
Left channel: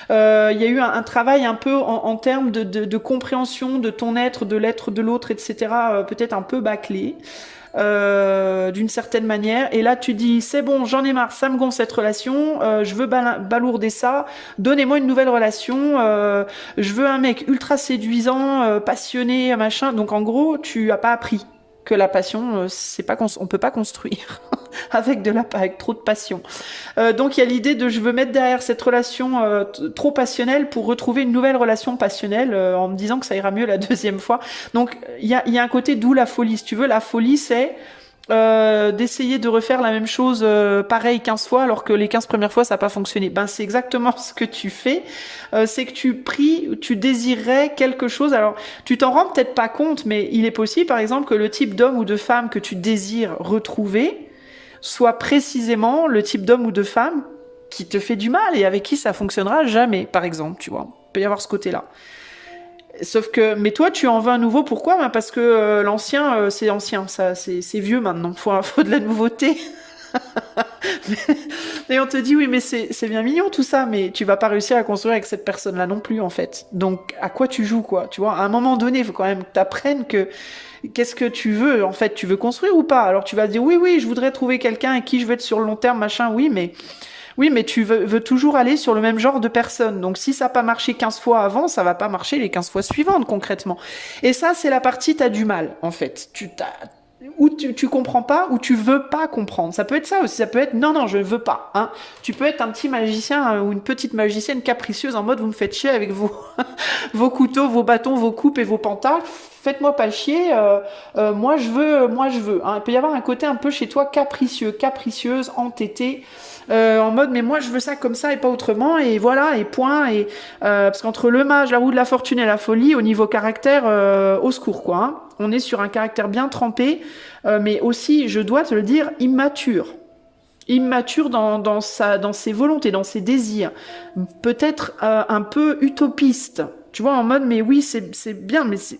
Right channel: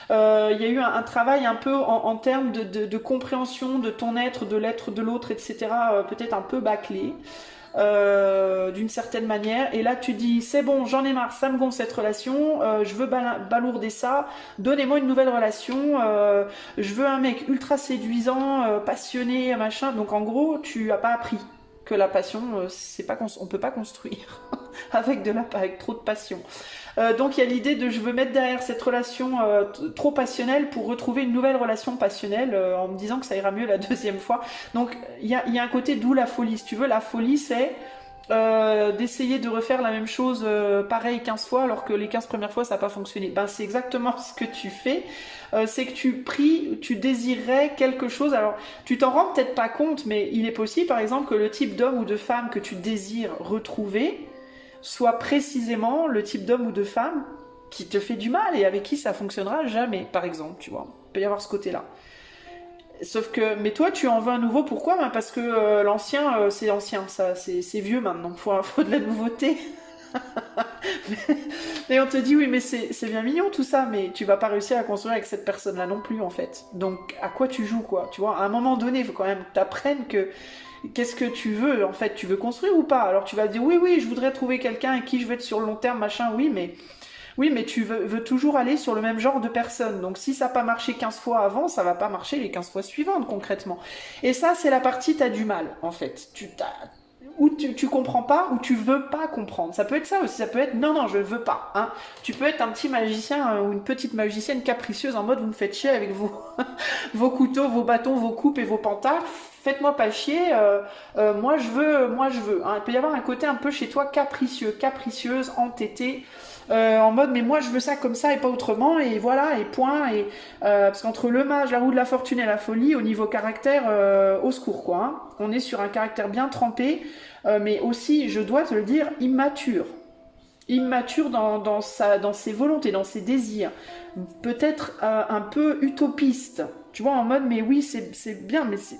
Il y a eu un travail un peu en termes de compréhension de ton être, de l'être de l'autre, etc. Peut-être un peu bâclé. D'une certaine manière, et là tu dis c'est bon, j'en ai marre, ça me gonfle cette relation, je veux balourder ça, donnez-moi une nouvelle relation, je veux un mec ultra séduisant, passionné, machin. Donc en gros tu as pas appris que la passion, on peut pas construire avec trop de passion. Donc il y a l'idée de je veux mettre derrière cette relation trop passionnelle pour retrouver une nouvelle relation passionnelle en me disant que ça ira mieux la deuxième fois. Donc il y a un côté d'où la folie. Si tu veux, la folie c'est d'essayer de refaire la même chose pareil 15 fois alors que les 15 premières fois ça n'a pas fonctionné. Ben c'est exactement ce que tu fais. C'est que tu désirerais quelque chose. Alors tu t'en rends peut-être pas compte, mais il est possible par exemple que le type d'homme ou de femme que tu désires retrouver soit précisément le type d'homme ou de femme qui te fait du mal et avec qui ça fonctionnera jamais, par exemple, tu vois. Il peut y avoir ce côté-là. Sauf que, mais toi, tu en veux un nouveau, pourquoi? Ben parce que l'ancien, c'est ancien, ça, c'est vieux maintenant, faut de la nouveauté. Et on te dit, oui, mais c'est bien mignon tout ça, mais tu vas pas réussir à construire avec cette personne-là non plus, en fait. Donc, à quoi tu joues, quoi? Tu vois, à un moment donné, il faut quand même que t'apprennes que qu'est-ce que tu veux, en fait, tu veux construire ou pas? Alors tu vas dire, oui, je voudrais trouver quelqu'un avec qui je veux être sur le long terme, machin, oui, mais tu veux toujours aller sur le même genre de personne. Donc si ça n'a pas marché 15 fois avant, ça va pas marcher les 15 fois suivantes, concrètement. Et ça, c'est la partie, t'as du mal, en fait. Ou tu comprends pas, ou tu veux pas comprendre. Ça peut être ça aussi, ça peut être non, je veux pas. Hein. Tu peux être un petit magicien ou une petite magicienne capricieuse en mode vous me faites chier avec vos couteaux, vos bâtons, vos coupes et vos pentacles. Faites-moi pas chier, moi je veux. Hein. Il peut y avoir un côté un peu chez toi capricieux, capricieuse, entêtée. En mode mais moi je veux ça comme ça et pas autrement et voilà et point et parce qu'entre le mage, la roue de la fortune et la folie au niveau caractère au secours quoi hein. On est sur un caractère bien trempé mais aussi je dois te le dire immature dans ses volontés, dans ses désirs, peut-être un peu utopiste, tu vois en mode mais oui c'est bien mais c'est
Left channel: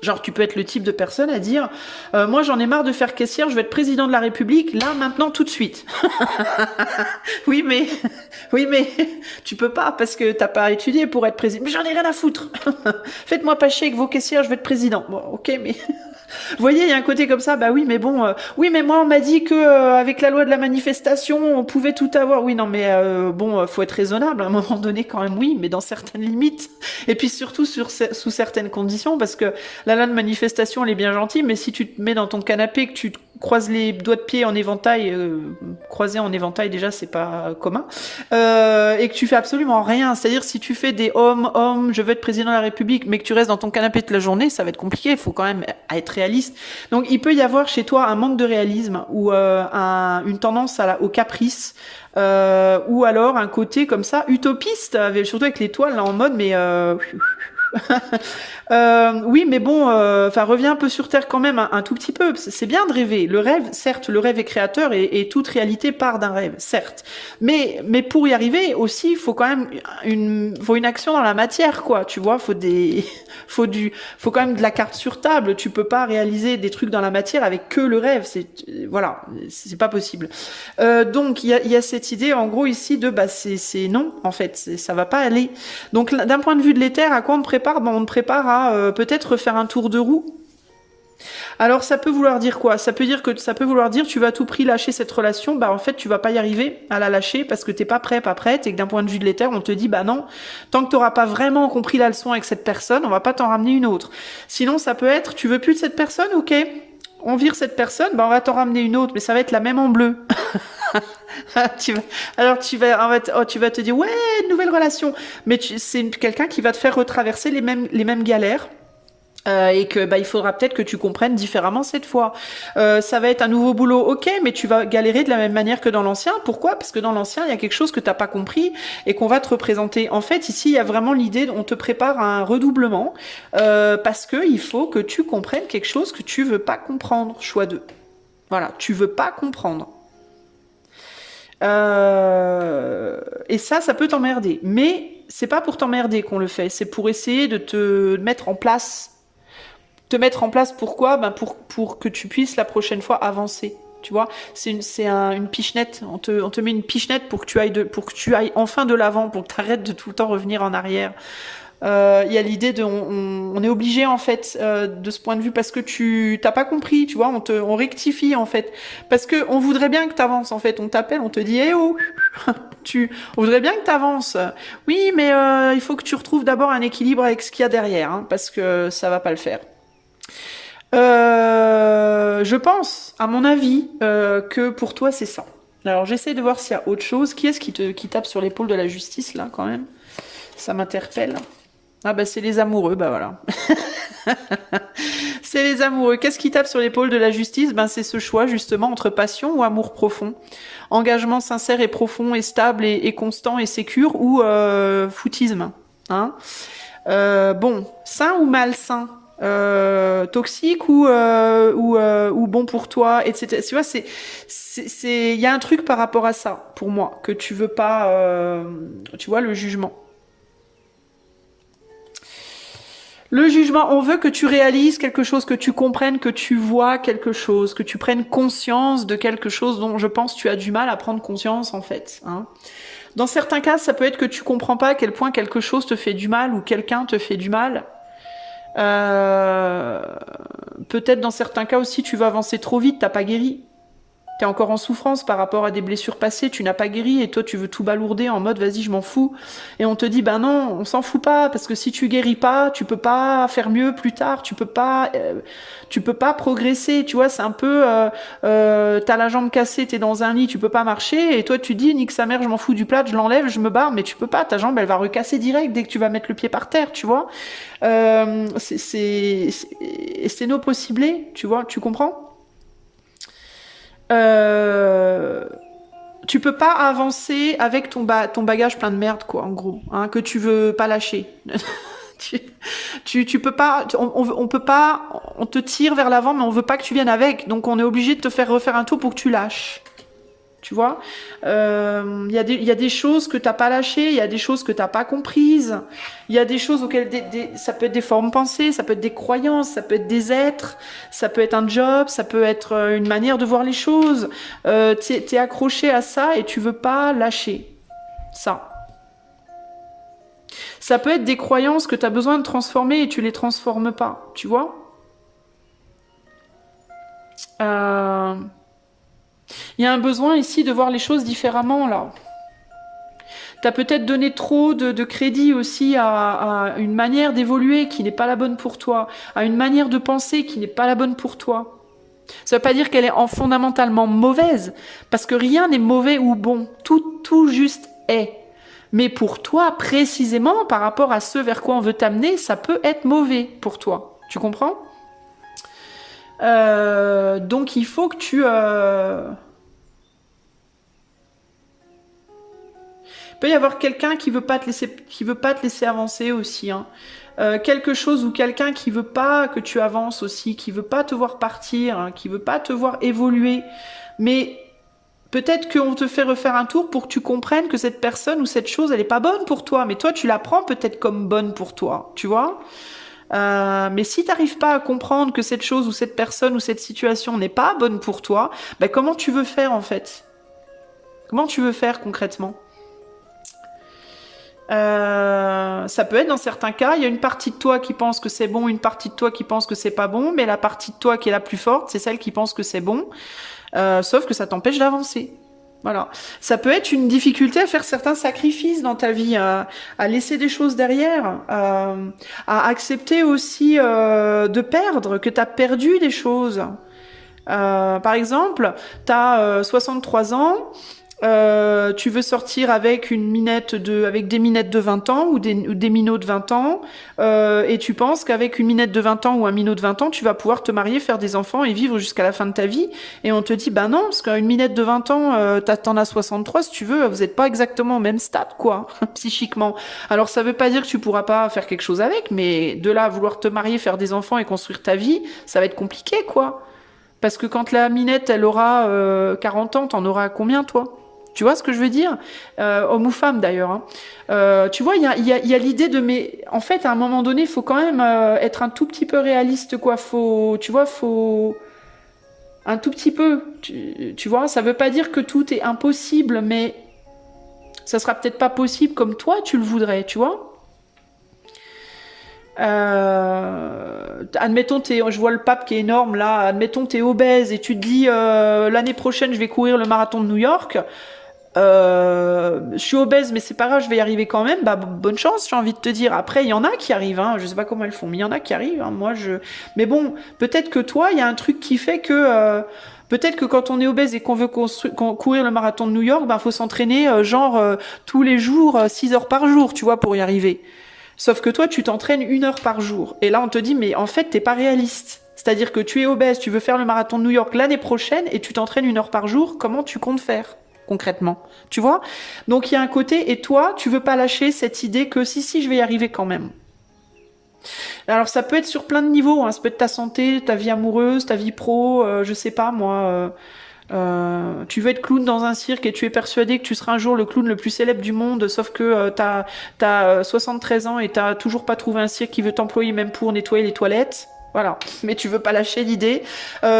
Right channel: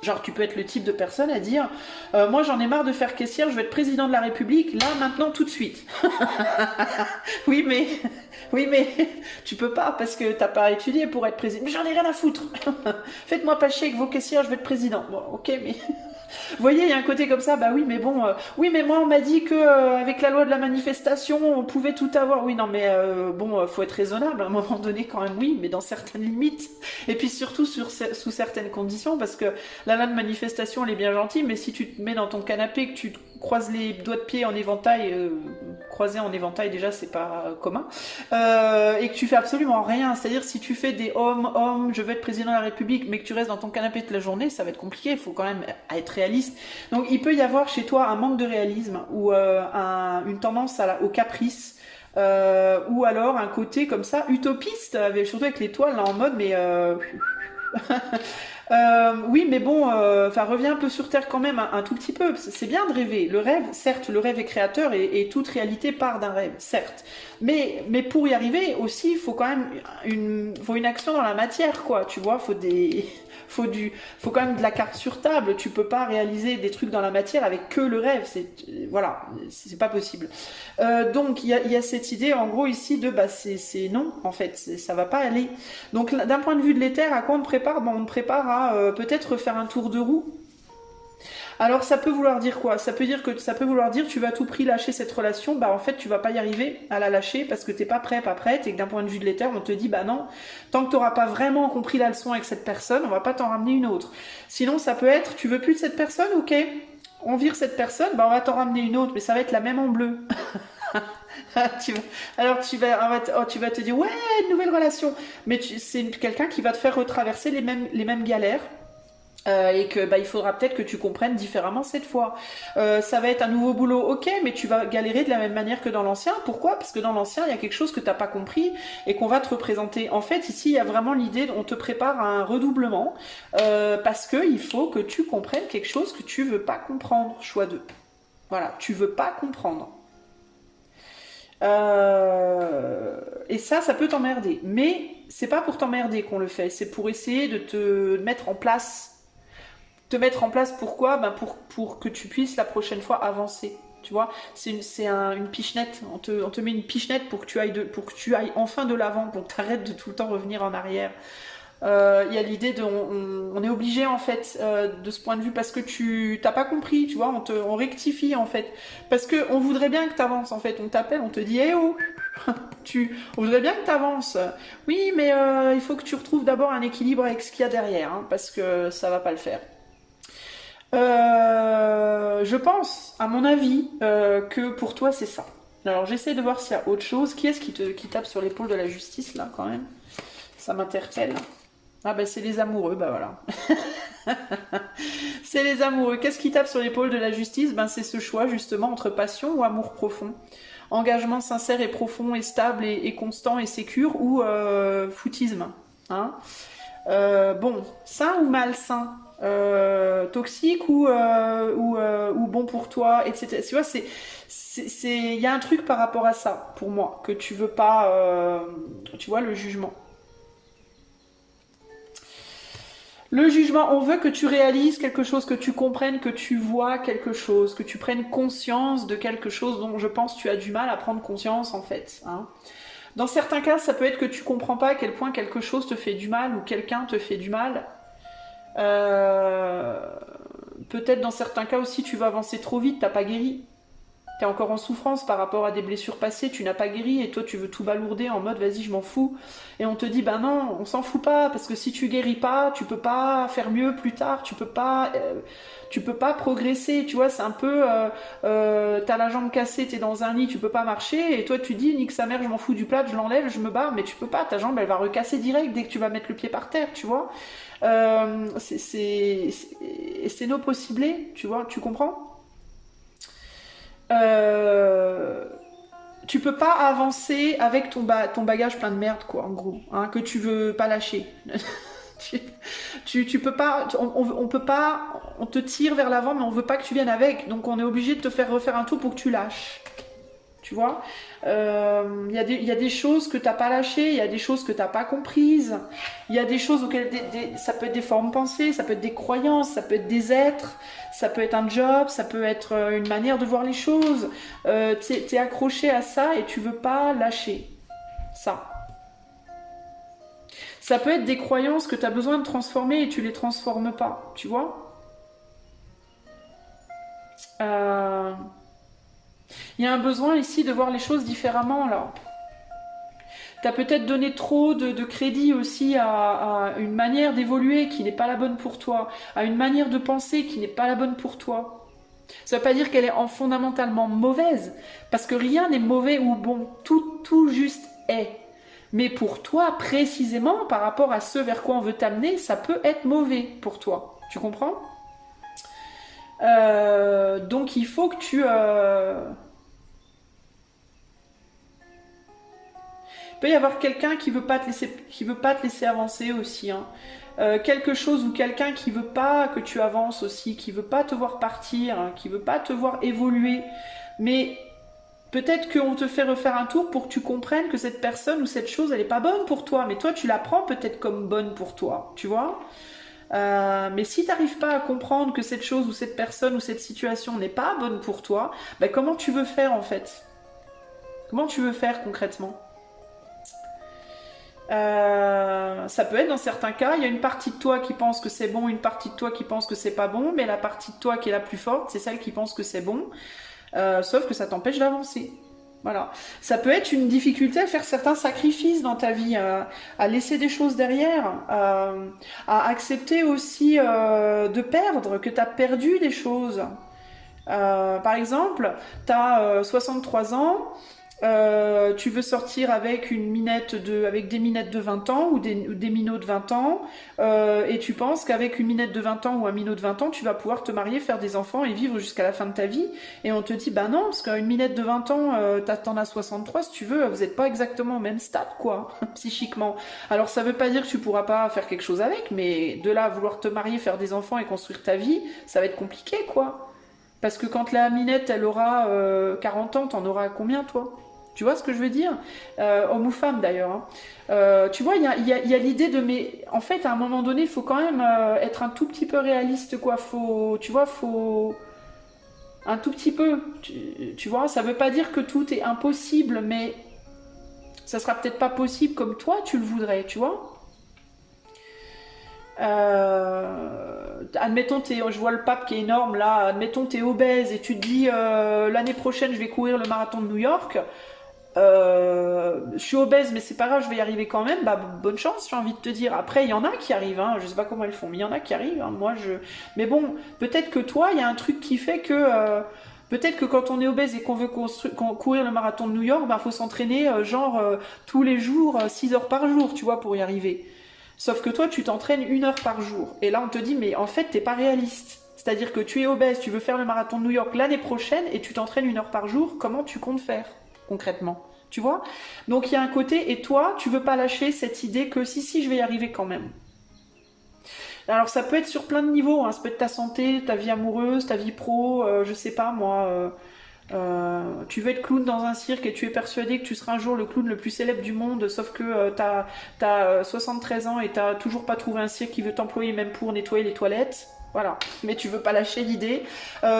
genre, tu peux être le type de personne à dire moi, j'en ai marre de faire caissière, je vais être président de la République, là, maintenant, tout de suite. oui, mais tu peux pas parce que t'as pas étudié pour être président. Mais j'en ai rien à foutre. Faites-moi pas chier avec vos caissières, je vais être président. Bon, ok, mais... Vous voyez, il y a un côté comme ça, bah oui, mais bon, oui, mais moi, on m'a dit que avec la loi de la manifestation, on pouvait tout avoir. Oui, non, mais bon, faut être raisonnable à un moment donné quand même, oui, mais dans certaines limites. Et puis surtout sous certaines conditions, parce que la loi de manifestation, elle est bien gentille, mais si tu te mets dans ton canapé, que tu te croises les doigts de pied en éventail, croisés en éventail, déjà, c'est pas commun, et que tu fais absolument rien. C'est-à-dire, si tu fais des hommes, je veux être président de la République, mais que tu restes dans ton canapé toute la journée, ça va être compliqué. Il faut quand même être réaliste. Donc il peut y avoir chez toi un manque de réalisme ou une tendance au caprice ou alors un côté comme ça utopiste, surtout avec l'étoile là en mode mais Oui, mais bon, enfin, reviens un peu sur Terre quand même, un tout petit peu. C'est bien de rêver. Le rêve, certes, le rêve est créateur et toute réalité part d'un rêve, certes. Mais pour y arriver aussi, il faut quand même faut une action dans la matière, quoi. Tu vois, faut quand même de la carte sur table. Tu peux pas réaliser des trucs dans la matière avec que le rêve. Voilà, c'est pas possible. Donc, il y a cette idée, en gros, ici de, bah, c'est non, en fait, ça va pas aller. Donc, d'un point de vue de l'éther, à quoi on te prépare? Ben, on te prépare à peut-être faire un tour de roue. Alors, ça peut vouloir dire quoi? Ça peut vouloir dire tu vas à tout prix lâcher cette relation. Bah, en fait, tu vas pas y arriver à la lâcher parce que t'es pas prêt, pas prête, et que d'un point de vue de l'éther, on te dit bah non, tant que t'auras pas vraiment compris la leçon avec cette personne, on va pas t'en ramener une autre. Sinon, ça peut être tu veux plus de cette personne, ok? On vire cette personne, bah on va t'en ramener une autre, mais ça va être la même en bleu. Alors tu vas te dire ouais, nouvelle relation, mais c'est quelqu'un qui va te faire retraverser les mêmes galères. Et que bah, il faudra peut-être que tu comprennes différemment cette fois. Ça va être un nouveau boulot, ok, mais tu vas galérer de la même manière que dans l'ancien. Pourquoi? Parce que dans l'ancien, il y a quelque chose que t'as pas compris et qu'on va te représenter. En fait, ici, il y a vraiment l'idée, on te prépare à un redoublement parce que il faut que tu comprennes quelque chose que tu veux pas comprendre. Choix 2. Voilà, tu veux pas comprendre. Et ça peut t'emmerder. Mais c'est pas pour t'emmerder qu'on le fait, c'est pour essayer de te mettre en place. Te mettre en place pourquoi? Ben pour que tu puisses la prochaine fois avancer. Tu vois, une pichenette. On te met une pichenette pour que tu ailles enfin de l'avant, pour que tu arrêtes de tout le temps revenir en arrière. Il y a l'idée on est obligé en fait de ce point de vue parce que tu t'as pas compris, tu vois, on rectifie en fait parce que on voudrait bien que tu avances en fait, on t'appelle, on te dit eh oh on voudrait bien que tu avances. Oui, mais il faut que tu retrouves d'abord un équilibre avec ce qu'il y a derrière, hein, parce que ça va pas le faire. Je pense, à mon avis, que pour toi c'est ça. Alors j'essaie de voir s'il y a autre chose. Qui est-ce qui tape sur l'épaule de la justice là quand même? Ça m'interpelle. Ah bah c'est les amoureux, bah voilà. C'est les amoureux. Qu'est-ce qui tape sur l'épaule de la justice? Ben c'est ce choix justement entre passion ou amour profond. Engagement sincère et profond et stable et constant et sécure ou foutisme. Hein, bon, sain ou malsain, toxique ou bon pour toi, etc. Tu vois, il y a un truc par rapport à ça pour moi que tu veux pas, tu vois, le jugement. Le jugement, on veut que tu réalises quelque chose, que tu comprennes, que tu vois quelque chose, que tu prennes conscience de quelque chose dont je pense tu as du mal à prendre conscience en fait. Hein. Dans certains cas, ça peut être que tu comprends pas à quel point quelque chose te fait du mal ou quelqu'un te fait du mal. Euh, Peut-être dans certains cas aussi, tu vas avancer trop vite, t'as pas guéri. T'es encore en souffrance par rapport à des blessures passées, tu n'as pas guéri et toi tu veux tout balourder en mode vas-y je m'en fous. Et on te dit bah non, on s'en fout pas parce que si tu guéris pas, tu peux pas faire mieux plus tard, tu peux pas progresser, tu vois, c'est un peu t'as la jambe cassée, t'es dans un lit, tu peux pas marcher et toi tu dis nique sa mère, je m'en fous du plat, je l'enlève, je me barre, mais tu peux pas, ta jambe elle va recasser direct dès que tu vas mettre le pied par terre, tu vois. C'est nos possiblés, tu vois, tu comprends? Euh, Tu peux pas avancer avec ton bagage plein de merde, quoi, en gros, hein, que tu veux pas lâcher. tu, tu peux pas, on peut pas, on te tire vers l'avant, mais on veut pas que tu viennes avec, donc on est obligé de te faire refaire un tour pour que tu lâches. Tu vois, il y a des choses que t'as pas lâchées, il y a des choses que t'as pas comprises, il y a des choses auxquelles ça peut être des formes pensées, ça peut être des croyances, ça peut être des êtres, ça peut être un job, ça peut être une manière de voir les choses. T'es accroché à ça et tu veux pas lâcher ça. Ça peut être des croyances que t'as besoin de transformer et tu les transformes pas, tu vois. Euh, Il y a un besoin ici de voir les choses différemment, là. T'as peut-être donné trop de crédit aussi à une manière d'évoluer qui n'est pas la bonne pour toi, à une manière de penser qui n'est pas la bonne pour toi. Ça ne veut pas dire qu'elle est fondamentalement mauvaise, parce que rien n'est mauvais ou bon, tout juste est. Mais pour toi, précisément, par rapport à ce vers quoi on veut t'amener, ça peut être mauvais pour toi. Tu comprends? Donc il faut que tu... Il peut y avoir quelqu'un qui veut pas te laisser avancer aussi, hein. Quelque chose ou quelqu'un qui veut pas que tu avances aussi, qui veut pas te voir partir, hein, qui veut pas te voir évoluer. Mais peut-être qu'on te fait refaire un tour pour que tu comprennes que cette personne ou cette chose, elle est pas bonne pour toi. Mais toi, tu la prends peut-être comme bonne pour toi, tu vois. Mais si tu n'arrives pas à comprendre que cette chose ou cette personne ou cette situation n'est pas bonne pour toi, ben comment tu veux faire en fait? Comment tu veux faire concrètement? Ça peut être dans certains cas, il y a une partie de toi qui pense que c'est bon, une partie de toi qui pense que c'est pas bon, mais la partie de toi qui est la plus forte, c'est celle qui pense que c'est bon, sauf que ça t'empêche d'avancer. Voilà. Ça peut être une difficulté à faire certains sacrifices dans ta vie, à laisser des choses derrière, à accepter aussi de perdre, que tu as perdu des choses. Par exemple, tu as 63 ans, tu veux sortir avec avec des minettes de 20 ans ou des minots de 20 ans, et tu penses qu'avec une minette de 20 ans ou un minot de 20 ans, tu vas pouvoir te marier, faire des enfants et vivre jusqu'à la fin de ta vie. Et on te dit, bah non, parce qu'une minette de 20 ans, t'en as 63, si tu veux, vous n'êtes pas exactement au même stade, quoi, psychiquement. Alors ça veut pas dire que tu pourras pas faire quelque chose avec, mais de là à vouloir te marier, faire des enfants et construire ta vie, ça va être compliqué, quoi. Parce que quand la minette, elle aura 40 ans, t'en auras combien, toi? Tu vois ce que je veux dire? Homme ou femme, d'ailleurs, hein. Tu vois, il y a l'idée de... Mais en fait, à un moment donné, il faut quand même être un tout petit peu réaliste, quoi. Tu vois, faut... Un tout petit peu. Tu vois, ça veut pas dire que tout est impossible, mais ça sera peut-être pas possible comme toi, tu le voudrais, tu vois? Admettons, je vois le pape qui est énorme là. Admettons, t'es obèse et tu te dis l'année prochaine, je vais courir le marathon de New York. Je suis obèse, mais c'est pas grave, je vais y arriver quand même. Bah, bonne chance, j'ai envie de te dire. Après, il y en a qui arrivent, hein. Je sais pas comment elles font, mais il y en a qui arrivent, hein. Mais bon, peut-être que toi, il y a un truc qui fait que. Peut-être que quand on est obèse et qu'on veut courir le marathon de New York, bah, faut s'entraîner tous les jours, 6 heures par jour, tu vois, pour y arriver. Sauf que toi, tu t'entraînes 1 heure par jour. Et là, on te dit, mais en fait, t'es pas réaliste. C'est-à-dire que tu es obèse, tu veux faire le marathon de New York l'année prochaine et tu t'entraînes 1 heure par jour. Comment tu comptes faire concrètement? Tu vois? Donc, il y a un côté, et toi, tu veux pas lâcher cette idée que si, je vais y arriver quand même. Alors, ça peut être sur plein de niveaux, hein. Ça peut être ta santé, ta vie amoureuse, ta vie pro, je sais pas, moi... tu veux être clown dans un cirque et tu es persuadé que tu seras un jour le clown le plus célèbre du monde, sauf que t'as 73 ans et t'as toujours pas trouvé un cirque qui veut t'employer même pour nettoyer les toilettes. Voilà, mais tu veux pas lâcher l'idée.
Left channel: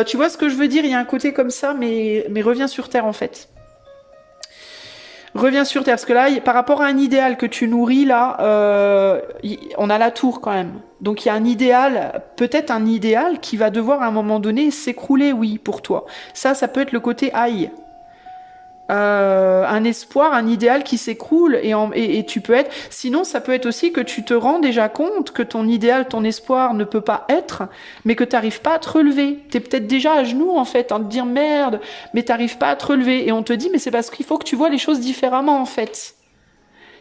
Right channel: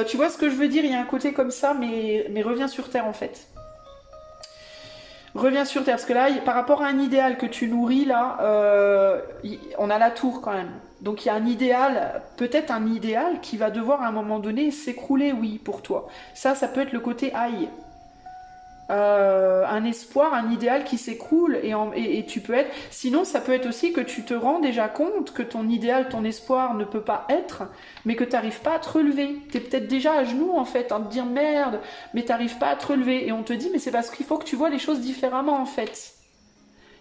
Tu vois ce que je veux dire? Il y a un côté comme ça, mais reviens sur Terre en fait. Reviens sur Terre, parce que là, par rapport à un idéal que tu nourris, là, on a la tour quand même. Donc il y a un idéal, peut-être un idéal qui va devoir à un moment donné s'écrouler, oui, pour toi. Ça peut être le côté aïe. Un espoir, un idéal qui s'écroule et tu peux être... Sinon, ça peut être aussi que tu te rends déjà compte que ton idéal, ton espoir ne peut pas être, mais que tu n'arrives pas à te relever. Tu es peut-être déjà à genoux, en fait, en te dire merde, mais tu n'arrives pas à te relever. Et on te dit, mais c'est parce qu'il faut que tu vois les choses différemment, en fait.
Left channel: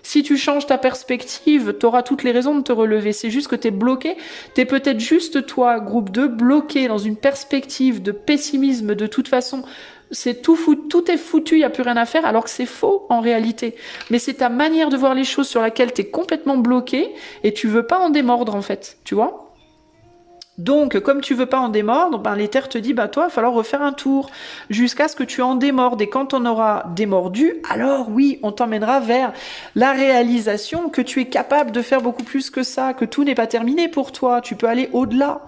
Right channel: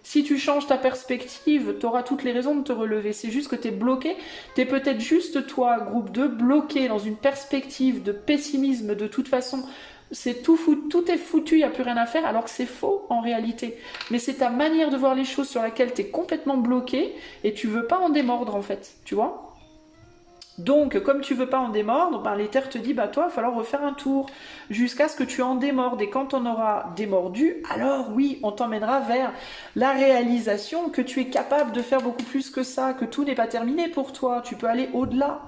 Si tu changes ta perspective, tu auras toutes les raisons de te relever. C'est juste que tu es bloqué. Tu es peut-être juste, toi, groupe 2, bloqué dans une perspective de pessimisme de toute façon. C'est tout est foutu, il n'y a plus rien à faire, alors que c'est faux en réalité. Mais c'est ta manière de voir les choses sur laquelle tu es complètement bloqué et tu veux pas en démordre en fait, tu vois. Donc, comme tu veux pas en démordre, ben, l'Éther te dit, bah toi, il va falloir refaire un tour jusqu'à ce que tu en démordes. Et quand on aura démordu, alors oui, on t'emmènera vers la réalisation que tu es capable de faire beaucoup plus que ça, que tout n'est pas terminé pour toi, tu peux aller au-delà.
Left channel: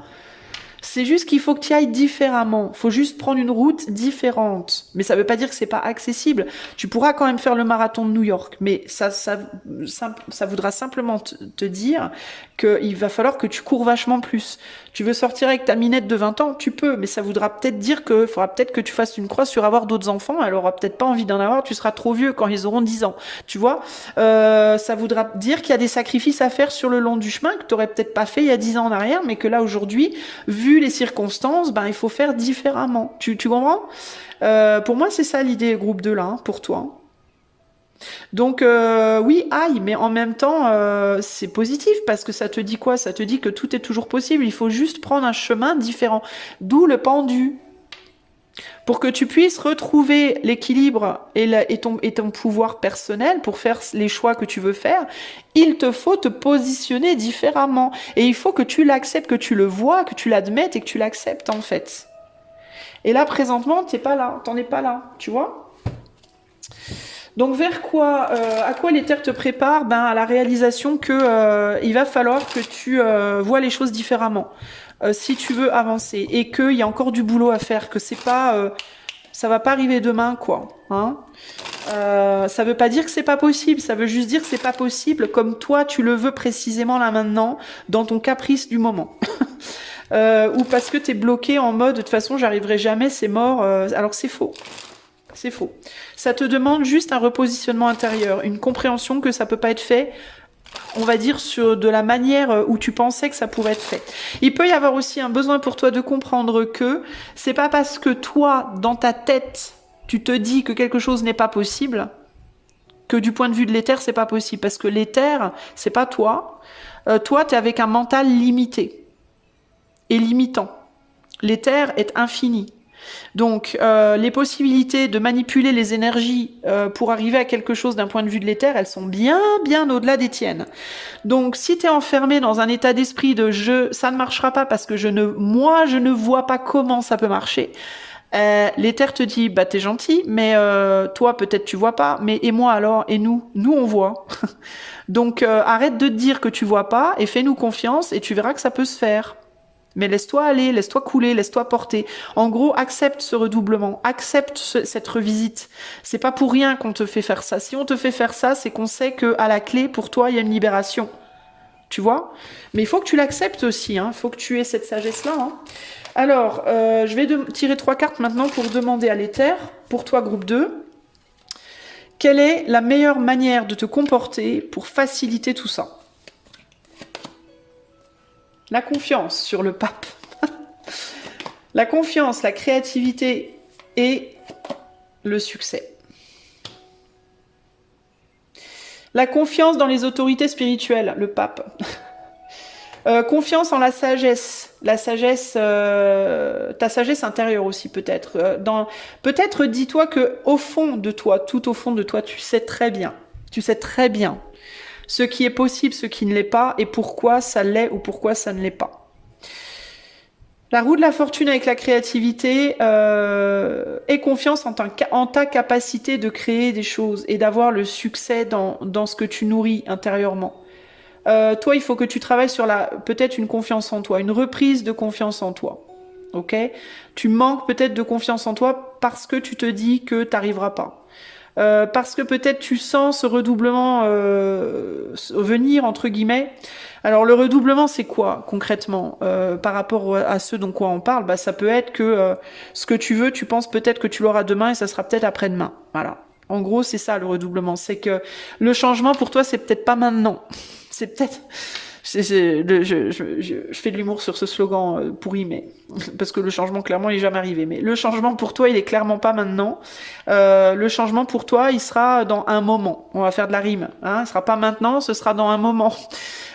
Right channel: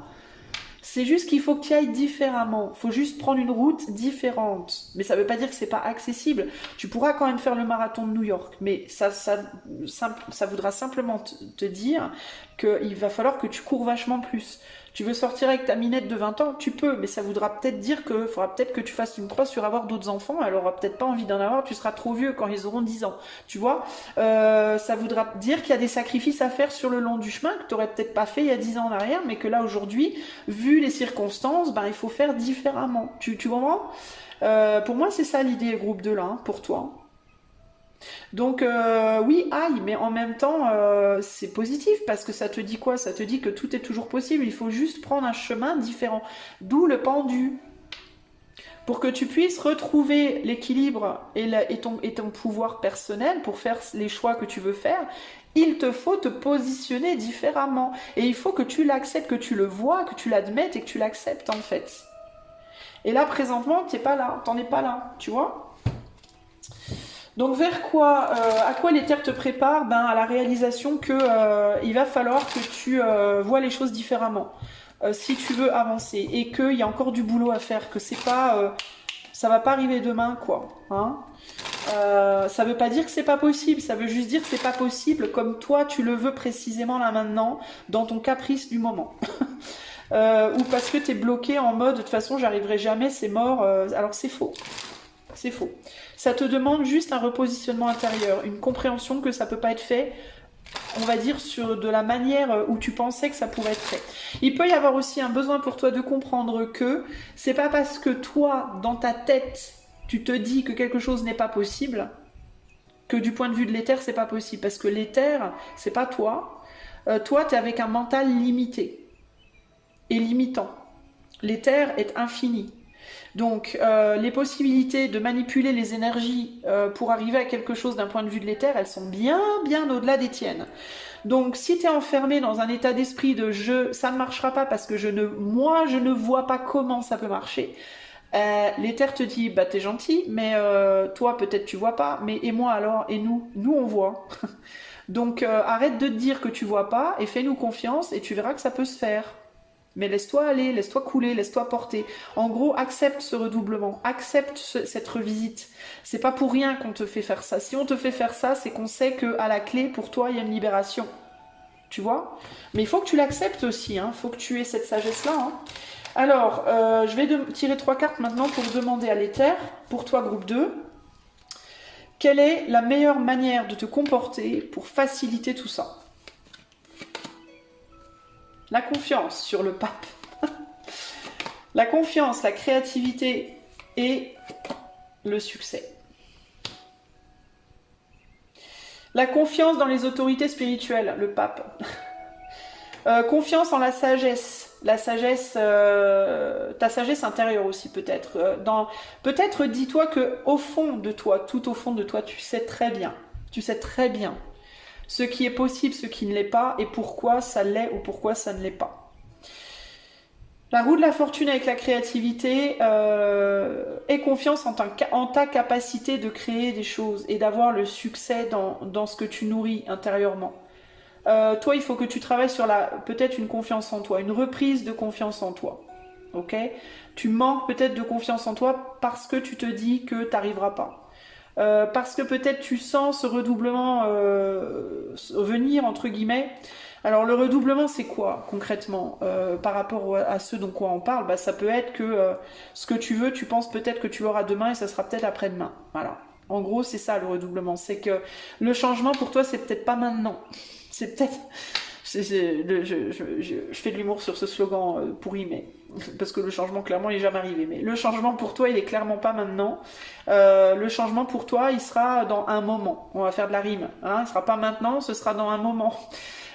C'est juste qu'il faut que tu ailles différemment. Il faut juste prendre une route différente. Mais ça ne veut pas dire que c'est pas accessible. Tu pourras quand même faire le marathon de New York. Mais ça voudra simplement te dire qu'il va falloir que tu cours vachement plus. Tu veux sortir avec ta minette de 20 ans, tu peux, mais ça voudra peut-être dire qu'il faudra peut-être que tu fasses une croix sur avoir d'autres enfants. Elle aura peut-être pas envie d'en avoir, tu seras trop vieux quand ils auront 10 ans. Tu vois, ça voudra dire qu'il y a des sacrifices à faire sur le long du chemin que tu n'aurais peut-être pas fait il y a 10 ans en arrière, mais que là aujourd'hui, vu les circonstances, ben, il faut faire différemment. Tu comprends? Pour moi, c'est ça l'idée groupe 2 là, hein, pour toi. Donc oui, aïe, mais en même temps, c'est positif parce que ça te dit quoi? Ça te dit que tout est toujours possible, il faut juste prendre un chemin différent. D'où le pendu. Pour que tu puisses retrouver l'équilibre et ton pouvoir personnel pour faire les choix que tu veux faire, il te faut te positionner différemment. Et il faut que tu l'acceptes, que tu le vois, que tu l'admettes et que tu l'acceptes en fait. Et là, présentement, t'es pas là, t'en es pas là, tu vois? Donc vers quoi, à quoi l'éther te prépare? Ben, à la réalisation que il va falloir que tu vois les choses différemment si tu veux avancer et qu'il y a encore du boulot à faire, que c'est pas, ça va pas arriver demain quoi. Hein, ça veut pas dire que c'est pas possible, ça veut juste dire que c'est pas possible comme toi tu le veux précisément là maintenant, dans ton caprice du moment. Ou parce que t'es bloqué en mode de toute façon j'arriverai jamais, c'est mort. Alors c'est faux. C'est faux. Ça te demande juste un repositionnement intérieur, une compréhension que ça peut pas être fait, on va dire, sur de la manière où tu pensais que ça pourrait être fait. Il peut y avoir aussi un besoin pour toi de comprendre que c'est pas parce que toi, dans ta tête, tu te dis que quelque chose n'est pas possible, que du point de vue de l'éther, c'est pas possible. Parce que l'éther, c'est pas toi. Toi, t'es avec un mental limité et limitant. L'éther est infini. Donc, les possibilités de manipuler les énergies pour arriver à quelque chose d'un point de vue de l'éther, elles sont bien, bien au-delà des tiennes. Donc, si tu es enfermé dans un état d'esprit de ça ne marchera pas parce que moi, je ne vois pas comment ça peut marcher, l'éther te dit, bah t'es gentil, mais toi, peut-être tu vois pas, mais et moi alors, et nous on voit. Donc, arrête de te dire que tu vois pas et fais-nous confiance et tu verras que ça peut se faire. Mais laisse-toi aller, laisse-toi couler, laisse-toi porter. En gros, accepte ce redoublement, accepte cette revisite. C'est pas pour rien qu'on te fait faire ça. Si on te fait faire ça, c'est qu'on sait qu'à la clé, pour toi, il y a une libération. Tu vois? Mais il faut que tu l'acceptes aussi, hein. Il faut que tu aies cette sagesse-là. Hein. Alors, je vais tirer 3 cartes maintenant pour demander à l'éther, pour toi, groupe 2, quelle est la meilleure manière de te comporter pour faciliter tout ça? La confiance sur le pape. La confiance, la créativité et le succès. La confiance dans les autorités spirituelles, le pape. Confiance en la sagesse. La sagesse, ta sagesse intérieure aussi peut-être. Peut-être dis-toi que au fond de toi, tout au fond de toi, tu sais très bien ce qui est possible, ce qui ne l'est pas, et pourquoi ça l'est ou pourquoi ça ne l'est pas. La roue de la fortune avec la créativité et confiance en ta capacité de créer des choses et d'avoir le succès dans ce que tu nourris intérieurement. Toi, il faut que tu travailles sur peut-être une confiance en toi, une reprise de confiance en toi. Ok? Tu manques peut-être de confiance en toi parce que tu te dis que tu n'arriveras pas. Parce que peut-être tu sens ce redoublement venir, entre guillemets. Alors le redoublement, c'est quoi concrètement par rapport à ce dont quoi on parle? Bah, ça peut être que ce que tu veux, tu penses peut-être que tu l'auras demain et ça sera peut-être après-demain. Voilà. En gros, c'est ça le redoublement. C'est que le changement pour toi, c'est peut-être pas maintenant. C'est peut-être... Je fais de l'humour sur ce slogan pourri, mais parce que le changement, clairement, il n'est jamais arrivé. Mais le changement pour toi, il est clairement pas maintenant. Le changement pour toi, il sera dans un moment. On va faire de la rime. Hein, il sera pas maintenant, ce sera dans un moment.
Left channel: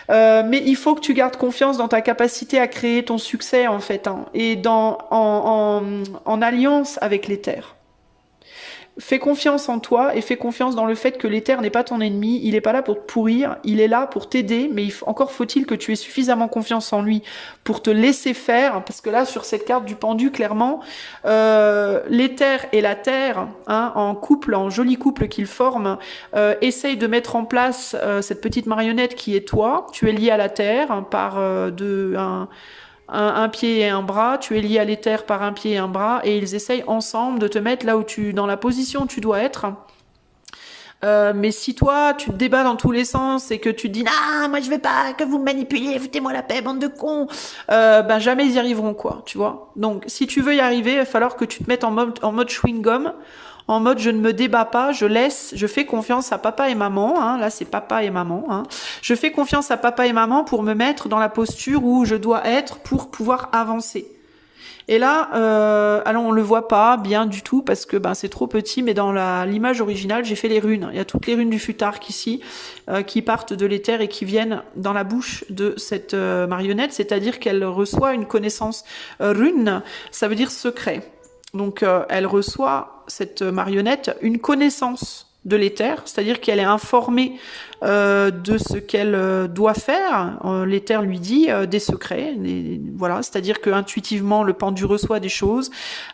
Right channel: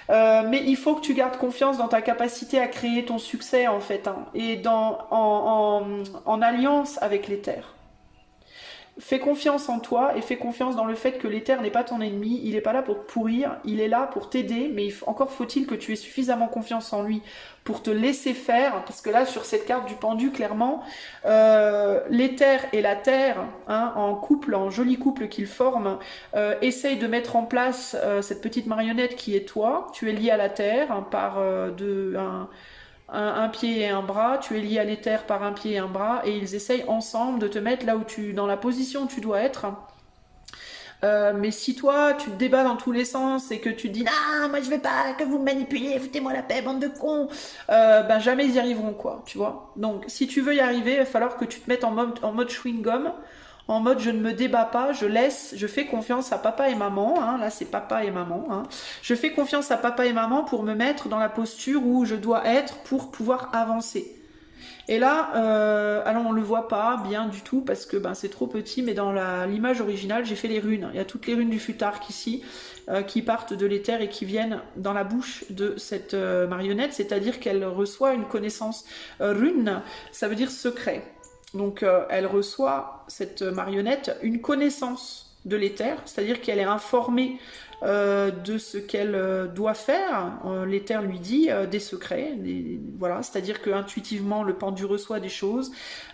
Mais il faut que tu gardes confiance dans ta capacité à créer ton succès, en fait, hein, et en alliance avec l'éther. Fais confiance en toi et fais confiance dans le fait que l'éther n'est pas ton ennemi, il n'est pas là pour te pourrir, il est là pour t'aider, mais encore faut-il que tu aies suffisamment confiance en lui pour te laisser faire, parce que là, sur cette carte du pendu, clairement, l'éther et la terre, hein, en couple, en joli couple qu'ils forment, essayent de mettre en place cette petite marionnette qui est toi, tu es lié à la terre hein, par un pied et un bras, tu es lié à l'éther par un pied et un bras, et ils essayent ensemble de te mettre là où dans la position où tu dois être. Mais si toi, tu te débats dans tous les sens et que tu te dis « Ah, moi je veux pas que vous me manipuliez, foutez-moi la paix, bande de cons !» ben jamais ils y arriveront, quoi, tu vois. Donc, si tu veux y arriver, il va falloir que tu te mettes en mode chewing-gum, en mode je ne me débat pas, je fais confiance à papa et maman, hein, là c'est papa et maman, hein. Je fais confiance à papa et maman pour me mettre dans la posture où je dois être pour pouvoir avancer. Et là, alors on le voit pas bien du tout parce que c'est trop petit, mais dans l'image originale, j'ai fait les runes. Il y a toutes les runes du futark ici qui partent de l'éther et qui viennent dans la bouche de cette marionnette, c'est-à-dire qu'elle reçoit une connaissance rune, ça veut dire secret. Donc, elle reçoit, cette marionnette, une connaissance de l'éther, c'est-à-dire qu'elle est informée de ce qu'elle doit faire. L'éther lui dit des secrets, voilà, c'est-à-dire que intuitivement le pendu reçoit des choses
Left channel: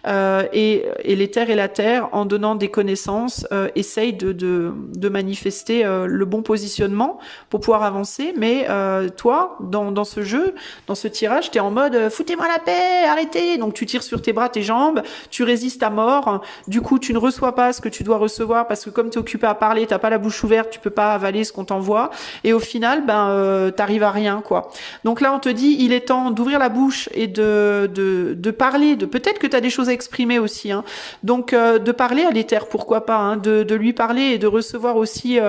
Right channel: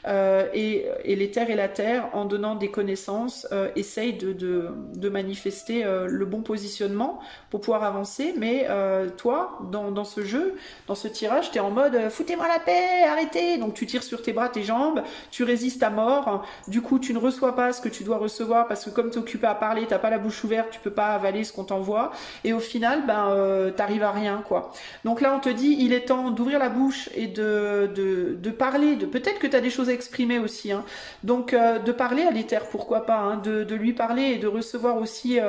et l'éther et la terre, en donnant des connaissances, essayent de manifester le bon positionnement pour pouvoir avancer. Mais toi, dans ce jeu, dans ce tirage, tu es en mode foutez-moi la paix, arrêtez. Donc tu tires sur tes bras, tes jambes, tu résistes à mort. Du coup, tu ne reçois pas ce que tu dois recevoir parce que comme tu es occupé à parler, t'as pas la bouche ouverte, tu peux pas avaler ce qu'on t'envoie, et au final t'arrives à rien, quoi. Donc là on te dit il est temps d'ouvrir la bouche et de parler, peut-être que tu as des choses à exprimer aussi, hein. Donc de parler à l'éther, pourquoi pas, hein, de lui parler et de recevoir aussi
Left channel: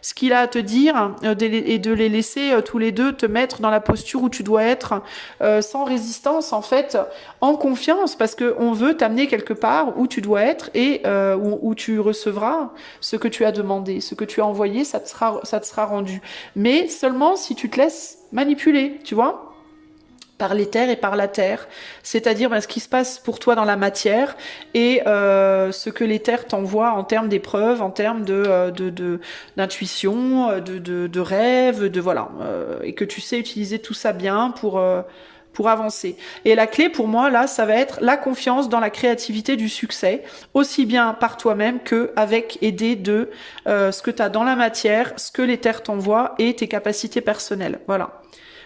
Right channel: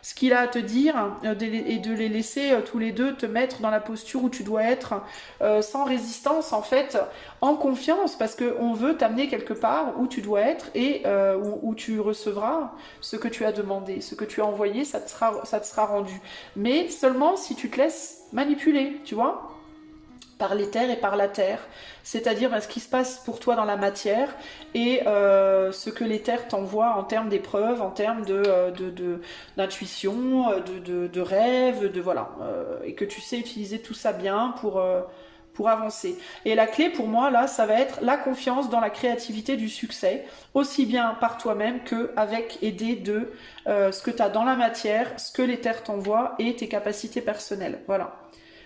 ce qu'il a à te dire, et de les laisser tous les deux te mettre dans la posture où tu dois être, sans résistance en fait, en confiance, parce qu'on veut t'amener quelque part où tu dois être et où tu recevras ce que tu as demandé, ce que tu as envoyé, ça te sera rendu. Mais seulement si tu te laisses manipuler, tu vois, par l'éther et par la terre, c'est-à-dire ce qui se passe pour toi dans la matière et ce que l'éther t'envoie en termes d'épreuves, en termes d'intuition, de rêve, voilà, et que tu sais utiliser tout ça bien pour avancer. Et la clé pour moi, là, ça va être la confiance dans la créativité du succès, aussi bien par toi-même qu'avec aidé de ce que tu as dans la matière, ce que l'éther t'envoie et tes capacités personnelles. Voilà.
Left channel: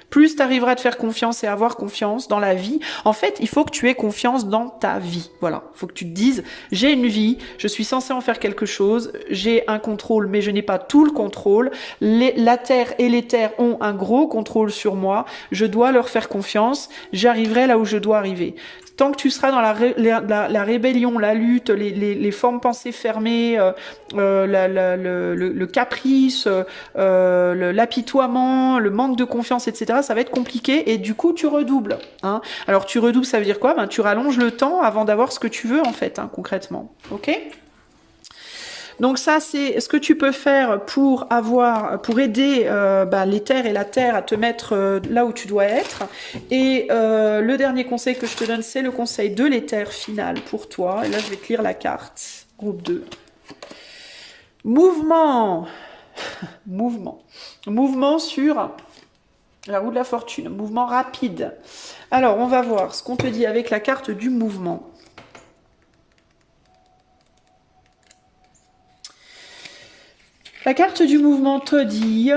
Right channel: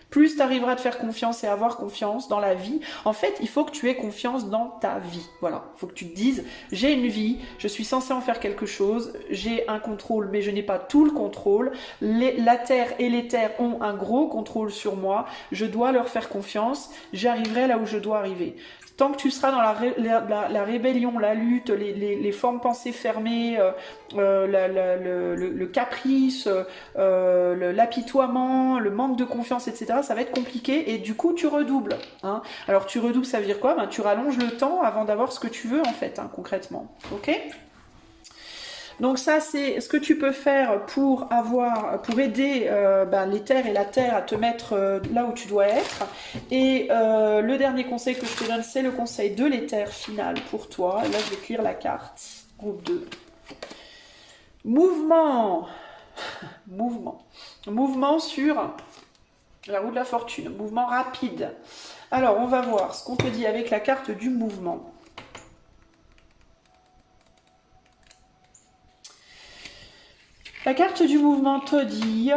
Plus tu arriveras à te faire confiance et à avoir confiance dans la vie. En fait, il faut que tu aies confiance dans ta vie. Voilà. Il faut que tu te dises, j'ai une vie, je suis censé en faire quelque chose, j'ai un contrôle, mais je n'ai pas tout le contrôle. La terre et l'éther ont un gros contrôle sur moi. Je dois leur faire confiance. J'arriverai là où je dois arriver. Tant que tu seras dans la rébellion, la lutte, les formes pensées fermées, le caprice, l'apitoiement, le manque de confiance, etc., ça va être compliqué et du coup tu redoubles, hein. Alors tu redoubles, ça veut dire quoi? Tu rallonges le temps avant d'avoir ce que tu veux en fait, hein, concrètement. Ok? Donc ça, c'est ce que tu peux faire pour aider l'éther et la terre à te mettre là où tu dois être. Et le dernier conseil que je te donne, c'est le conseil de l'éther final pour toi. Et là, je vais te lire la carte. Groupe 2. Mouvement. Mouvement sur la roue de la fortune. Mouvement rapide. Alors, on va voir ce qu'on te dit avec la carte du mouvement. La carte du mouvement te dit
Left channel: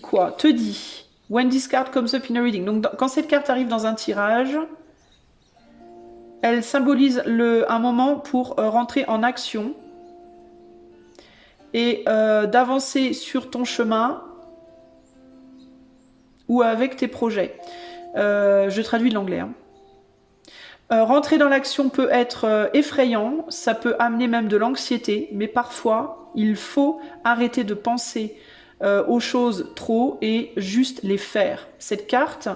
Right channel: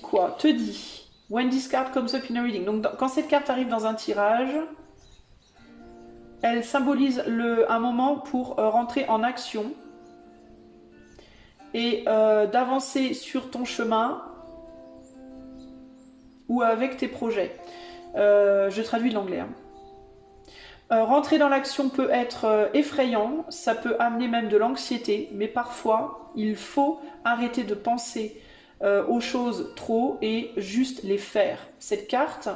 quoi? Te dit, when this card comes up in a reading. Donc, quand cette carte arrive dans un tirage, elle symbolise un moment pour rentrer en action et d'avancer sur ton chemin ou avec tes projets. Je traduis de l'anglais, hein. Rentrer dans l'action peut être effrayant, ça peut amener même de l'anxiété, mais parfois, il faut arrêter de penser aux choses trop et juste les faire. Cette carte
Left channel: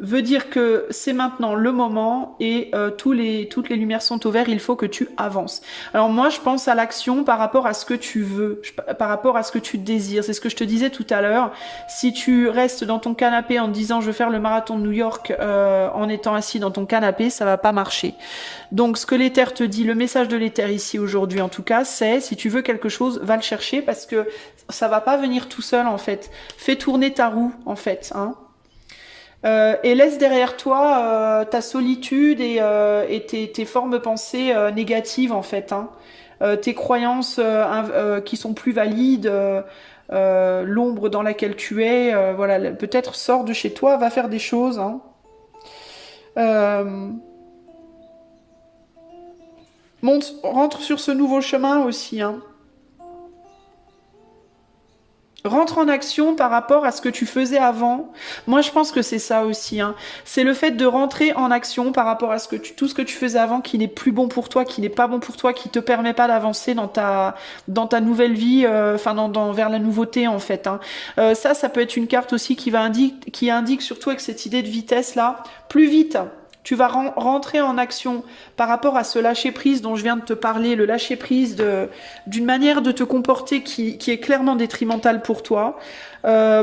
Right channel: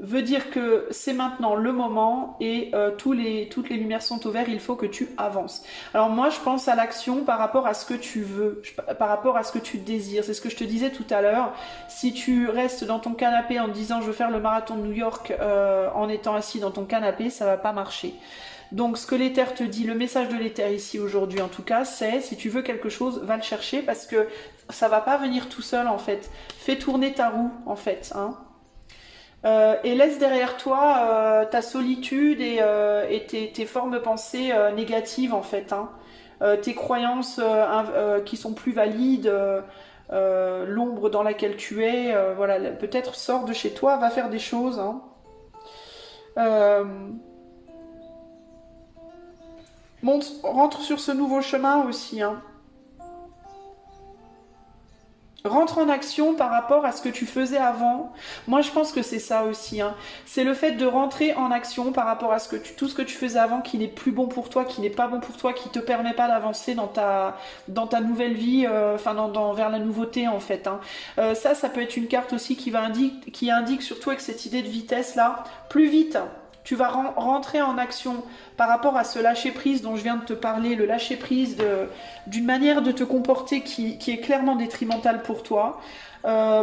veut dire que c'est maintenant le moment et toutes les lumières sont au vert, il faut que tu avances. Alors moi, je pense à l'action par rapport à ce que tu veux, par rapport à ce que tu désires. C'est ce que je te disais tout à l'heure. Si tu restes dans ton canapé en te disant « je veux faire le marathon de New York en étant assis dans ton canapé », ça va pas marcher. Donc ce que l'éther te dit, le message de l'éther ici aujourd'hui en tout cas, c'est si tu veux quelque chose, va le chercher parce que ça va pas venir tout seul en fait. Fais tourner ta roue en fait, hein. Et laisse derrière toi ta solitude et tes formes pensées négatives en fait, hein. Tes croyances qui sont plus valides, l'ombre dans laquelle tu es, voilà, peut-être sors de chez toi, va faire des choses, hein. Rentre sur ce nouveau chemin aussi, hein. Rentre en action par rapport à ce que tu faisais avant. Moi, je pense que c'est ça aussi, hein. C'est le fait de rentrer en action par rapport à tout ce que tu faisais avant qui n'est plus bon pour toi, qui n'est pas bon pour toi, qui te permet pas d'avancer dans ta nouvelle vie, vers la nouveauté en fait, hein. Ça peut être une carte aussi qui indique surtout avec cette idée de vitesse là, plus vite tu vas rentrer en action par rapport à ce lâcher-prise dont je viens de te parler, le lâcher-prise d'une manière de te comporter qui est clairement détrimentale pour toi.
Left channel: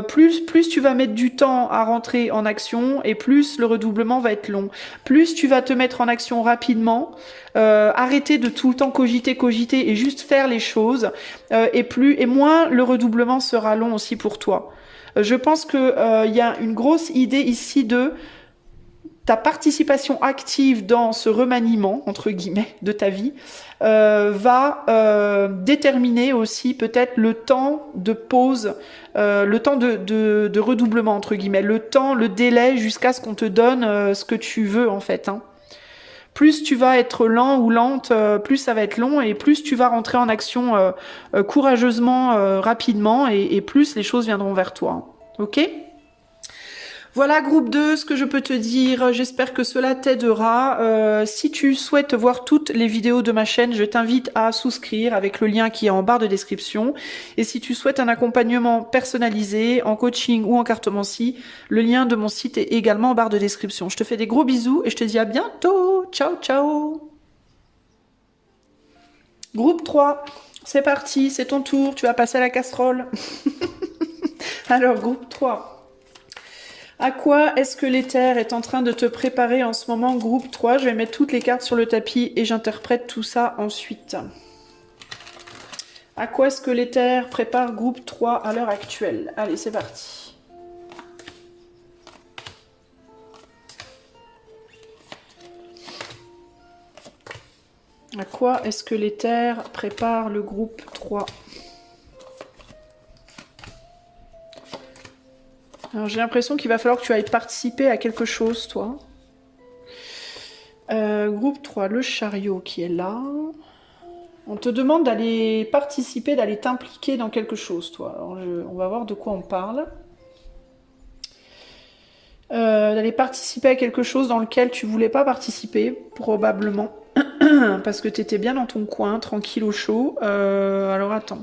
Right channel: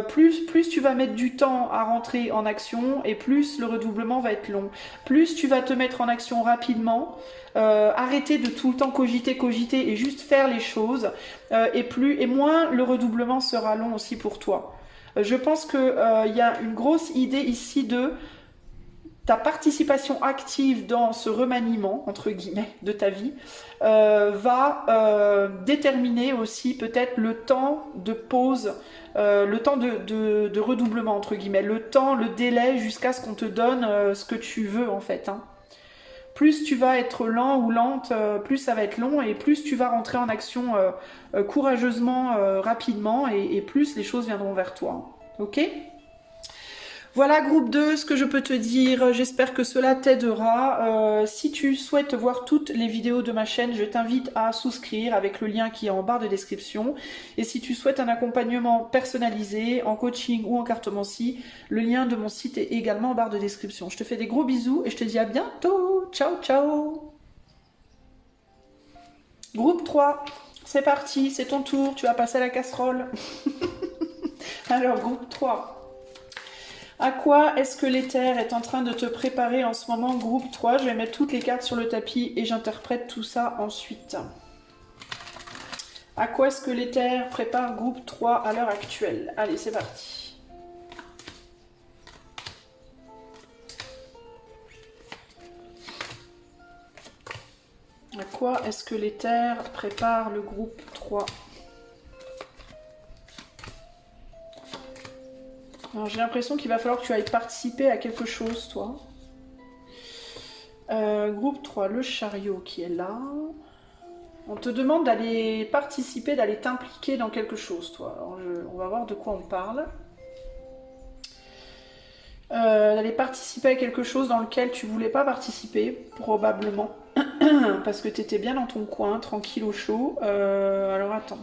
Plus tu vas mettre du temps à rentrer en action et plus le redoublement va être long. Plus tu vas te mettre en action rapidement, arrêter de tout le temps cogiter et juste faire les choses, et moins le redoublement sera long aussi pour toi. Je pense que y a une grosse idée ici de ta participation active dans ce remaniement, entre guillemets, de ta vie, va déterminer aussi peut-être le temps de pause, le temps de redoublement, entre guillemets, le délai jusqu'à ce qu'on te donne ce que tu veux, en fait. Hein. Plus tu vas être lent ou lente, plus ça va être long, et plus tu vas rentrer en action courageusement, rapidement, et plus les choses viendront vers toi. Ok ? Voilà, groupe 2, ce que je peux te dire, j'espère que cela t'aidera. Si tu souhaites voir toutes les vidéos de ma chaîne, je t'invite à souscrire avec le lien qui est en barre de description. Et si tu souhaites un accompagnement personnalisé, en coaching ou en cartomancie, le lien de mon site est également en barre de description. Je te fais des gros bisous et je te dis à bientôt. Ciao, ciao. Groupe 3, c'est parti, c'est ton tour, tu vas passer à la casserole. Alors, groupe 3. À quoi est-ce que l'éther est en train de te préparer en ce moment, groupe 3? Je vais mettre toutes les cartes sur le tapis et j'interprète tout ça ensuite. À quoi est-ce que l'éther prépare groupe 3 à l'heure actuelle? Allez, c'est parti. À quoi est-ce que l'éther prépare le groupe 3? J'ai l'impression qu'il va falloir que tu ailles participer à quelque chose, toi. Groupe 3, le chariot qui est là. On te demande d'aller participer, d'aller t'impliquer dans quelque chose, toi. Alors, on va voir de quoi on parle. D'aller participer à quelque chose dans lequel tu voulais pas participer, probablement. Parce que tu étais bien dans ton coin, tranquille au chaud. Alors, attends.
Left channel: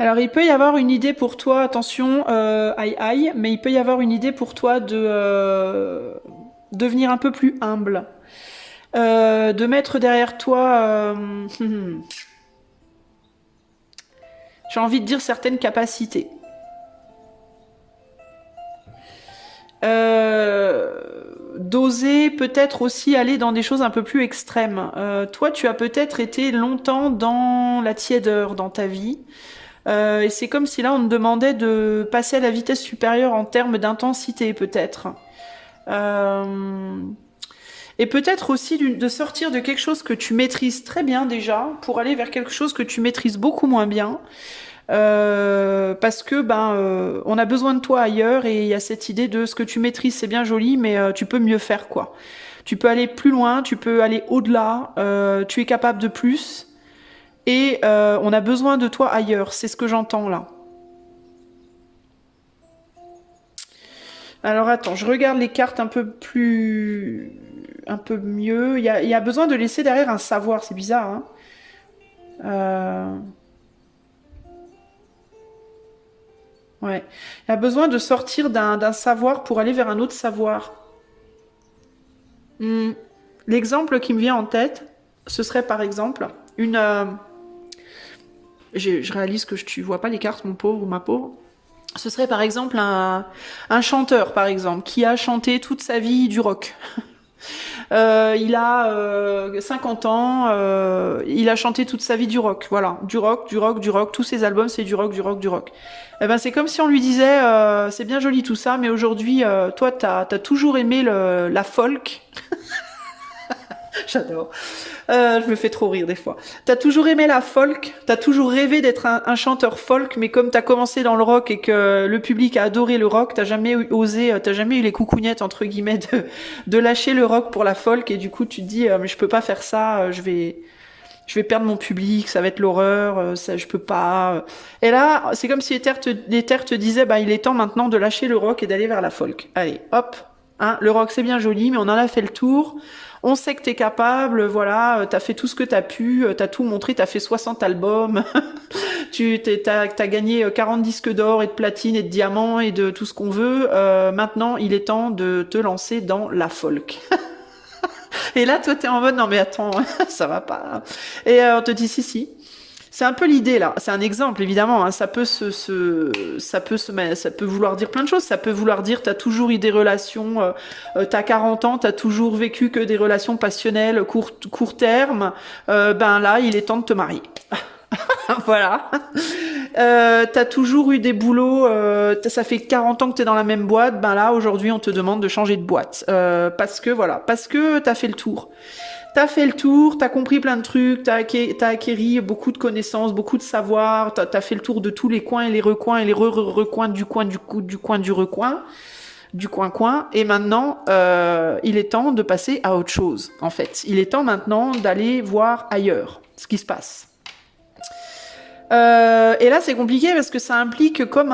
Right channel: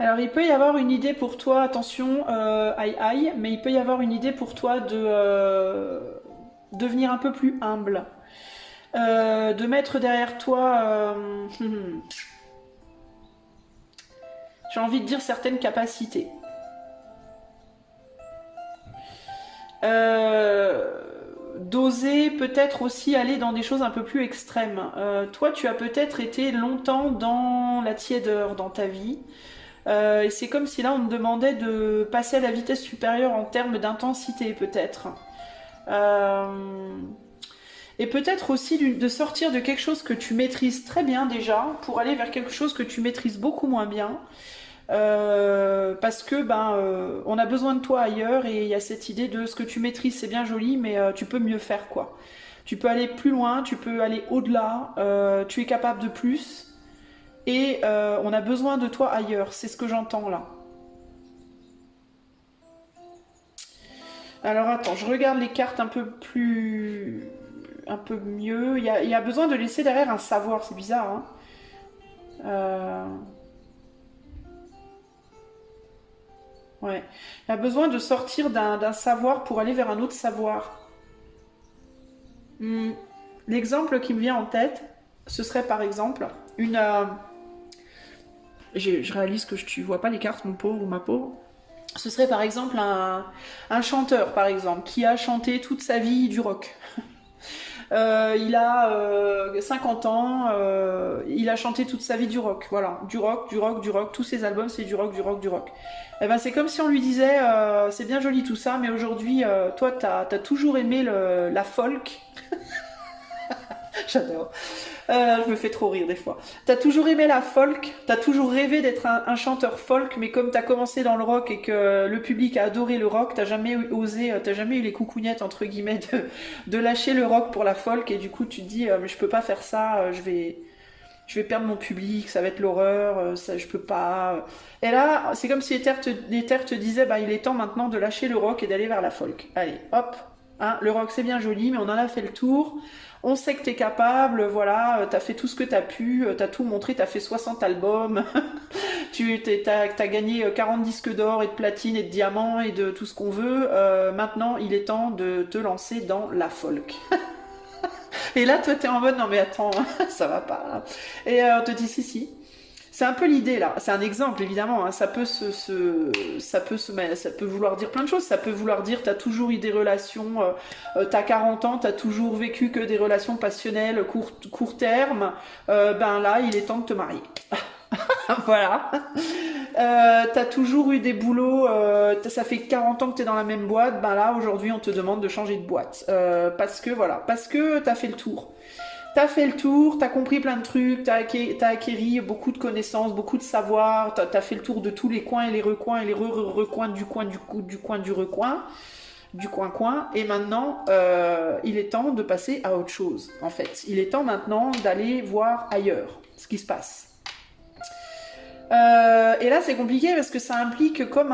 Alors, il peut y avoir une idée pour toi, attention, aïe aïe, mais il peut y avoir une idée pour toi de devenir un peu plus humble. De mettre derrière toi, j'ai envie de dire certaines capacités. D'oser peut-être aussi aller dans des choses un peu plus extrêmes. Toi, tu as peut-être été longtemps dans la tiédeur dans ta vie. Et c'est comme si là on te demandait de passer à la vitesse supérieure en termes d'intensité peut-être. Et peut-être aussi de sortir de quelque chose que tu maîtrises très bien déjà pour aller vers quelque chose que tu maîtrises beaucoup moins bien. Parce que on a besoin de toi ailleurs et il y a cette idée de ce que tu maîtrises c'est bien joli mais tu peux mieux faire quoi. Tu peux aller plus loin, tu peux aller au-delà, tu es capable de plus. Et on a besoin de toi ailleurs, c'est ce que j'entends là. Alors attends, je regarde les cartes un peu mieux. Il y a besoin de laisser derrière un savoir, c'est bizarre. Hein ouais. Il y a besoin de sortir d'un savoir pour aller vers un autre savoir. L'exemple qui me vient en tête, ce serait par exemple une... je réalise que tu vois pas les cartes, mon pauvre ou ma pauvre. Ce serait par exemple un chanteur, par exemple, qui a chanté toute sa vie du rock. Il a 50 ans, il a chanté toute sa vie du rock, voilà, du rock, tous ses albums c'est du rock. Eh ben, c'est comme si on lui disait, c'est bien joli tout ça, mais aujourd'hui, toi t'as toujours aimé la folk. J'adore. Je me fais trop rire des fois. T'as toujours aimé la folk, t'as toujours rêvé d'être un chanteur folk, mais comme t'as commencé dans le rock et que le public a adoré le rock, t'as jamais osé, t'as jamais eu les coucougnettes entre guillemets de lâcher le rock pour la folk, et du coup tu te dis mais je peux pas faire ça, je vais perdre mon public, ça va être l'horreur, je peux pas. Et là, c'est comme si l'Éther te disait il est temps maintenant de lâcher le rock et d'aller vers la folk. Allez, hop, Hein, le rock, c'est bien joli, mais on en a fait le tour. On sait que t'es capable, voilà, t'as fait tout ce que t'as pu, t'as tout montré, t'as fait 60 albums, t'as gagné 40 disques d'or et de platine et de diamants et de tout ce qu'on veut. Maintenant, il est temps de te lancer dans la folk. Et là, toi, t'es en mode, non mais attends, ça va pas. Et on te dit, si, si. C'est un peu l'idée là. C'est un exemple évidemment. Hein. Ça peut ça peut vouloir dire plein de choses. Ça peut vouloir dire t'as toujours eu des relations, t'as 40 ans, t'as toujours vécu que des relations passionnelles court terme. Ben là, il est temps de te marier. Voilà. T'as toujours eu des boulots, ça fait 40 ans que t'es dans la même boîte, ben là aujourd'hui on te demande de changer de boîte. Parce que voilà, parce que t'as fait le tour. T'as fait le tour, t'as compris plein de trucs, t'as acquéri beaucoup de connaissances, beaucoup de savoir, t'as fait le tour de tous les coins et les recoins et les recoins du coin du recoin, du coin, et maintenant il est temps de passer à autre chose en fait. Il est temps maintenant d'aller voir ailleurs ce qui se passe. Et là, c'est compliqué parce que ça implique comme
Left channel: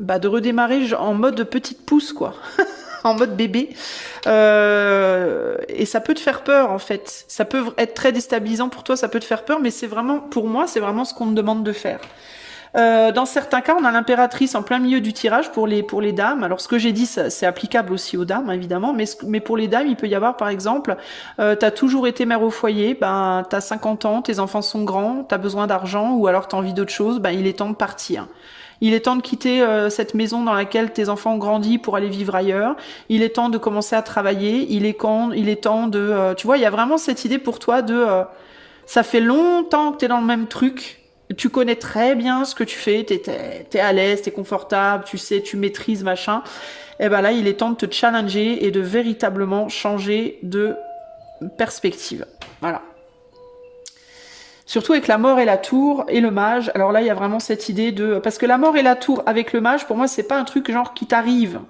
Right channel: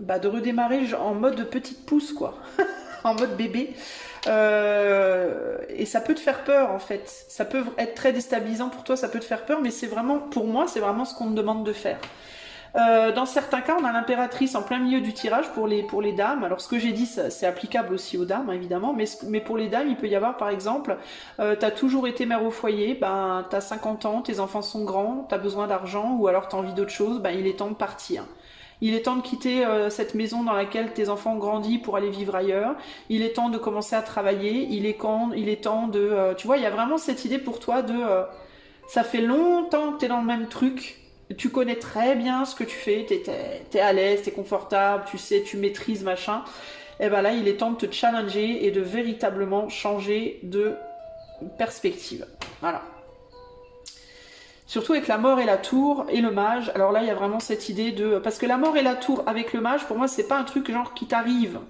de redémarrer en mode petite pousse, quoi. En mode bébé. Et ça peut te faire peur, en fait. Ça peut être très déstabilisant pour toi, ça peut te faire peur, mais c'est vraiment, pour moi, c'est vraiment ce qu'on me demande de faire. Dans certains cas, on a l'impératrice en plein milieu du tirage pour les dames. Alors, ce que j'ai dit, c'est applicable aussi aux dames, évidemment, mais pour les dames, il peut y avoir, par exemple, t'as toujours été mère au foyer, ben, t'as 50 ans, tes enfants sont grands, t'as besoin d'argent, ou alors t'as envie d'autre chose, ben, il est temps de partir. Il est temps de quitter cette maison dans laquelle tes enfants ont grandi pour aller vivre ailleurs. Il est temps de commencer à travailler. Il est temps de... tu vois, il y a vraiment cette idée pour toi de... ça fait longtemps que t'es dans le même truc. Tu connais très bien ce que tu fais, t'es à l'aise, t'es confortable, tu sais, tu maîtrises, machin. Et ben là, il est temps de te challenger et de véritablement changer de perspective. Voilà. Surtout avec la mort et la tour et le mage. Alors là, il y a vraiment cette idée de... Parce que la mort et la tour avec le mage, pour moi, c'est pas un truc genre qui t'arrive.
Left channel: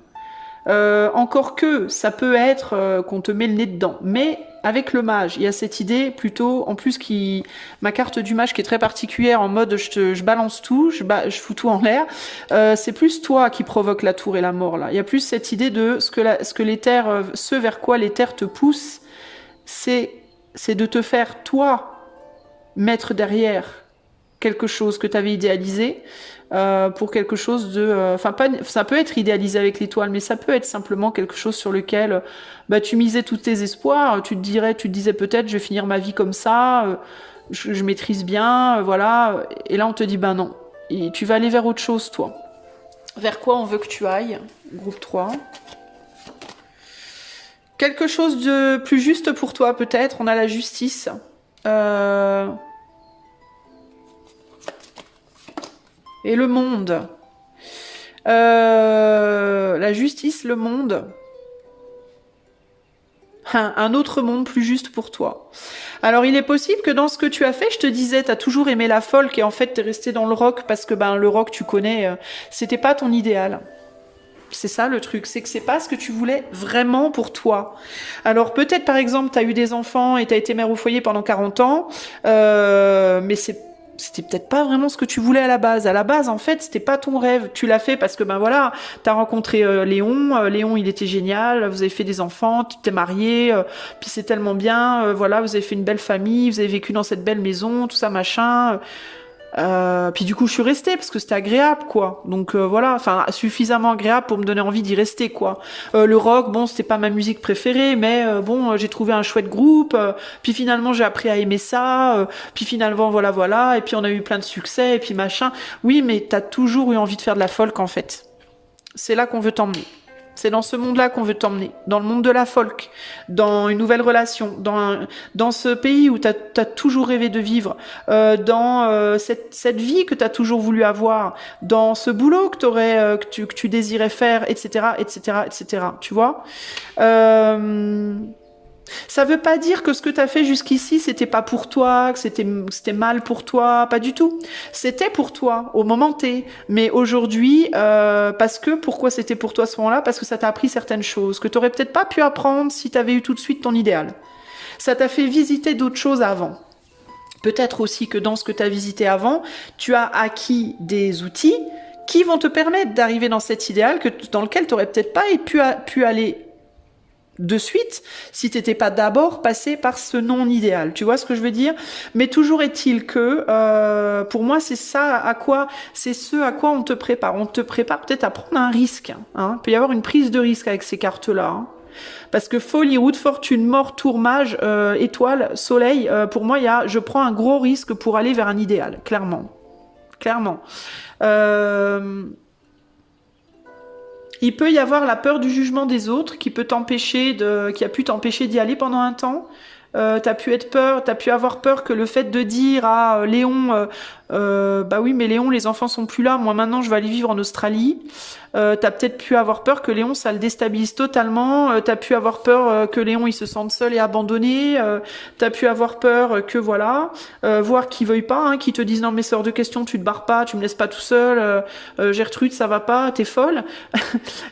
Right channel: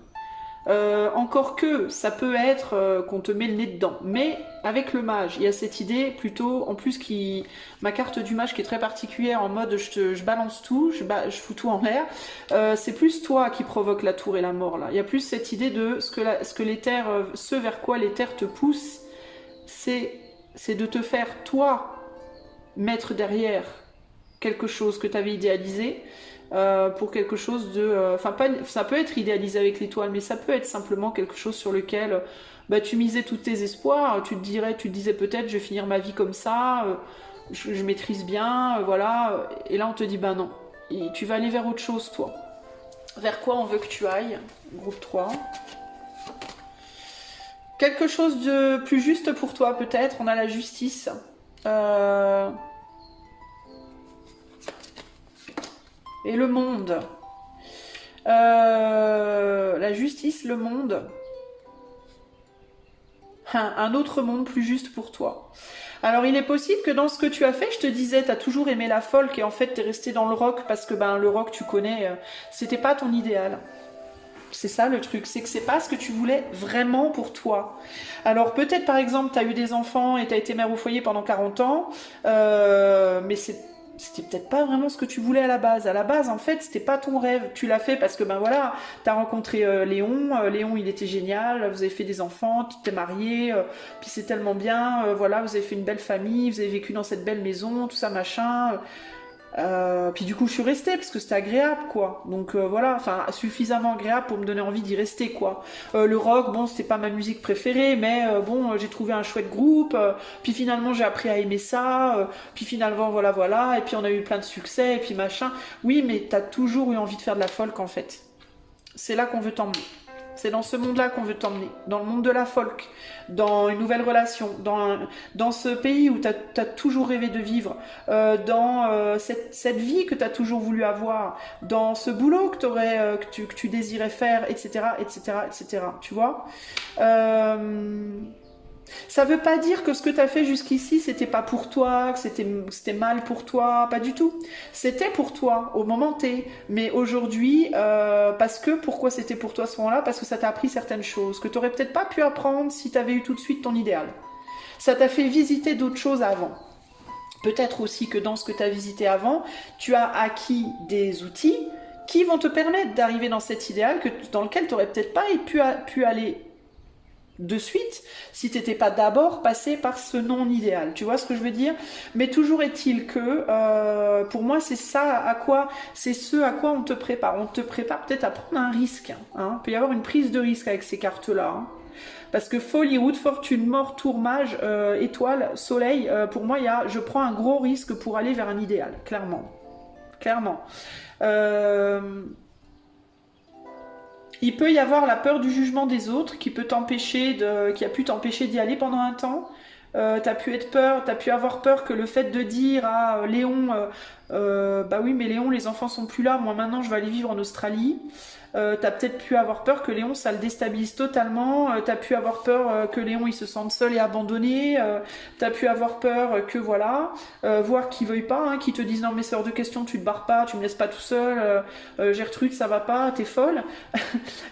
Encore que ça peut être qu'on te met le nez dedans. Mais avec le mage, il y a cette idée plutôt, en plus ma carte du mage qui est très particulière en mode je balance tout, je fous tout en l'air. C'est plus toi qui provoque la tour et la mort là. Il y a plus cette idée de ce que l'éther, ce vers quoi l'éther te pousse, c'est de te faire toi mettre derrière quelque chose que tu avais idéalisé. Pour quelque chose de... ça peut être idéalisé avec l'étoile, mais ça peut être simplement quelque chose sur lequel tu misais tous tes espoirs, tu te disais peut-être je vais finir ma vie comme ça, je maîtrise bien, voilà, et là on te dit non, et tu vas aller vers autre chose toi. Vers quoi on veut que tu ailles, groupe 3. Quelque chose de plus juste pour toi peut-être, on a la justice. Et le monde. La justice, le monde. Un autre monde plus juste pour toi. Alors il est possible que dans ce que tu as fait, je te disais, t'as toujours aimé la folk et en fait t'es resté dans le rock parce que le rock tu connais, c'était pas ton idéal. C'est ça le truc, c'est que c'est pas ce que tu voulais vraiment pour toi. Alors peut-être par exemple t'as eu des enfants et t'as été mère au foyer pendant 40 ans, mais c'était peut-être pas vraiment ce que tu voulais à la base. À la base, en fait, c'était pas ton rêve. Tu l'as fait parce que, voilà, t'as rencontré Léon. Léon, il était génial. Vous avez fait des enfants, tu t'es marié. Puis c'est tellement bien. Voilà, vous avez fait une belle famille. Vous avez vécu dans cette belle maison, tout ça, machin. Puis du coup, je suis restée parce que c'était agréable, quoi. Donc voilà, suffisamment agréable pour me donner envie d'y rester, quoi. Le rock, bon, c'était pas ma musique préférée, mais j'ai trouvé un chouette groupe. Puis finalement, j'ai appris à aimer ça. Puis finalement, voilà. Et puis on a eu plein de succès, et puis machin. Oui, mais t'as toujours eu envie de faire de la folk, en fait. C'est là qu'on veut t'emmener. C'est dans ce monde-là qu'on veut t'emmener, dans le monde de la folk, dans une nouvelle relation, dans ce pays où tu as toujours rêvé de vivre, dans cette vie que tu as toujours voulu avoir, dans ce boulot que tu désirais faire, etc., etc., etc. Tu vois ça veut pas dire que ce que tu as fait jusqu'ici, c'était pas pour toi, que c'était mal pour toi, pas du tout. C'était pour toi, au moment T. Mais aujourd'hui, pourquoi c'était pour toi à ce moment-là? Parce que ça t'a appris certaines choses que tu aurais peut-être pas pu apprendre si tu avais eu tout de suite ton idéal. Ça t'a fait visiter d'autres choses avant. Peut-être aussi que dans ce que tu as visité avant, tu as acquis des outils qui vont te permettre d'arriver dans cet idéal dans lequel tu n'aurais peut-être pas pu aller de suite si t'étais pas d'abord passé par ce non-idéal. Tu vois ce que je veux dire? Mais toujours est-il que pour moi c'est ce à quoi on te prépare. On te prépare peut-être à prendre un risque. Hein. Il peut y avoir une prise de risque avec ces cartes-là. Hein. Parce que folie, roue de fortune, mort, tour, mage, étoile, soleil, pour moi je prends un gros risque pour aller vers un idéal, clairement. Clairement. Il peut y avoir la peur du jugement des autres qui a pu t'empêcher d'y aller pendant un temps. T'as pu avoir peur que le fait de dire à Léon, bah oui mais Léon les enfants sont plus là, moi maintenant je vais aller vivre en Australie. T'as peut-être pu avoir peur que Léon ça le déstabilise totalement, t'as pu avoir peur que Léon il se sente seul et abandonné, t'as pu avoir peur que voilà, voir qu'il veuille pas, hein, qu'il te dise non mais c'est hors de question, tu te barres pas, tu me laisses pas tout seul, Gertrude ça va pas, t'es folle.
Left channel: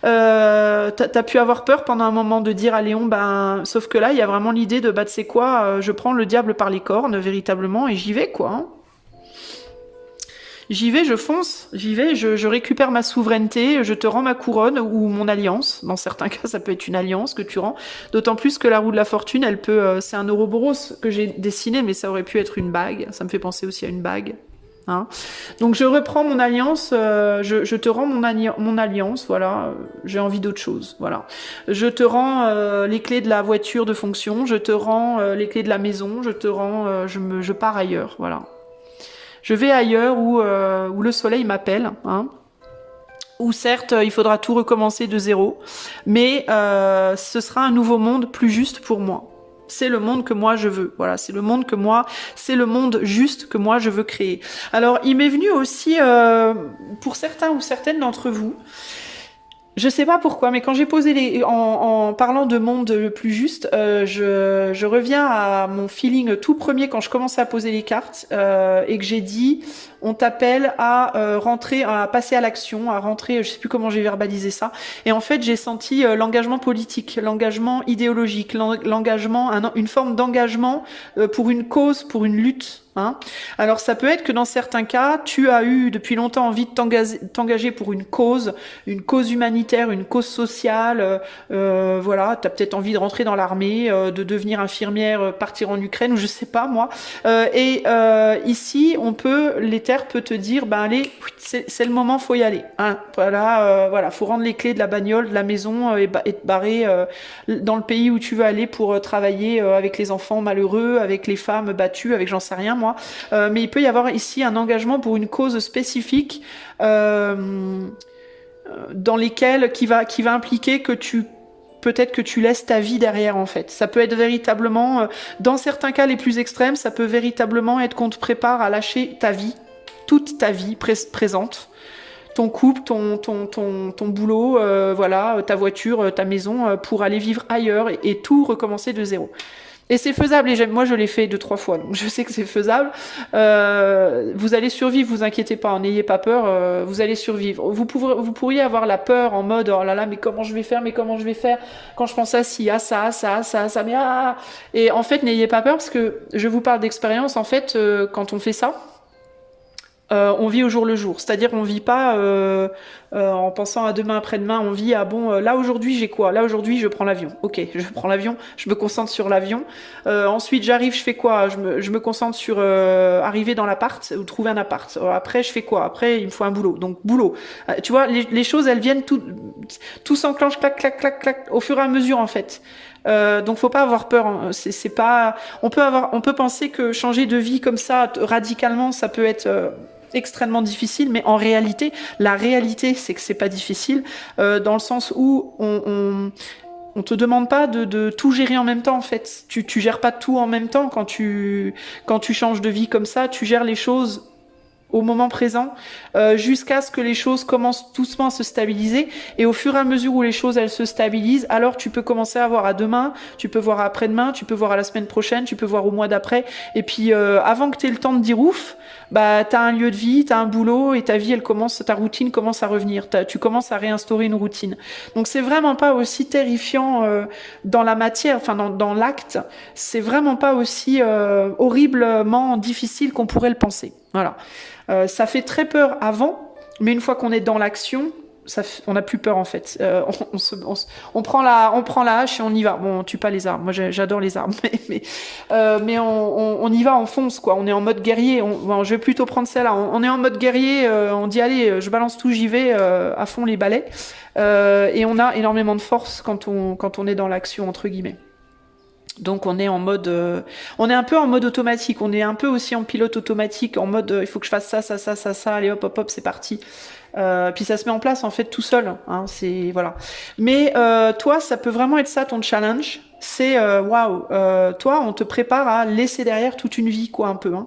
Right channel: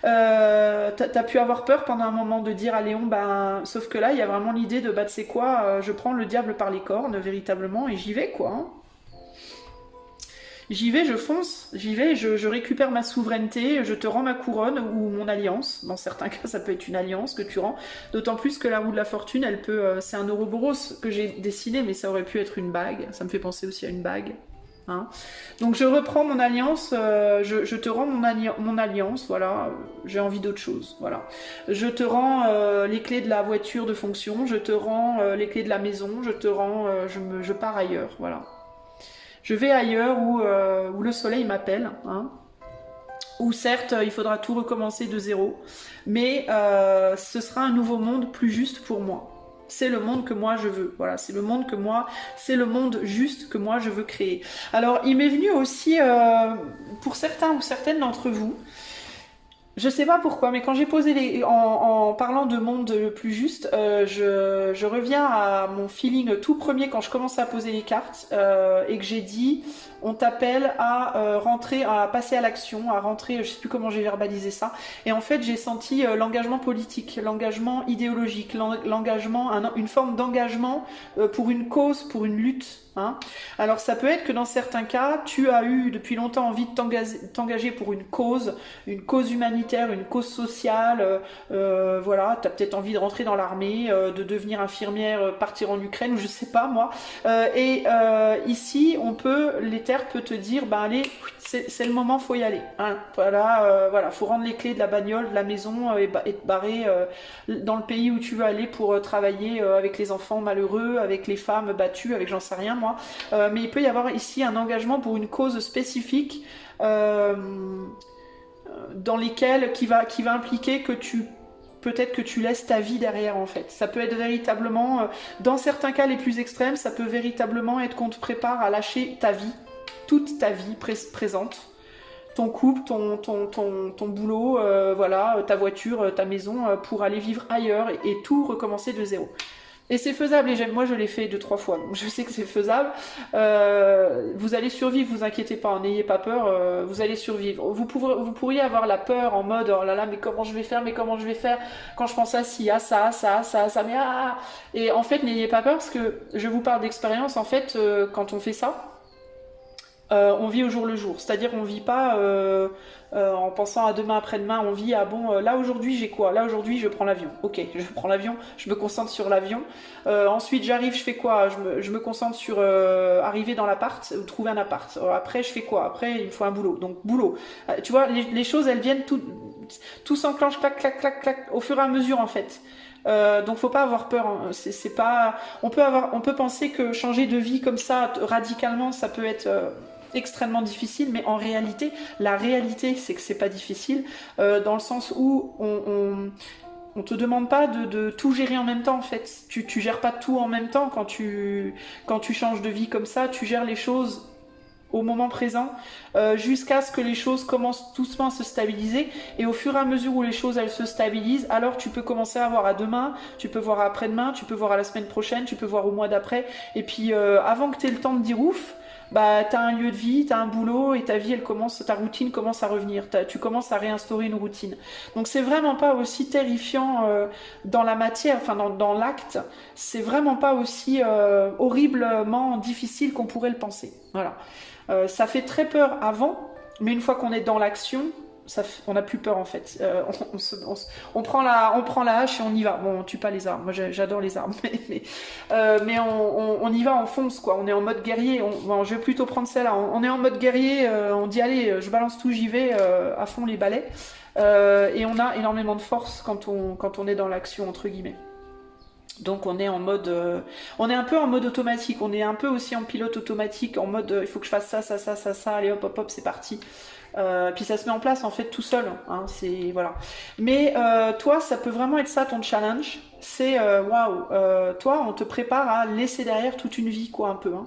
T'as pu avoir peur pendant un moment de dire à Léon, ben sauf que là il y a vraiment l'idée de bah tu sais quoi, je prends le diable par les cornes véritablement et j'y vais quoi. Hein. J'y vais, je fonce, j'y vais, je récupère ma souveraineté, je te rends ma couronne ou mon alliance. Dans certains cas, ça peut être une alliance que tu rends. D'autant plus que la roue de la fortune, elle peut... c'est un Ouroboros que j'ai dessiné, mais ça aurait pu être une bague. Ça me fait penser aussi à une bague. Hein. Donc je reprends mon alliance, je te rends mon alliance, voilà. J'ai envie d'autre chose, voilà. Je te rends les clés de la voiture de fonction, je te rends les clés de la maison, je te rends... je pars ailleurs, voilà. Je vais ailleurs où le soleil m'appelle, hein. Où certes, il faudra tout recommencer de zéro, mais ce sera un nouveau monde plus juste pour moi. C'est le monde que moi je veux, voilà, c'est le monde juste que moi je veux créer. Alors, il m'est venu aussi, pour certains ou certaines d'entre vous, je sais pas pourquoi, mais quand j'ai posé en parlant de monde le plus juste, je reviens à mon feeling tout premier quand je commençais à poser les cartes et que j'ai dit on t'appelle à rentrer, à passer à l'action, à rentrer, je sais plus comment j'ai verbalisé ça. Et en fait, j'ai senti l'engagement politique, l'engagement idéologique, l'engagement, une forme d'engagement pour une cause, pour une lutte. Hein. Alors ça peut être que dans certains cas, tu as eu depuis longtemps envie de t'engager pour une cause humanitaire, une cause sociale, voilà, tu as peut-être envie de rentrer dans l'armée, de devenir infirmière, partir en Ukraine, ou je sais pas moi. Ici, l'Éther peut te dire, ben allez, c'est le moment, faut y aller. Hein. Voilà, faut rendre les clés de la bagnole, de la maison et te barrer dans le pays où tu veux aller pour travailler avec les enfants malheureux, avec les femmes battues, avec j'en sais rien moi. Mais il peut y avoir ici un engagement pour une cause spécifique dans lesquelles qui va impliquer que peut-être que tu laisses ta vie derrière en fait. Ça peut être véritablement, dans certains cas les plus extrêmes, ça peut véritablement être qu'on te prépare à lâcher ta vie, toute ta vie présente. Ton couple, ton boulot, voilà, ta voiture, ta maison, pour aller vivre ailleurs et tout recommencer de zéro. Et c'est faisable, et moi je l'ai fait 2-3 fois, donc je sais que c'est faisable. Vous allez survivre, vous inquiétez pas, n'ayez pas peur, vous allez survivre. Vous pourriez avoir la peur en mode, oh là là, mais comment je vais faire, quand je pense à ci, à ça, mais ah. Et en fait, n'ayez pas peur, parce que je vous parle d'expérience, en fait, quand on fait ça, on vit au jour le jour, c'est-à-dire on vit pas en pensant à demain après-demain, on vit à bon là aujourd'hui j'ai quoi, là aujourd'hui je prends l'avion, ok je prends l'avion, je me concentre sur l'avion, ensuite j'arrive, je fais quoi, je me concentre sur arriver dans l'appart ou trouver un appart, après je fais quoi, après il me faut un boulot, donc boulot, tu vois les choses elles viennent tout s'enclenche clac clac clac clac au fur et à mesure en fait. Donc faut pas avoir peur, hein. C'est pas, on peut penser que changer de vie comme ça radicalement ça peut être extrêmement difficile, mais en réalité, la réalité, c'est que c'est pas difficile, dans le sens où on te demande pas de tout gérer en même temps, en fait. Tu gères pas tout en même temps quand tu changes de vie comme ça, tu gères les choses au moment présent, jusqu'à ce que les choses commencent doucement à se stabiliser, et au fur et à mesure où les choses elles se stabilisent, alors tu peux commencer à voir à demain, tu peux voir à après-demain, tu peux voir à la semaine prochaine, tu peux voir au mois d'après, et puis avant que tu aies le temps de dire ouf, bah t'as un lieu de vie, t'as un boulot, et ta vie ta routine commence à revenir, tu commences à réinstaurer une routine. Donc c'est vraiment pas aussi terrifiant dans la matière, enfin dans l'acte, c'est vraiment pas aussi horriblement difficile qu'on pourrait le penser. Voilà. Ça fait très peur avant, Mais une fois qu'on est dans l'action, on n'a plus peur en fait. On prend la hache et on y va. Bon, on tue pas les armes. Moi, j'adore les armes, mais on y va, on fonce quoi. On est en mode guerrier. Je vais plutôt prendre celle-là. On est en mode guerrier. On dit allez, je balance tout, j'y vais à fond les balais. Et on a énormément de force quand on est dans l'action entre guillemets. Donc on est en mode, on est un peu en mode automatique. On est un peu aussi en pilote automatique, en mode il faut que je fasse ça. Allez hop hop hop, c'est parti. Puis ça se met en place en fait tout seul, hein, c'est voilà. Mais toi, ça peut vraiment être ça ton challenge. C'est waouh, toi, on te prépare à laisser derrière toute une vie quoi un peu, hein,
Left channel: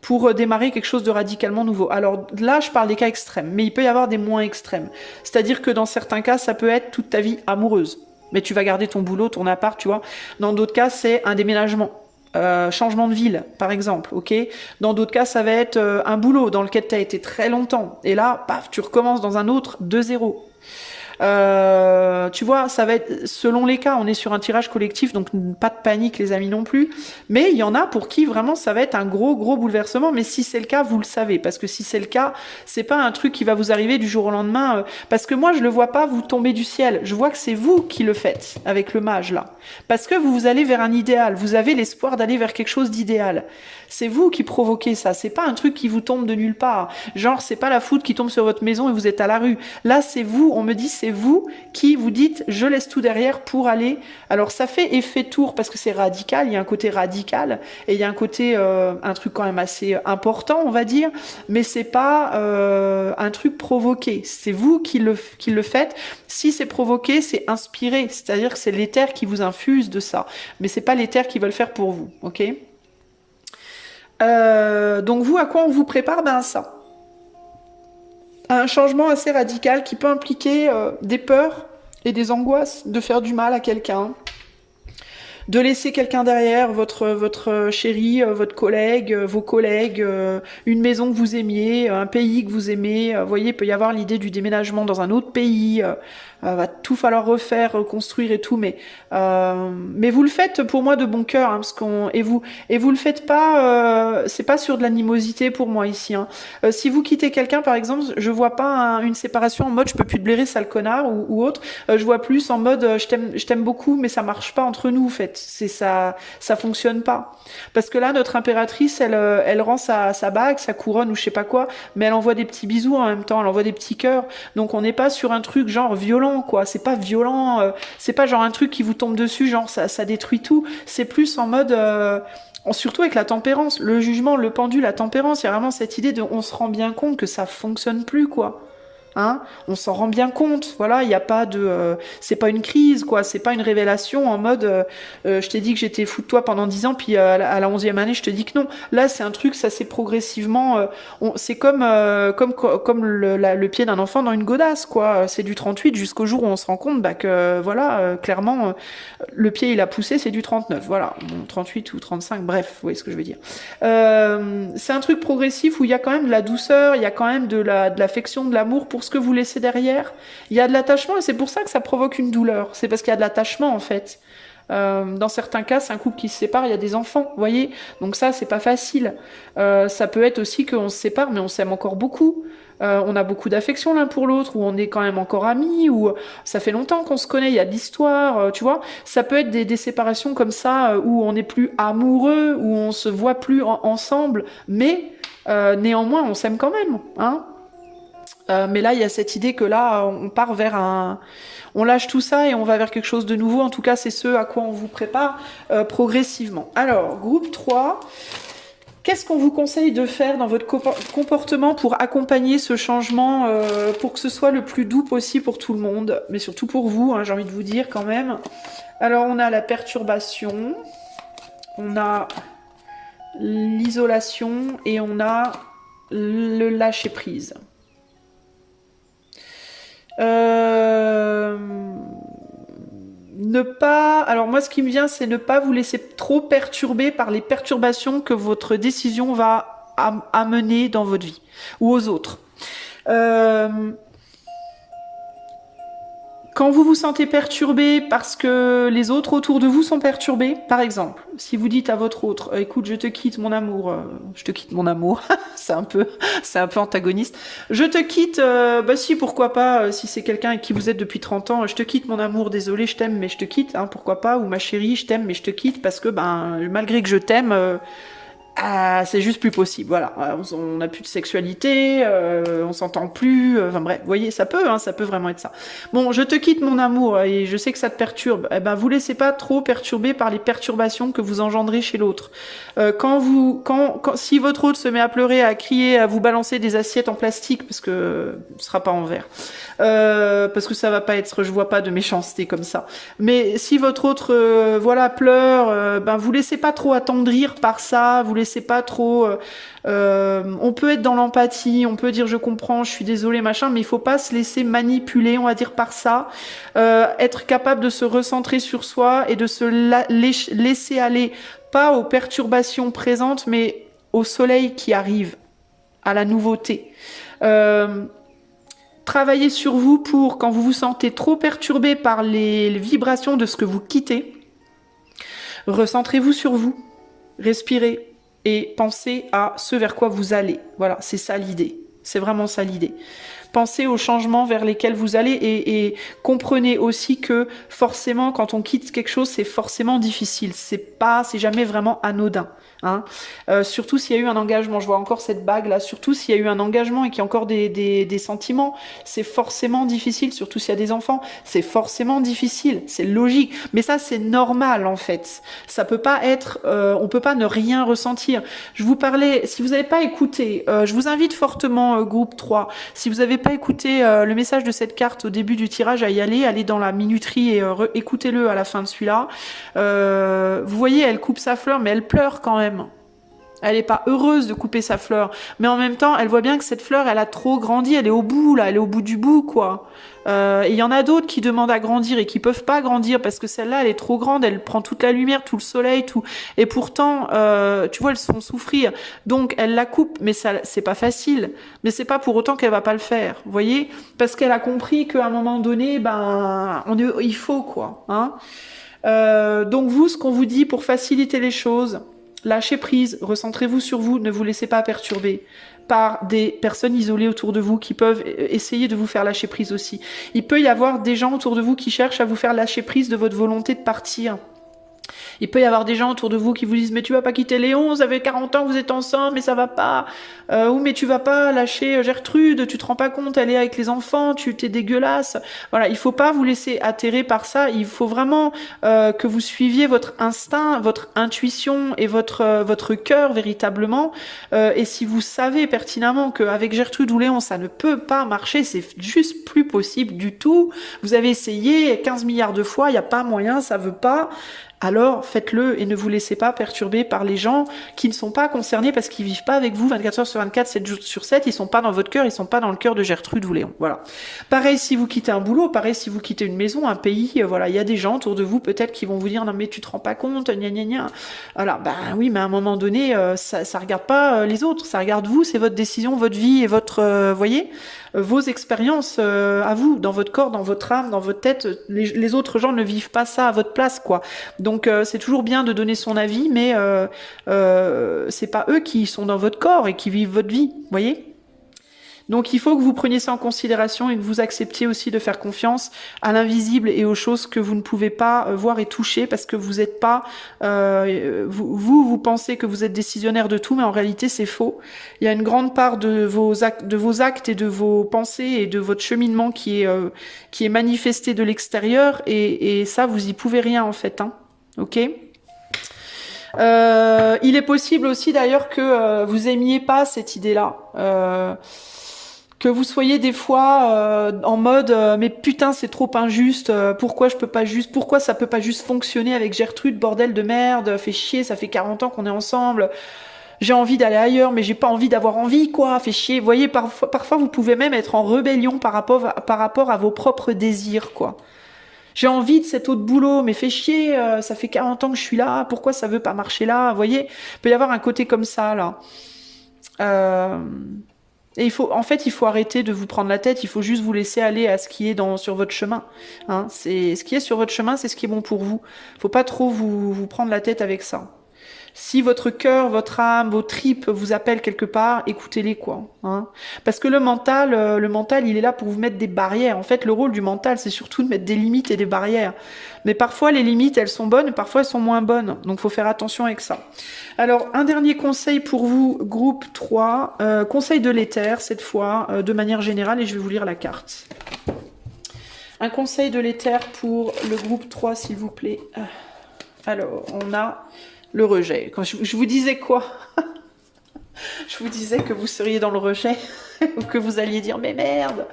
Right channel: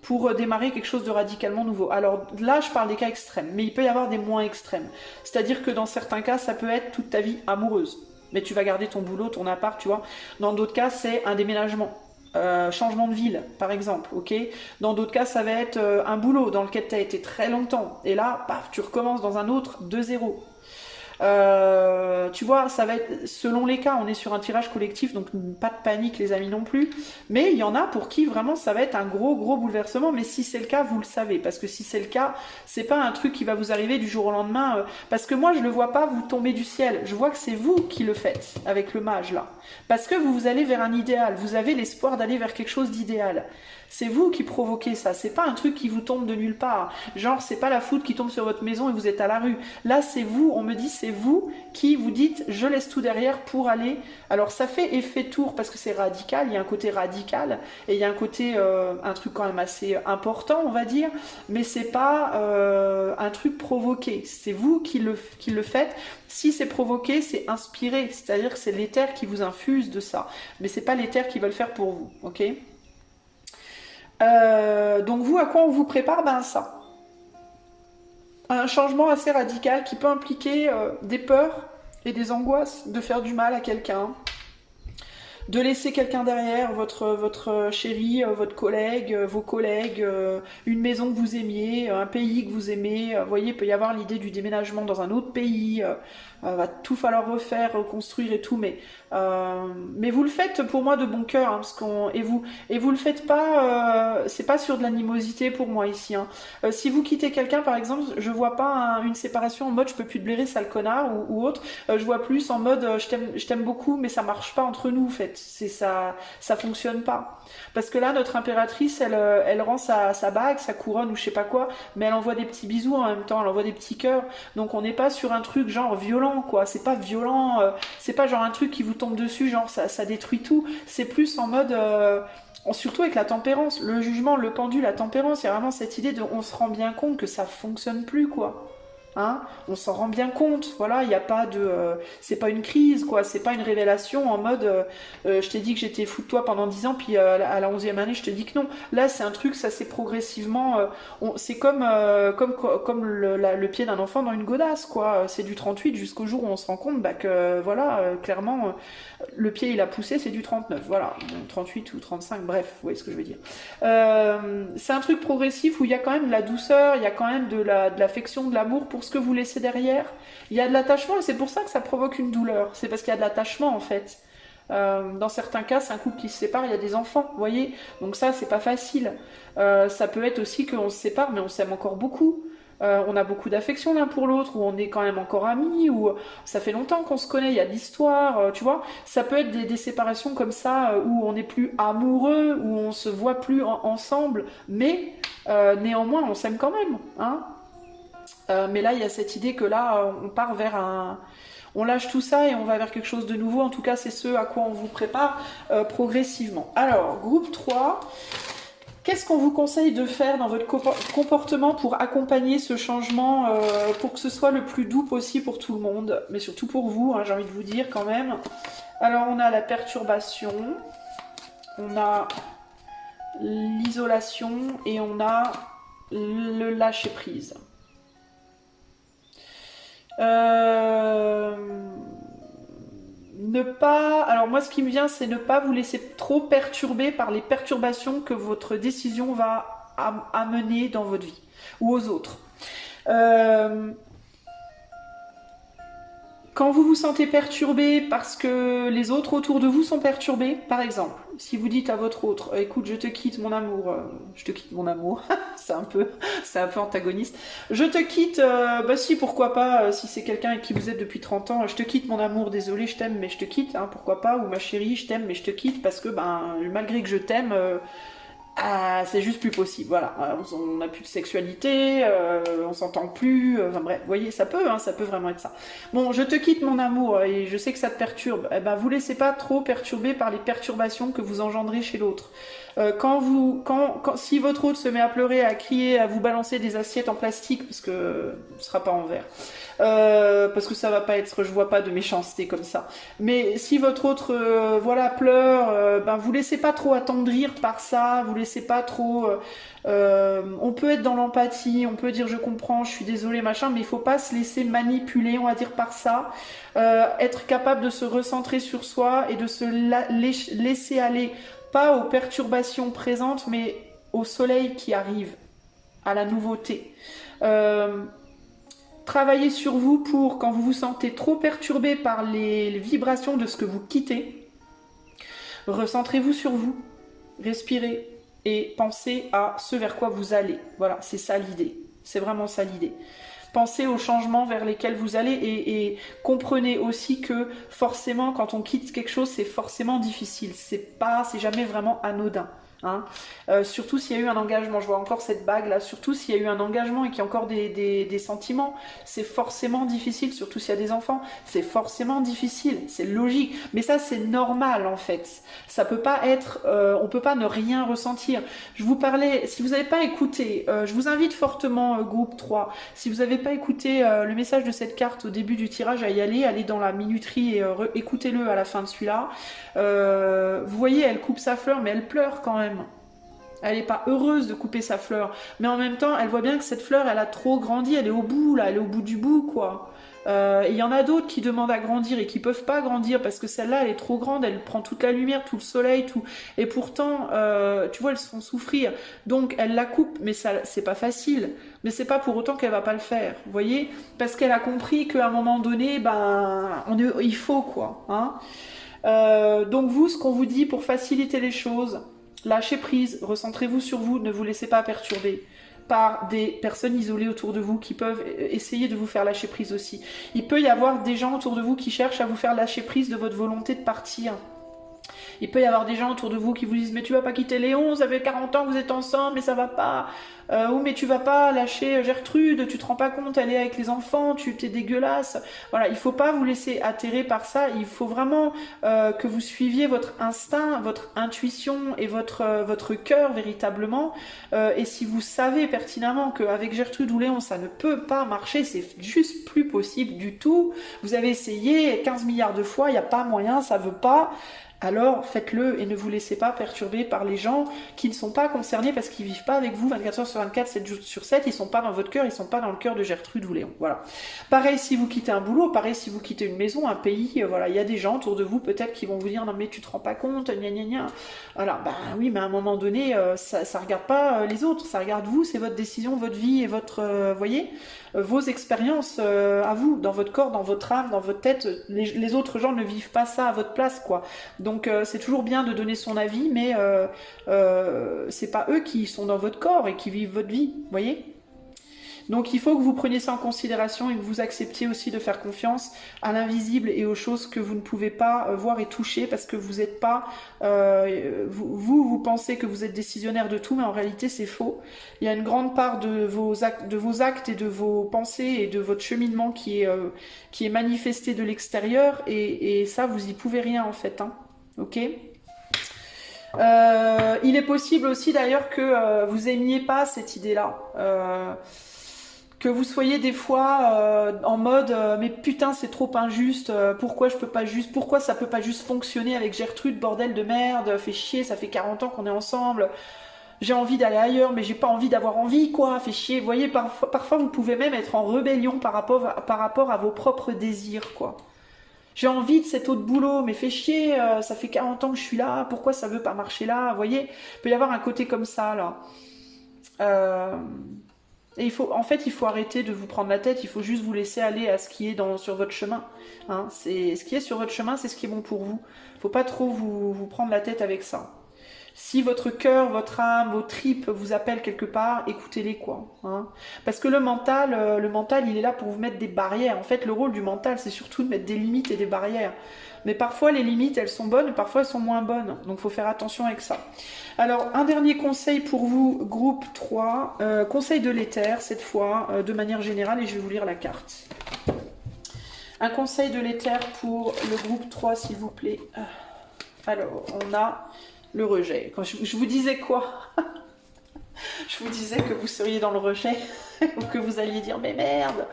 pour démarrer quelque chose de radicalement nouveau. Alors là, je parle des cas extrêmes, mais il peut y avoir des moins extrêmes. C'est-à-dire que dans certains cas, ça peut être toute ta vie amoureuse. Mais tu vas garder ton boulot, ton appart, tu vois. Dans d'autres cas, c'est un déménagement. Changement de ville, par exemple, ok. Dans d'autres cas, ça va être un boulot dans lequel tu as été très longtemps. Et là, paf, tu recommences dans un autre de zéro. Tu vois, ça va être selon les cas. On est sur un tirage collectif, donc pas de panique, les amis non plus. Mais il y en a pour qui vraiment ça va être un gros bouleversement. Mais si c'est le cas, vous le savez, parce que si c'est le cas, c'est pas un truc qui va vous arriver du jour au lendemain. Parce que moi, je le vois pas vous tomber du ciel. Je vois que c'est vous qui le faites avec le mage là, parce que vous allez vers un idéal. Vous avez l'espoir d'aller vers quelque chose d'idéal. C'est vous qui provoquez ça. C'est pas un truc qui vous tombe de nulle part. Genre, c'est pas la foudre qui tombe sur votre maison et vous êtes à la rue. Là, c'est vous. On me dit, c'est vous qui vous dites, je laisse tout derrière pour aller. Alors, ça fait effet tour parce que c'est radical. Il y a un côté radical et il y a un côté, un truc quand même assez important, on va dire. Mais c'est pas un truc provoqué. C'est vous qui le faites. Si c'est provoqué, c'est inspiré. C'est-à-dire que c'est l'éther qui vous infuse de ça. Mais c'est pas l'éther qui va le faire pour vous. Ok ? Donc vous, à quoi on vous prépare? Ben ça. Un changement assez radical qui peut impliquer des peurs et des angoisses de faire du mal à quelqu'un, de laisser quelqu'un derrière, votre chéri, votre collègue, vos collègues, une maison que vous aimiez, un pays que vous aimez. Vous voyez, il peut y avoir l'idée du déménagement dans un autre pays. Va tout falloir refaire, reconstruire et tout, mais vous le faites pour moi de bon cœur, hein, et vous le faites pas, c'est pas sur de l'animosité pour moi ici. Hein. Si vous quittez quelqu'un, par exemple, je vois pas une séparation en mode je peux plus te blairer, sale connard ou autre. Je vois plus en mode je t'aime beaucoup, mais ça marche pas entre nous, en fait. C'est ça fonctionne pas. Parce que là, notre impératrice, elle rend sa bague, sa couronne ou je sais pas quoi, mais elle envoie des petits bisous en même temps, elle envoie des petits cœurs. Donc on n'est pas sur un truc genre violent, quoi. C'est pas violent, c'est pas genre un truc qui vous tombe dessus, genre ça détruit tout. C'est plus en mode surtout avec la tempérance, le jugement, le pendu, la tempérance, il y a vraiment cette idée de on se rend bien compte que ça fonctionne plus, quoi. Hein, on s'en rend bien compte, voilà, il n'y a pas de, c'est pas une crise, quoi, c'est pas une révélation en mode, je t'ai dit que j'étais fou de toi pendant 10 ans, puis à la 11e année, je te dis que non. Là, c'est un truc, ça c'est progressivement, c'est comme le pied d'un enfant dans une godasse, quoi. C'est du 38 jusqu'au jour où on se rend compte, bah, que voilà, clairement, le pied il a poussé, c'est du 39, voilà, bon, 38 ou 35, bref, vous voyez ce que je veux dire. C'est un truc progressif où il y a quand même de la douceur, il y a quand même de l'affection, de l'amour pour ce que vous laissez derrière. Il y a de l'attachement et c'est pour ça que ça provoque une douleur. C'est parce qu'il y a de l'attachement en fait. Dans certains cas, c'est un couple qui se sépare, il y a des enfants, vous voyez. Donc ça, c'est pas facile. Ça peut être aussi qu'on se sépare, mais on s'aime encore beaucoup. On a beaucoup d'affection l'un pour l'autre, ou on est quand même encore amis, ou ça fait longtemps qu'on se connaît, il y a de l'histoire, tu vois. Ça peut être des séparations comme ça, où on n'est plus amoureux, où on se voit plus ensemble, mais néanmoins, on s'aime quand même, hein. Mais là, il y a cette idée que là, on part vers on lâche tout ça et on va vers quelque chose de nouveau. En tout cas, c'est ce à quoi on vous prépare progressivement. Alors, groupe 3, qu'est-ce qu'on vous conseille de faire dans votre comportement pour accompagner ce changement, pour que ce soit le plus doux possible pour tout le monde, mais surtout pour vous, hein, j'ai envie de vous dire quand même. Alors, on a la perturbation, on a l'isolation et on a le lâcher-prise. Alors moi ce qui me vient c'est ne pas vous laisser trop perturber par les perturbations que votre décision va amener dans votre vie ou aux autres. Quand vous vous sentez perturbé parce que les autres autour de vous sont perturbés, par exemple, si vous dites à votre autre, écoute, je te quitte mon amour, je te quitte mon amour, c'est un peu antagoniste, je te quitte, bah si, pourquoi pas, si c'est quelqu'un avec qui vous êtes depuis 30 ans, je te quitte mon amour, désolé, je t'aime, mais je te quitte, hein, pourquoi pas, ou ma chérie, je t'aime, mais je te quitte, parce que, ben, malgré que je t'aime, ah, c'est juste plus possible, voilà. On n'a plus de sexualité, on s'entend plus, enfin bref, vous voyez, ça peut, hein, ça peut vraiment être ça. Bon, je te quitte mon amour, et je sais que ça te perturbe. Eh ben, vous laissez pas trop perturber par les perturbations que vous engendrez chez l'autre. Si votre autre se met à pleurer, à crier, à vous balancer des assiettes en plastique, parce que ce sera pas en verre, parce que ça va pas être, je vois pas de méchanceté comme ça. Mais si votre autre, voilà, pleure, ben vous laissez pas trop attendrir par ça, vous laissez pas trop. On peut être dans l'empathie, on peut dire je comprends, je suis désolé, machin, mais il faut pas se laisser manipuler, on va dire par ça. Être capable de se recentrer sur soi et de se laisser aller, pas aux perturbations présentes, mais au soleil qui arrive, à la nouveauté. Travaillez sur vous pour, quand vous vous sentez trop perturbé par les vibrations de ce que vous quittez, recentrez-vous sur vous, respirez et pensez à ce vers quoi vous allez. Voilà, c'est ça l'idée. C'est vraiment ça l'idée. Pensez aux changements vers lesquels vous allez et comprenez aussi que forcément, quand on quitte quelque chose, c'est forcément difficile. C'est jamais vraiment anodin. Hein. Surtout s'il y a eu un engagement, je vois encore cette bague là, surtout s'il y a eu un engagement et qu'il y a encore des sentiments, c'est forcément difficile, surtout s'il y a des enfants, c'est forcément difficile, c'est logique, mais ça c'est normal en fait, ça peut pas être, on peut pas ne rien ressentir. Je vous parlais, si vous n'avez pas écouté, je vous invite fortement groupe 3, si vous n'avez pas écouté le message de cette carte au début du tirage, à y aller, allez dans la minuterie et écoutez-le à la fin de celui-là. Vous voyez, elle coupe sa fleur, mais elle pleure quand même. Elle n'est pas heureuse de couper sa fleur, mais en même temps, elle voit bien que cette fleur, elle a trop grandi, elle est au bout, là, elle est au bout du bout, quoi. Et il y en a d'autres qui demandent à grandir et qui peuvent pas grandir parce que celle-là, elle est trop grande, elle prend toute la lumière, tout le soleil, tout. Et pourtant, tu vois, elles se font souffrir. Donc, elle la coupe, mais ça, c'est pas facile. Mais c'est pas pour autant qu'elle va pas le faire, vous voyez? Parce qu'elle a compris qu'à un moment donné, ben, il faut, quoi, hein. Donc vous, ce qu'on vous dit pour faciliter les choses, lâchez prise, recentrez-vous sur vous, ne vous laissez pas perturber par des personnes isolées autour de vous qui peuvent essayer de vous faire lâcher prise aussi. Il peut y avoir des gens autour de vous qui cherchent à vous faire lâcher prise de votre volonté de partir. Il peut y avoir des gens autour de vous qui vous disent mais tu vas pas quitter Léon, ça fait 40 ans que vous êtes ensemble mais ça va pas. Ou mais tu vas pas lâcher Gertrude, tu te rends pas compte, elle est avec les enfants, tu t'es dégueulasse. Voilà, il faut pas vous laisser atterrer par ça, il faut vraiment que vous suiviez votre instinct, votre intuition et votre cœur véritablement. Et si vous savez pertinemment qu'avec Gertrude ou Léon ça ne peut pas marcher, c'est juste plus possible du tout. Vous avez essayé 15 milliards de fois, il n'y a pas moyen, ça veut pas. Alors faites-le et ne vous laissez pas perturber par les gens qui ne sont pas concernés parce qu'ils vivent pas avec vous 24 heures sur 24, 7 jours sur 7, ils sont pas dans votre cœur, ils sont pas dans le cœur de Gertrude ou Léon. Voilà. Pareil si vous quittez un boulot, pareil si vous quittez une maison, un pays, voilà, il y a des gens autour de vous peut-être qui vont vous dire non mais tu te rends pas compte, gna gna gna. Alors ben oui, mais à un moment donné, ça regarde pas les autres, ça regarde vous, c'est votre décision, votre vie et votre, voyez, vos expériences à vous, dans votre corps, dans votre âme, dans votre tête. Les autres gens ne vivent pas ça à votre place, quoi. Donc c'est toujours bien de donner son avis, mais c'est pas eux qui sont dans votre corps et qui vivent votre vie, voyez. Donc il faut que vous preniez ça en considération et que vous acceptiez aussi de faire confiance à l'invisible et aux choses que vous ne pouvez pas voir et toucher parce que vous n'êtes pas... vous pensez que vous êtes décisionnaire de tout, mais en réalité c'est faux. Il y a une grande part de vos actes et de vos pensées et de votre cheminement qui est manifesté de l'extérieur et ça, vous y pouvez rien en fait. Hein. Ok ? Il est possible aussi d'ailleurs que vous aimiez pas cette idée-là. Que vous soyez des fois en mode mais putain c'est trop injuste, pourquoi je peux pas juste, pourquoi ça peut pas juste fonctionner avec Gertrude, bordel de merde, fait chier, ça fait 40 ans qu'on est ensemble, j'ai envie d'aller ailleurs mais j'ai pas envie d'avoir envie quoi, fait chier. Vous voyez, parfois vous pouvez même être en rébellion par rapport à vos propres désirs quoi. J'ai envie de cet autre boulot, mais fait chier, ça fait 40 ans que je suis là, pourquoi ça veut pas marcher là, vous voyez, il peut y avoir un côté comme ça là. Et en fait, il faut arrêter de vous prendre la tête, il faut juste vous laisser aller à ce qui est sur votre chemin. Hein. Ce qui est sur votre chemin, c'est ce qui est bon pour vous. Faut pas trop vous prendre la tête avec ça. Si votre cœur, votre âme, vos tripes vous appellent quelque part, écoutez-les quoi. Hein. Parce que le mental, il est là pour vous mettre des barrières. En fait, le rôle du mental, c'est surtout de mettre des limites et des barrières. Mais parfois, les limites, elles sont bonnes, parfois, elles sont moins bonnes. Donc, faut faire attention avec ça. Alors, un dernier conseil pour vous, groupe 3. Conseil de l'éther, cette fois, de manière générale, et je vais vous lire la carte. Un conseil de l'éther pour le groupe 3, s'il vous plaît. Alors, on a... le rejet. Quand je vous disais quoi? Je vous disais que vous seriez dans le rejet, ou que vous alliez dire mais merde.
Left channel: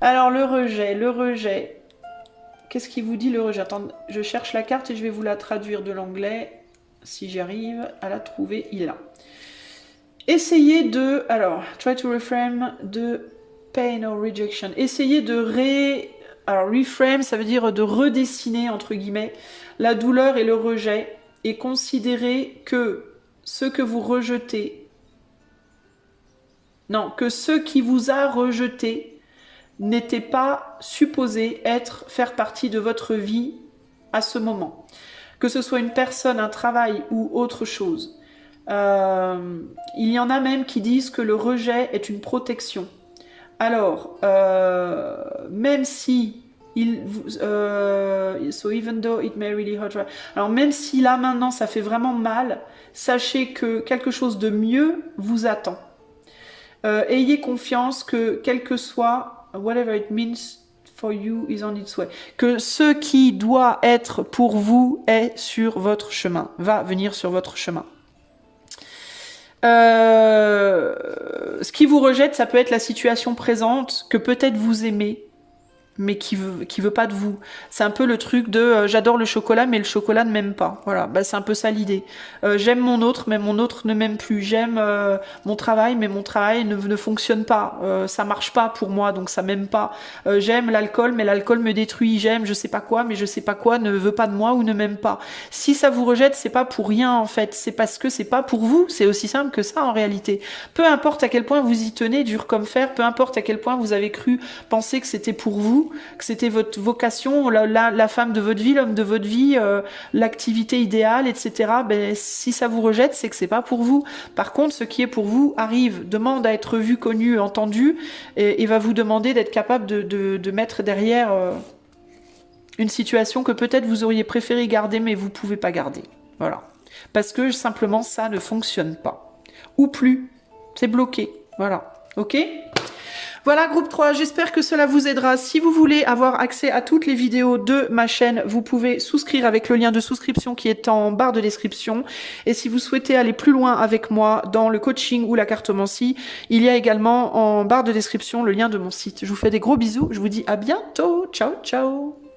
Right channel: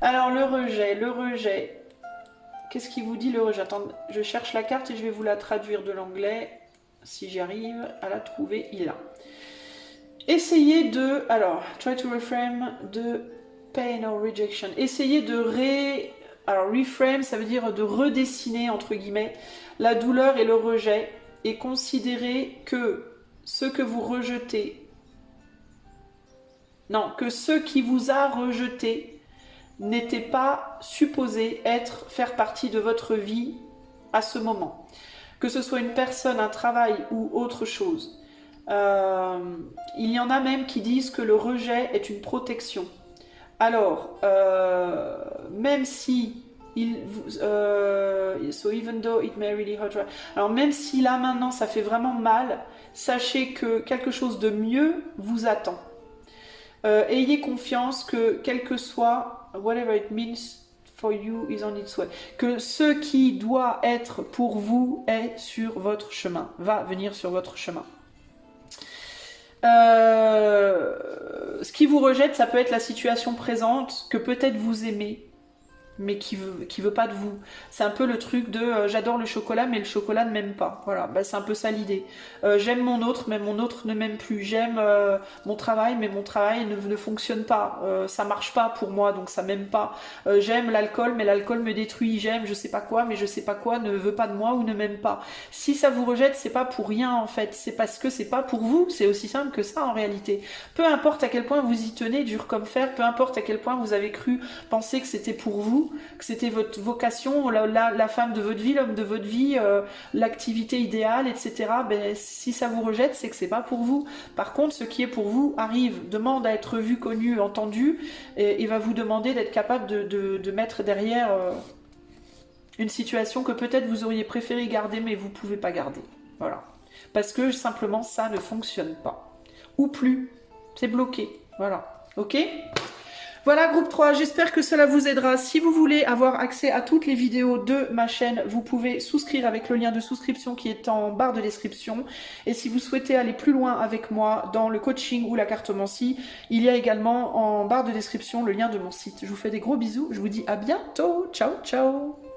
Alors le rejet. Qu'est-ce qu'il vous dit le rejet? Attends, je cherche la carte et je vais vous la traduire de l'anglais, si j'arrive à la trouver. Il est là. Essayez de, alors, try to reframe the pain or rejection. Essayez de alors reframe, ça veut dire de redessiner entre guillemets la douleur et le rejet. Et considérez que ce que vous rejetez, non, que ce qui vous a rejeté n'était pas supposé faire partie de votre vie à ce moment. Que ce soit une personne, un travail ou autre chose. Il y en a même qui disent que le rejet est une protection. Alors, même si so even though it may really hurt. Alors même si là maintenant ça fait vraiment mal, sachez que quelque chose de mieux vous attend. Ayez confiance que quel que soit whatever it means for you is on its way. Que ce qui doit être pour vous est sur votre chemin, va venir sur votre chemin. Ce qui vous rejette, ça peut être la situation présente que peut-être vous aimez, mais qui veut pas de vous. C'est un peu le truc de j'adore le chocolat, mais le chocolat ne m'aime pas. Voilà, bah, c'est un peu ça l'idée. J'aime mon autre, mais mon autre ne m'aime plus. J'aime mon travail, mais mon travail ne fonctionne pas. Ça marche pas pour moi, donc ça m'aime pas. J'aime l'alcool, mais l'alcool me détruit. J'aime je sais pas quoi, mais je sais pas quoi ne veut pas de moi ou ne m'aime pas. Si ça vous rejette, c'est pas pour rien en fait. C'est parce que c'est pas pour vous. C'est aussi simple que ça en réalité. Peu importe à quel point vous y tenez, dur comme fer, peu importe à quel point vous avez cru penser que c'était pour vous, que c'était votre vocation, la femme de votre vie, l'homme de votre vie, l'activité idéale, etc. Ben, si ça vous rejette, c'est que c'est pas pour vous. Par contre, ce qui est pour vous arrive, demande à être vu, connu, entendu, et va vous demander d'être capable de mettre derrière une situation que peut-être vous auriez préféré garder, mais vous pouvez pas garder. Voilà. Parce que simplement, ça ne fonctionne pas. Ou plus. C'est bloqué. Voilà. Ok ? Voilà groupe 3, j'espère que cela vous aidera. Si vous voulez avoir accès à toutes les vidéos de ma chaîne, vous pouvez souscrire avec le lien de souscription qui est en barre de description. Et si vous souhaitez aller plus loin avec moi dans le coaching ou la cartomancie, il y a également en barre de description le lien de mon site. Je vous fais des gros bisous, je vous dis à bientôt, ciao ciao.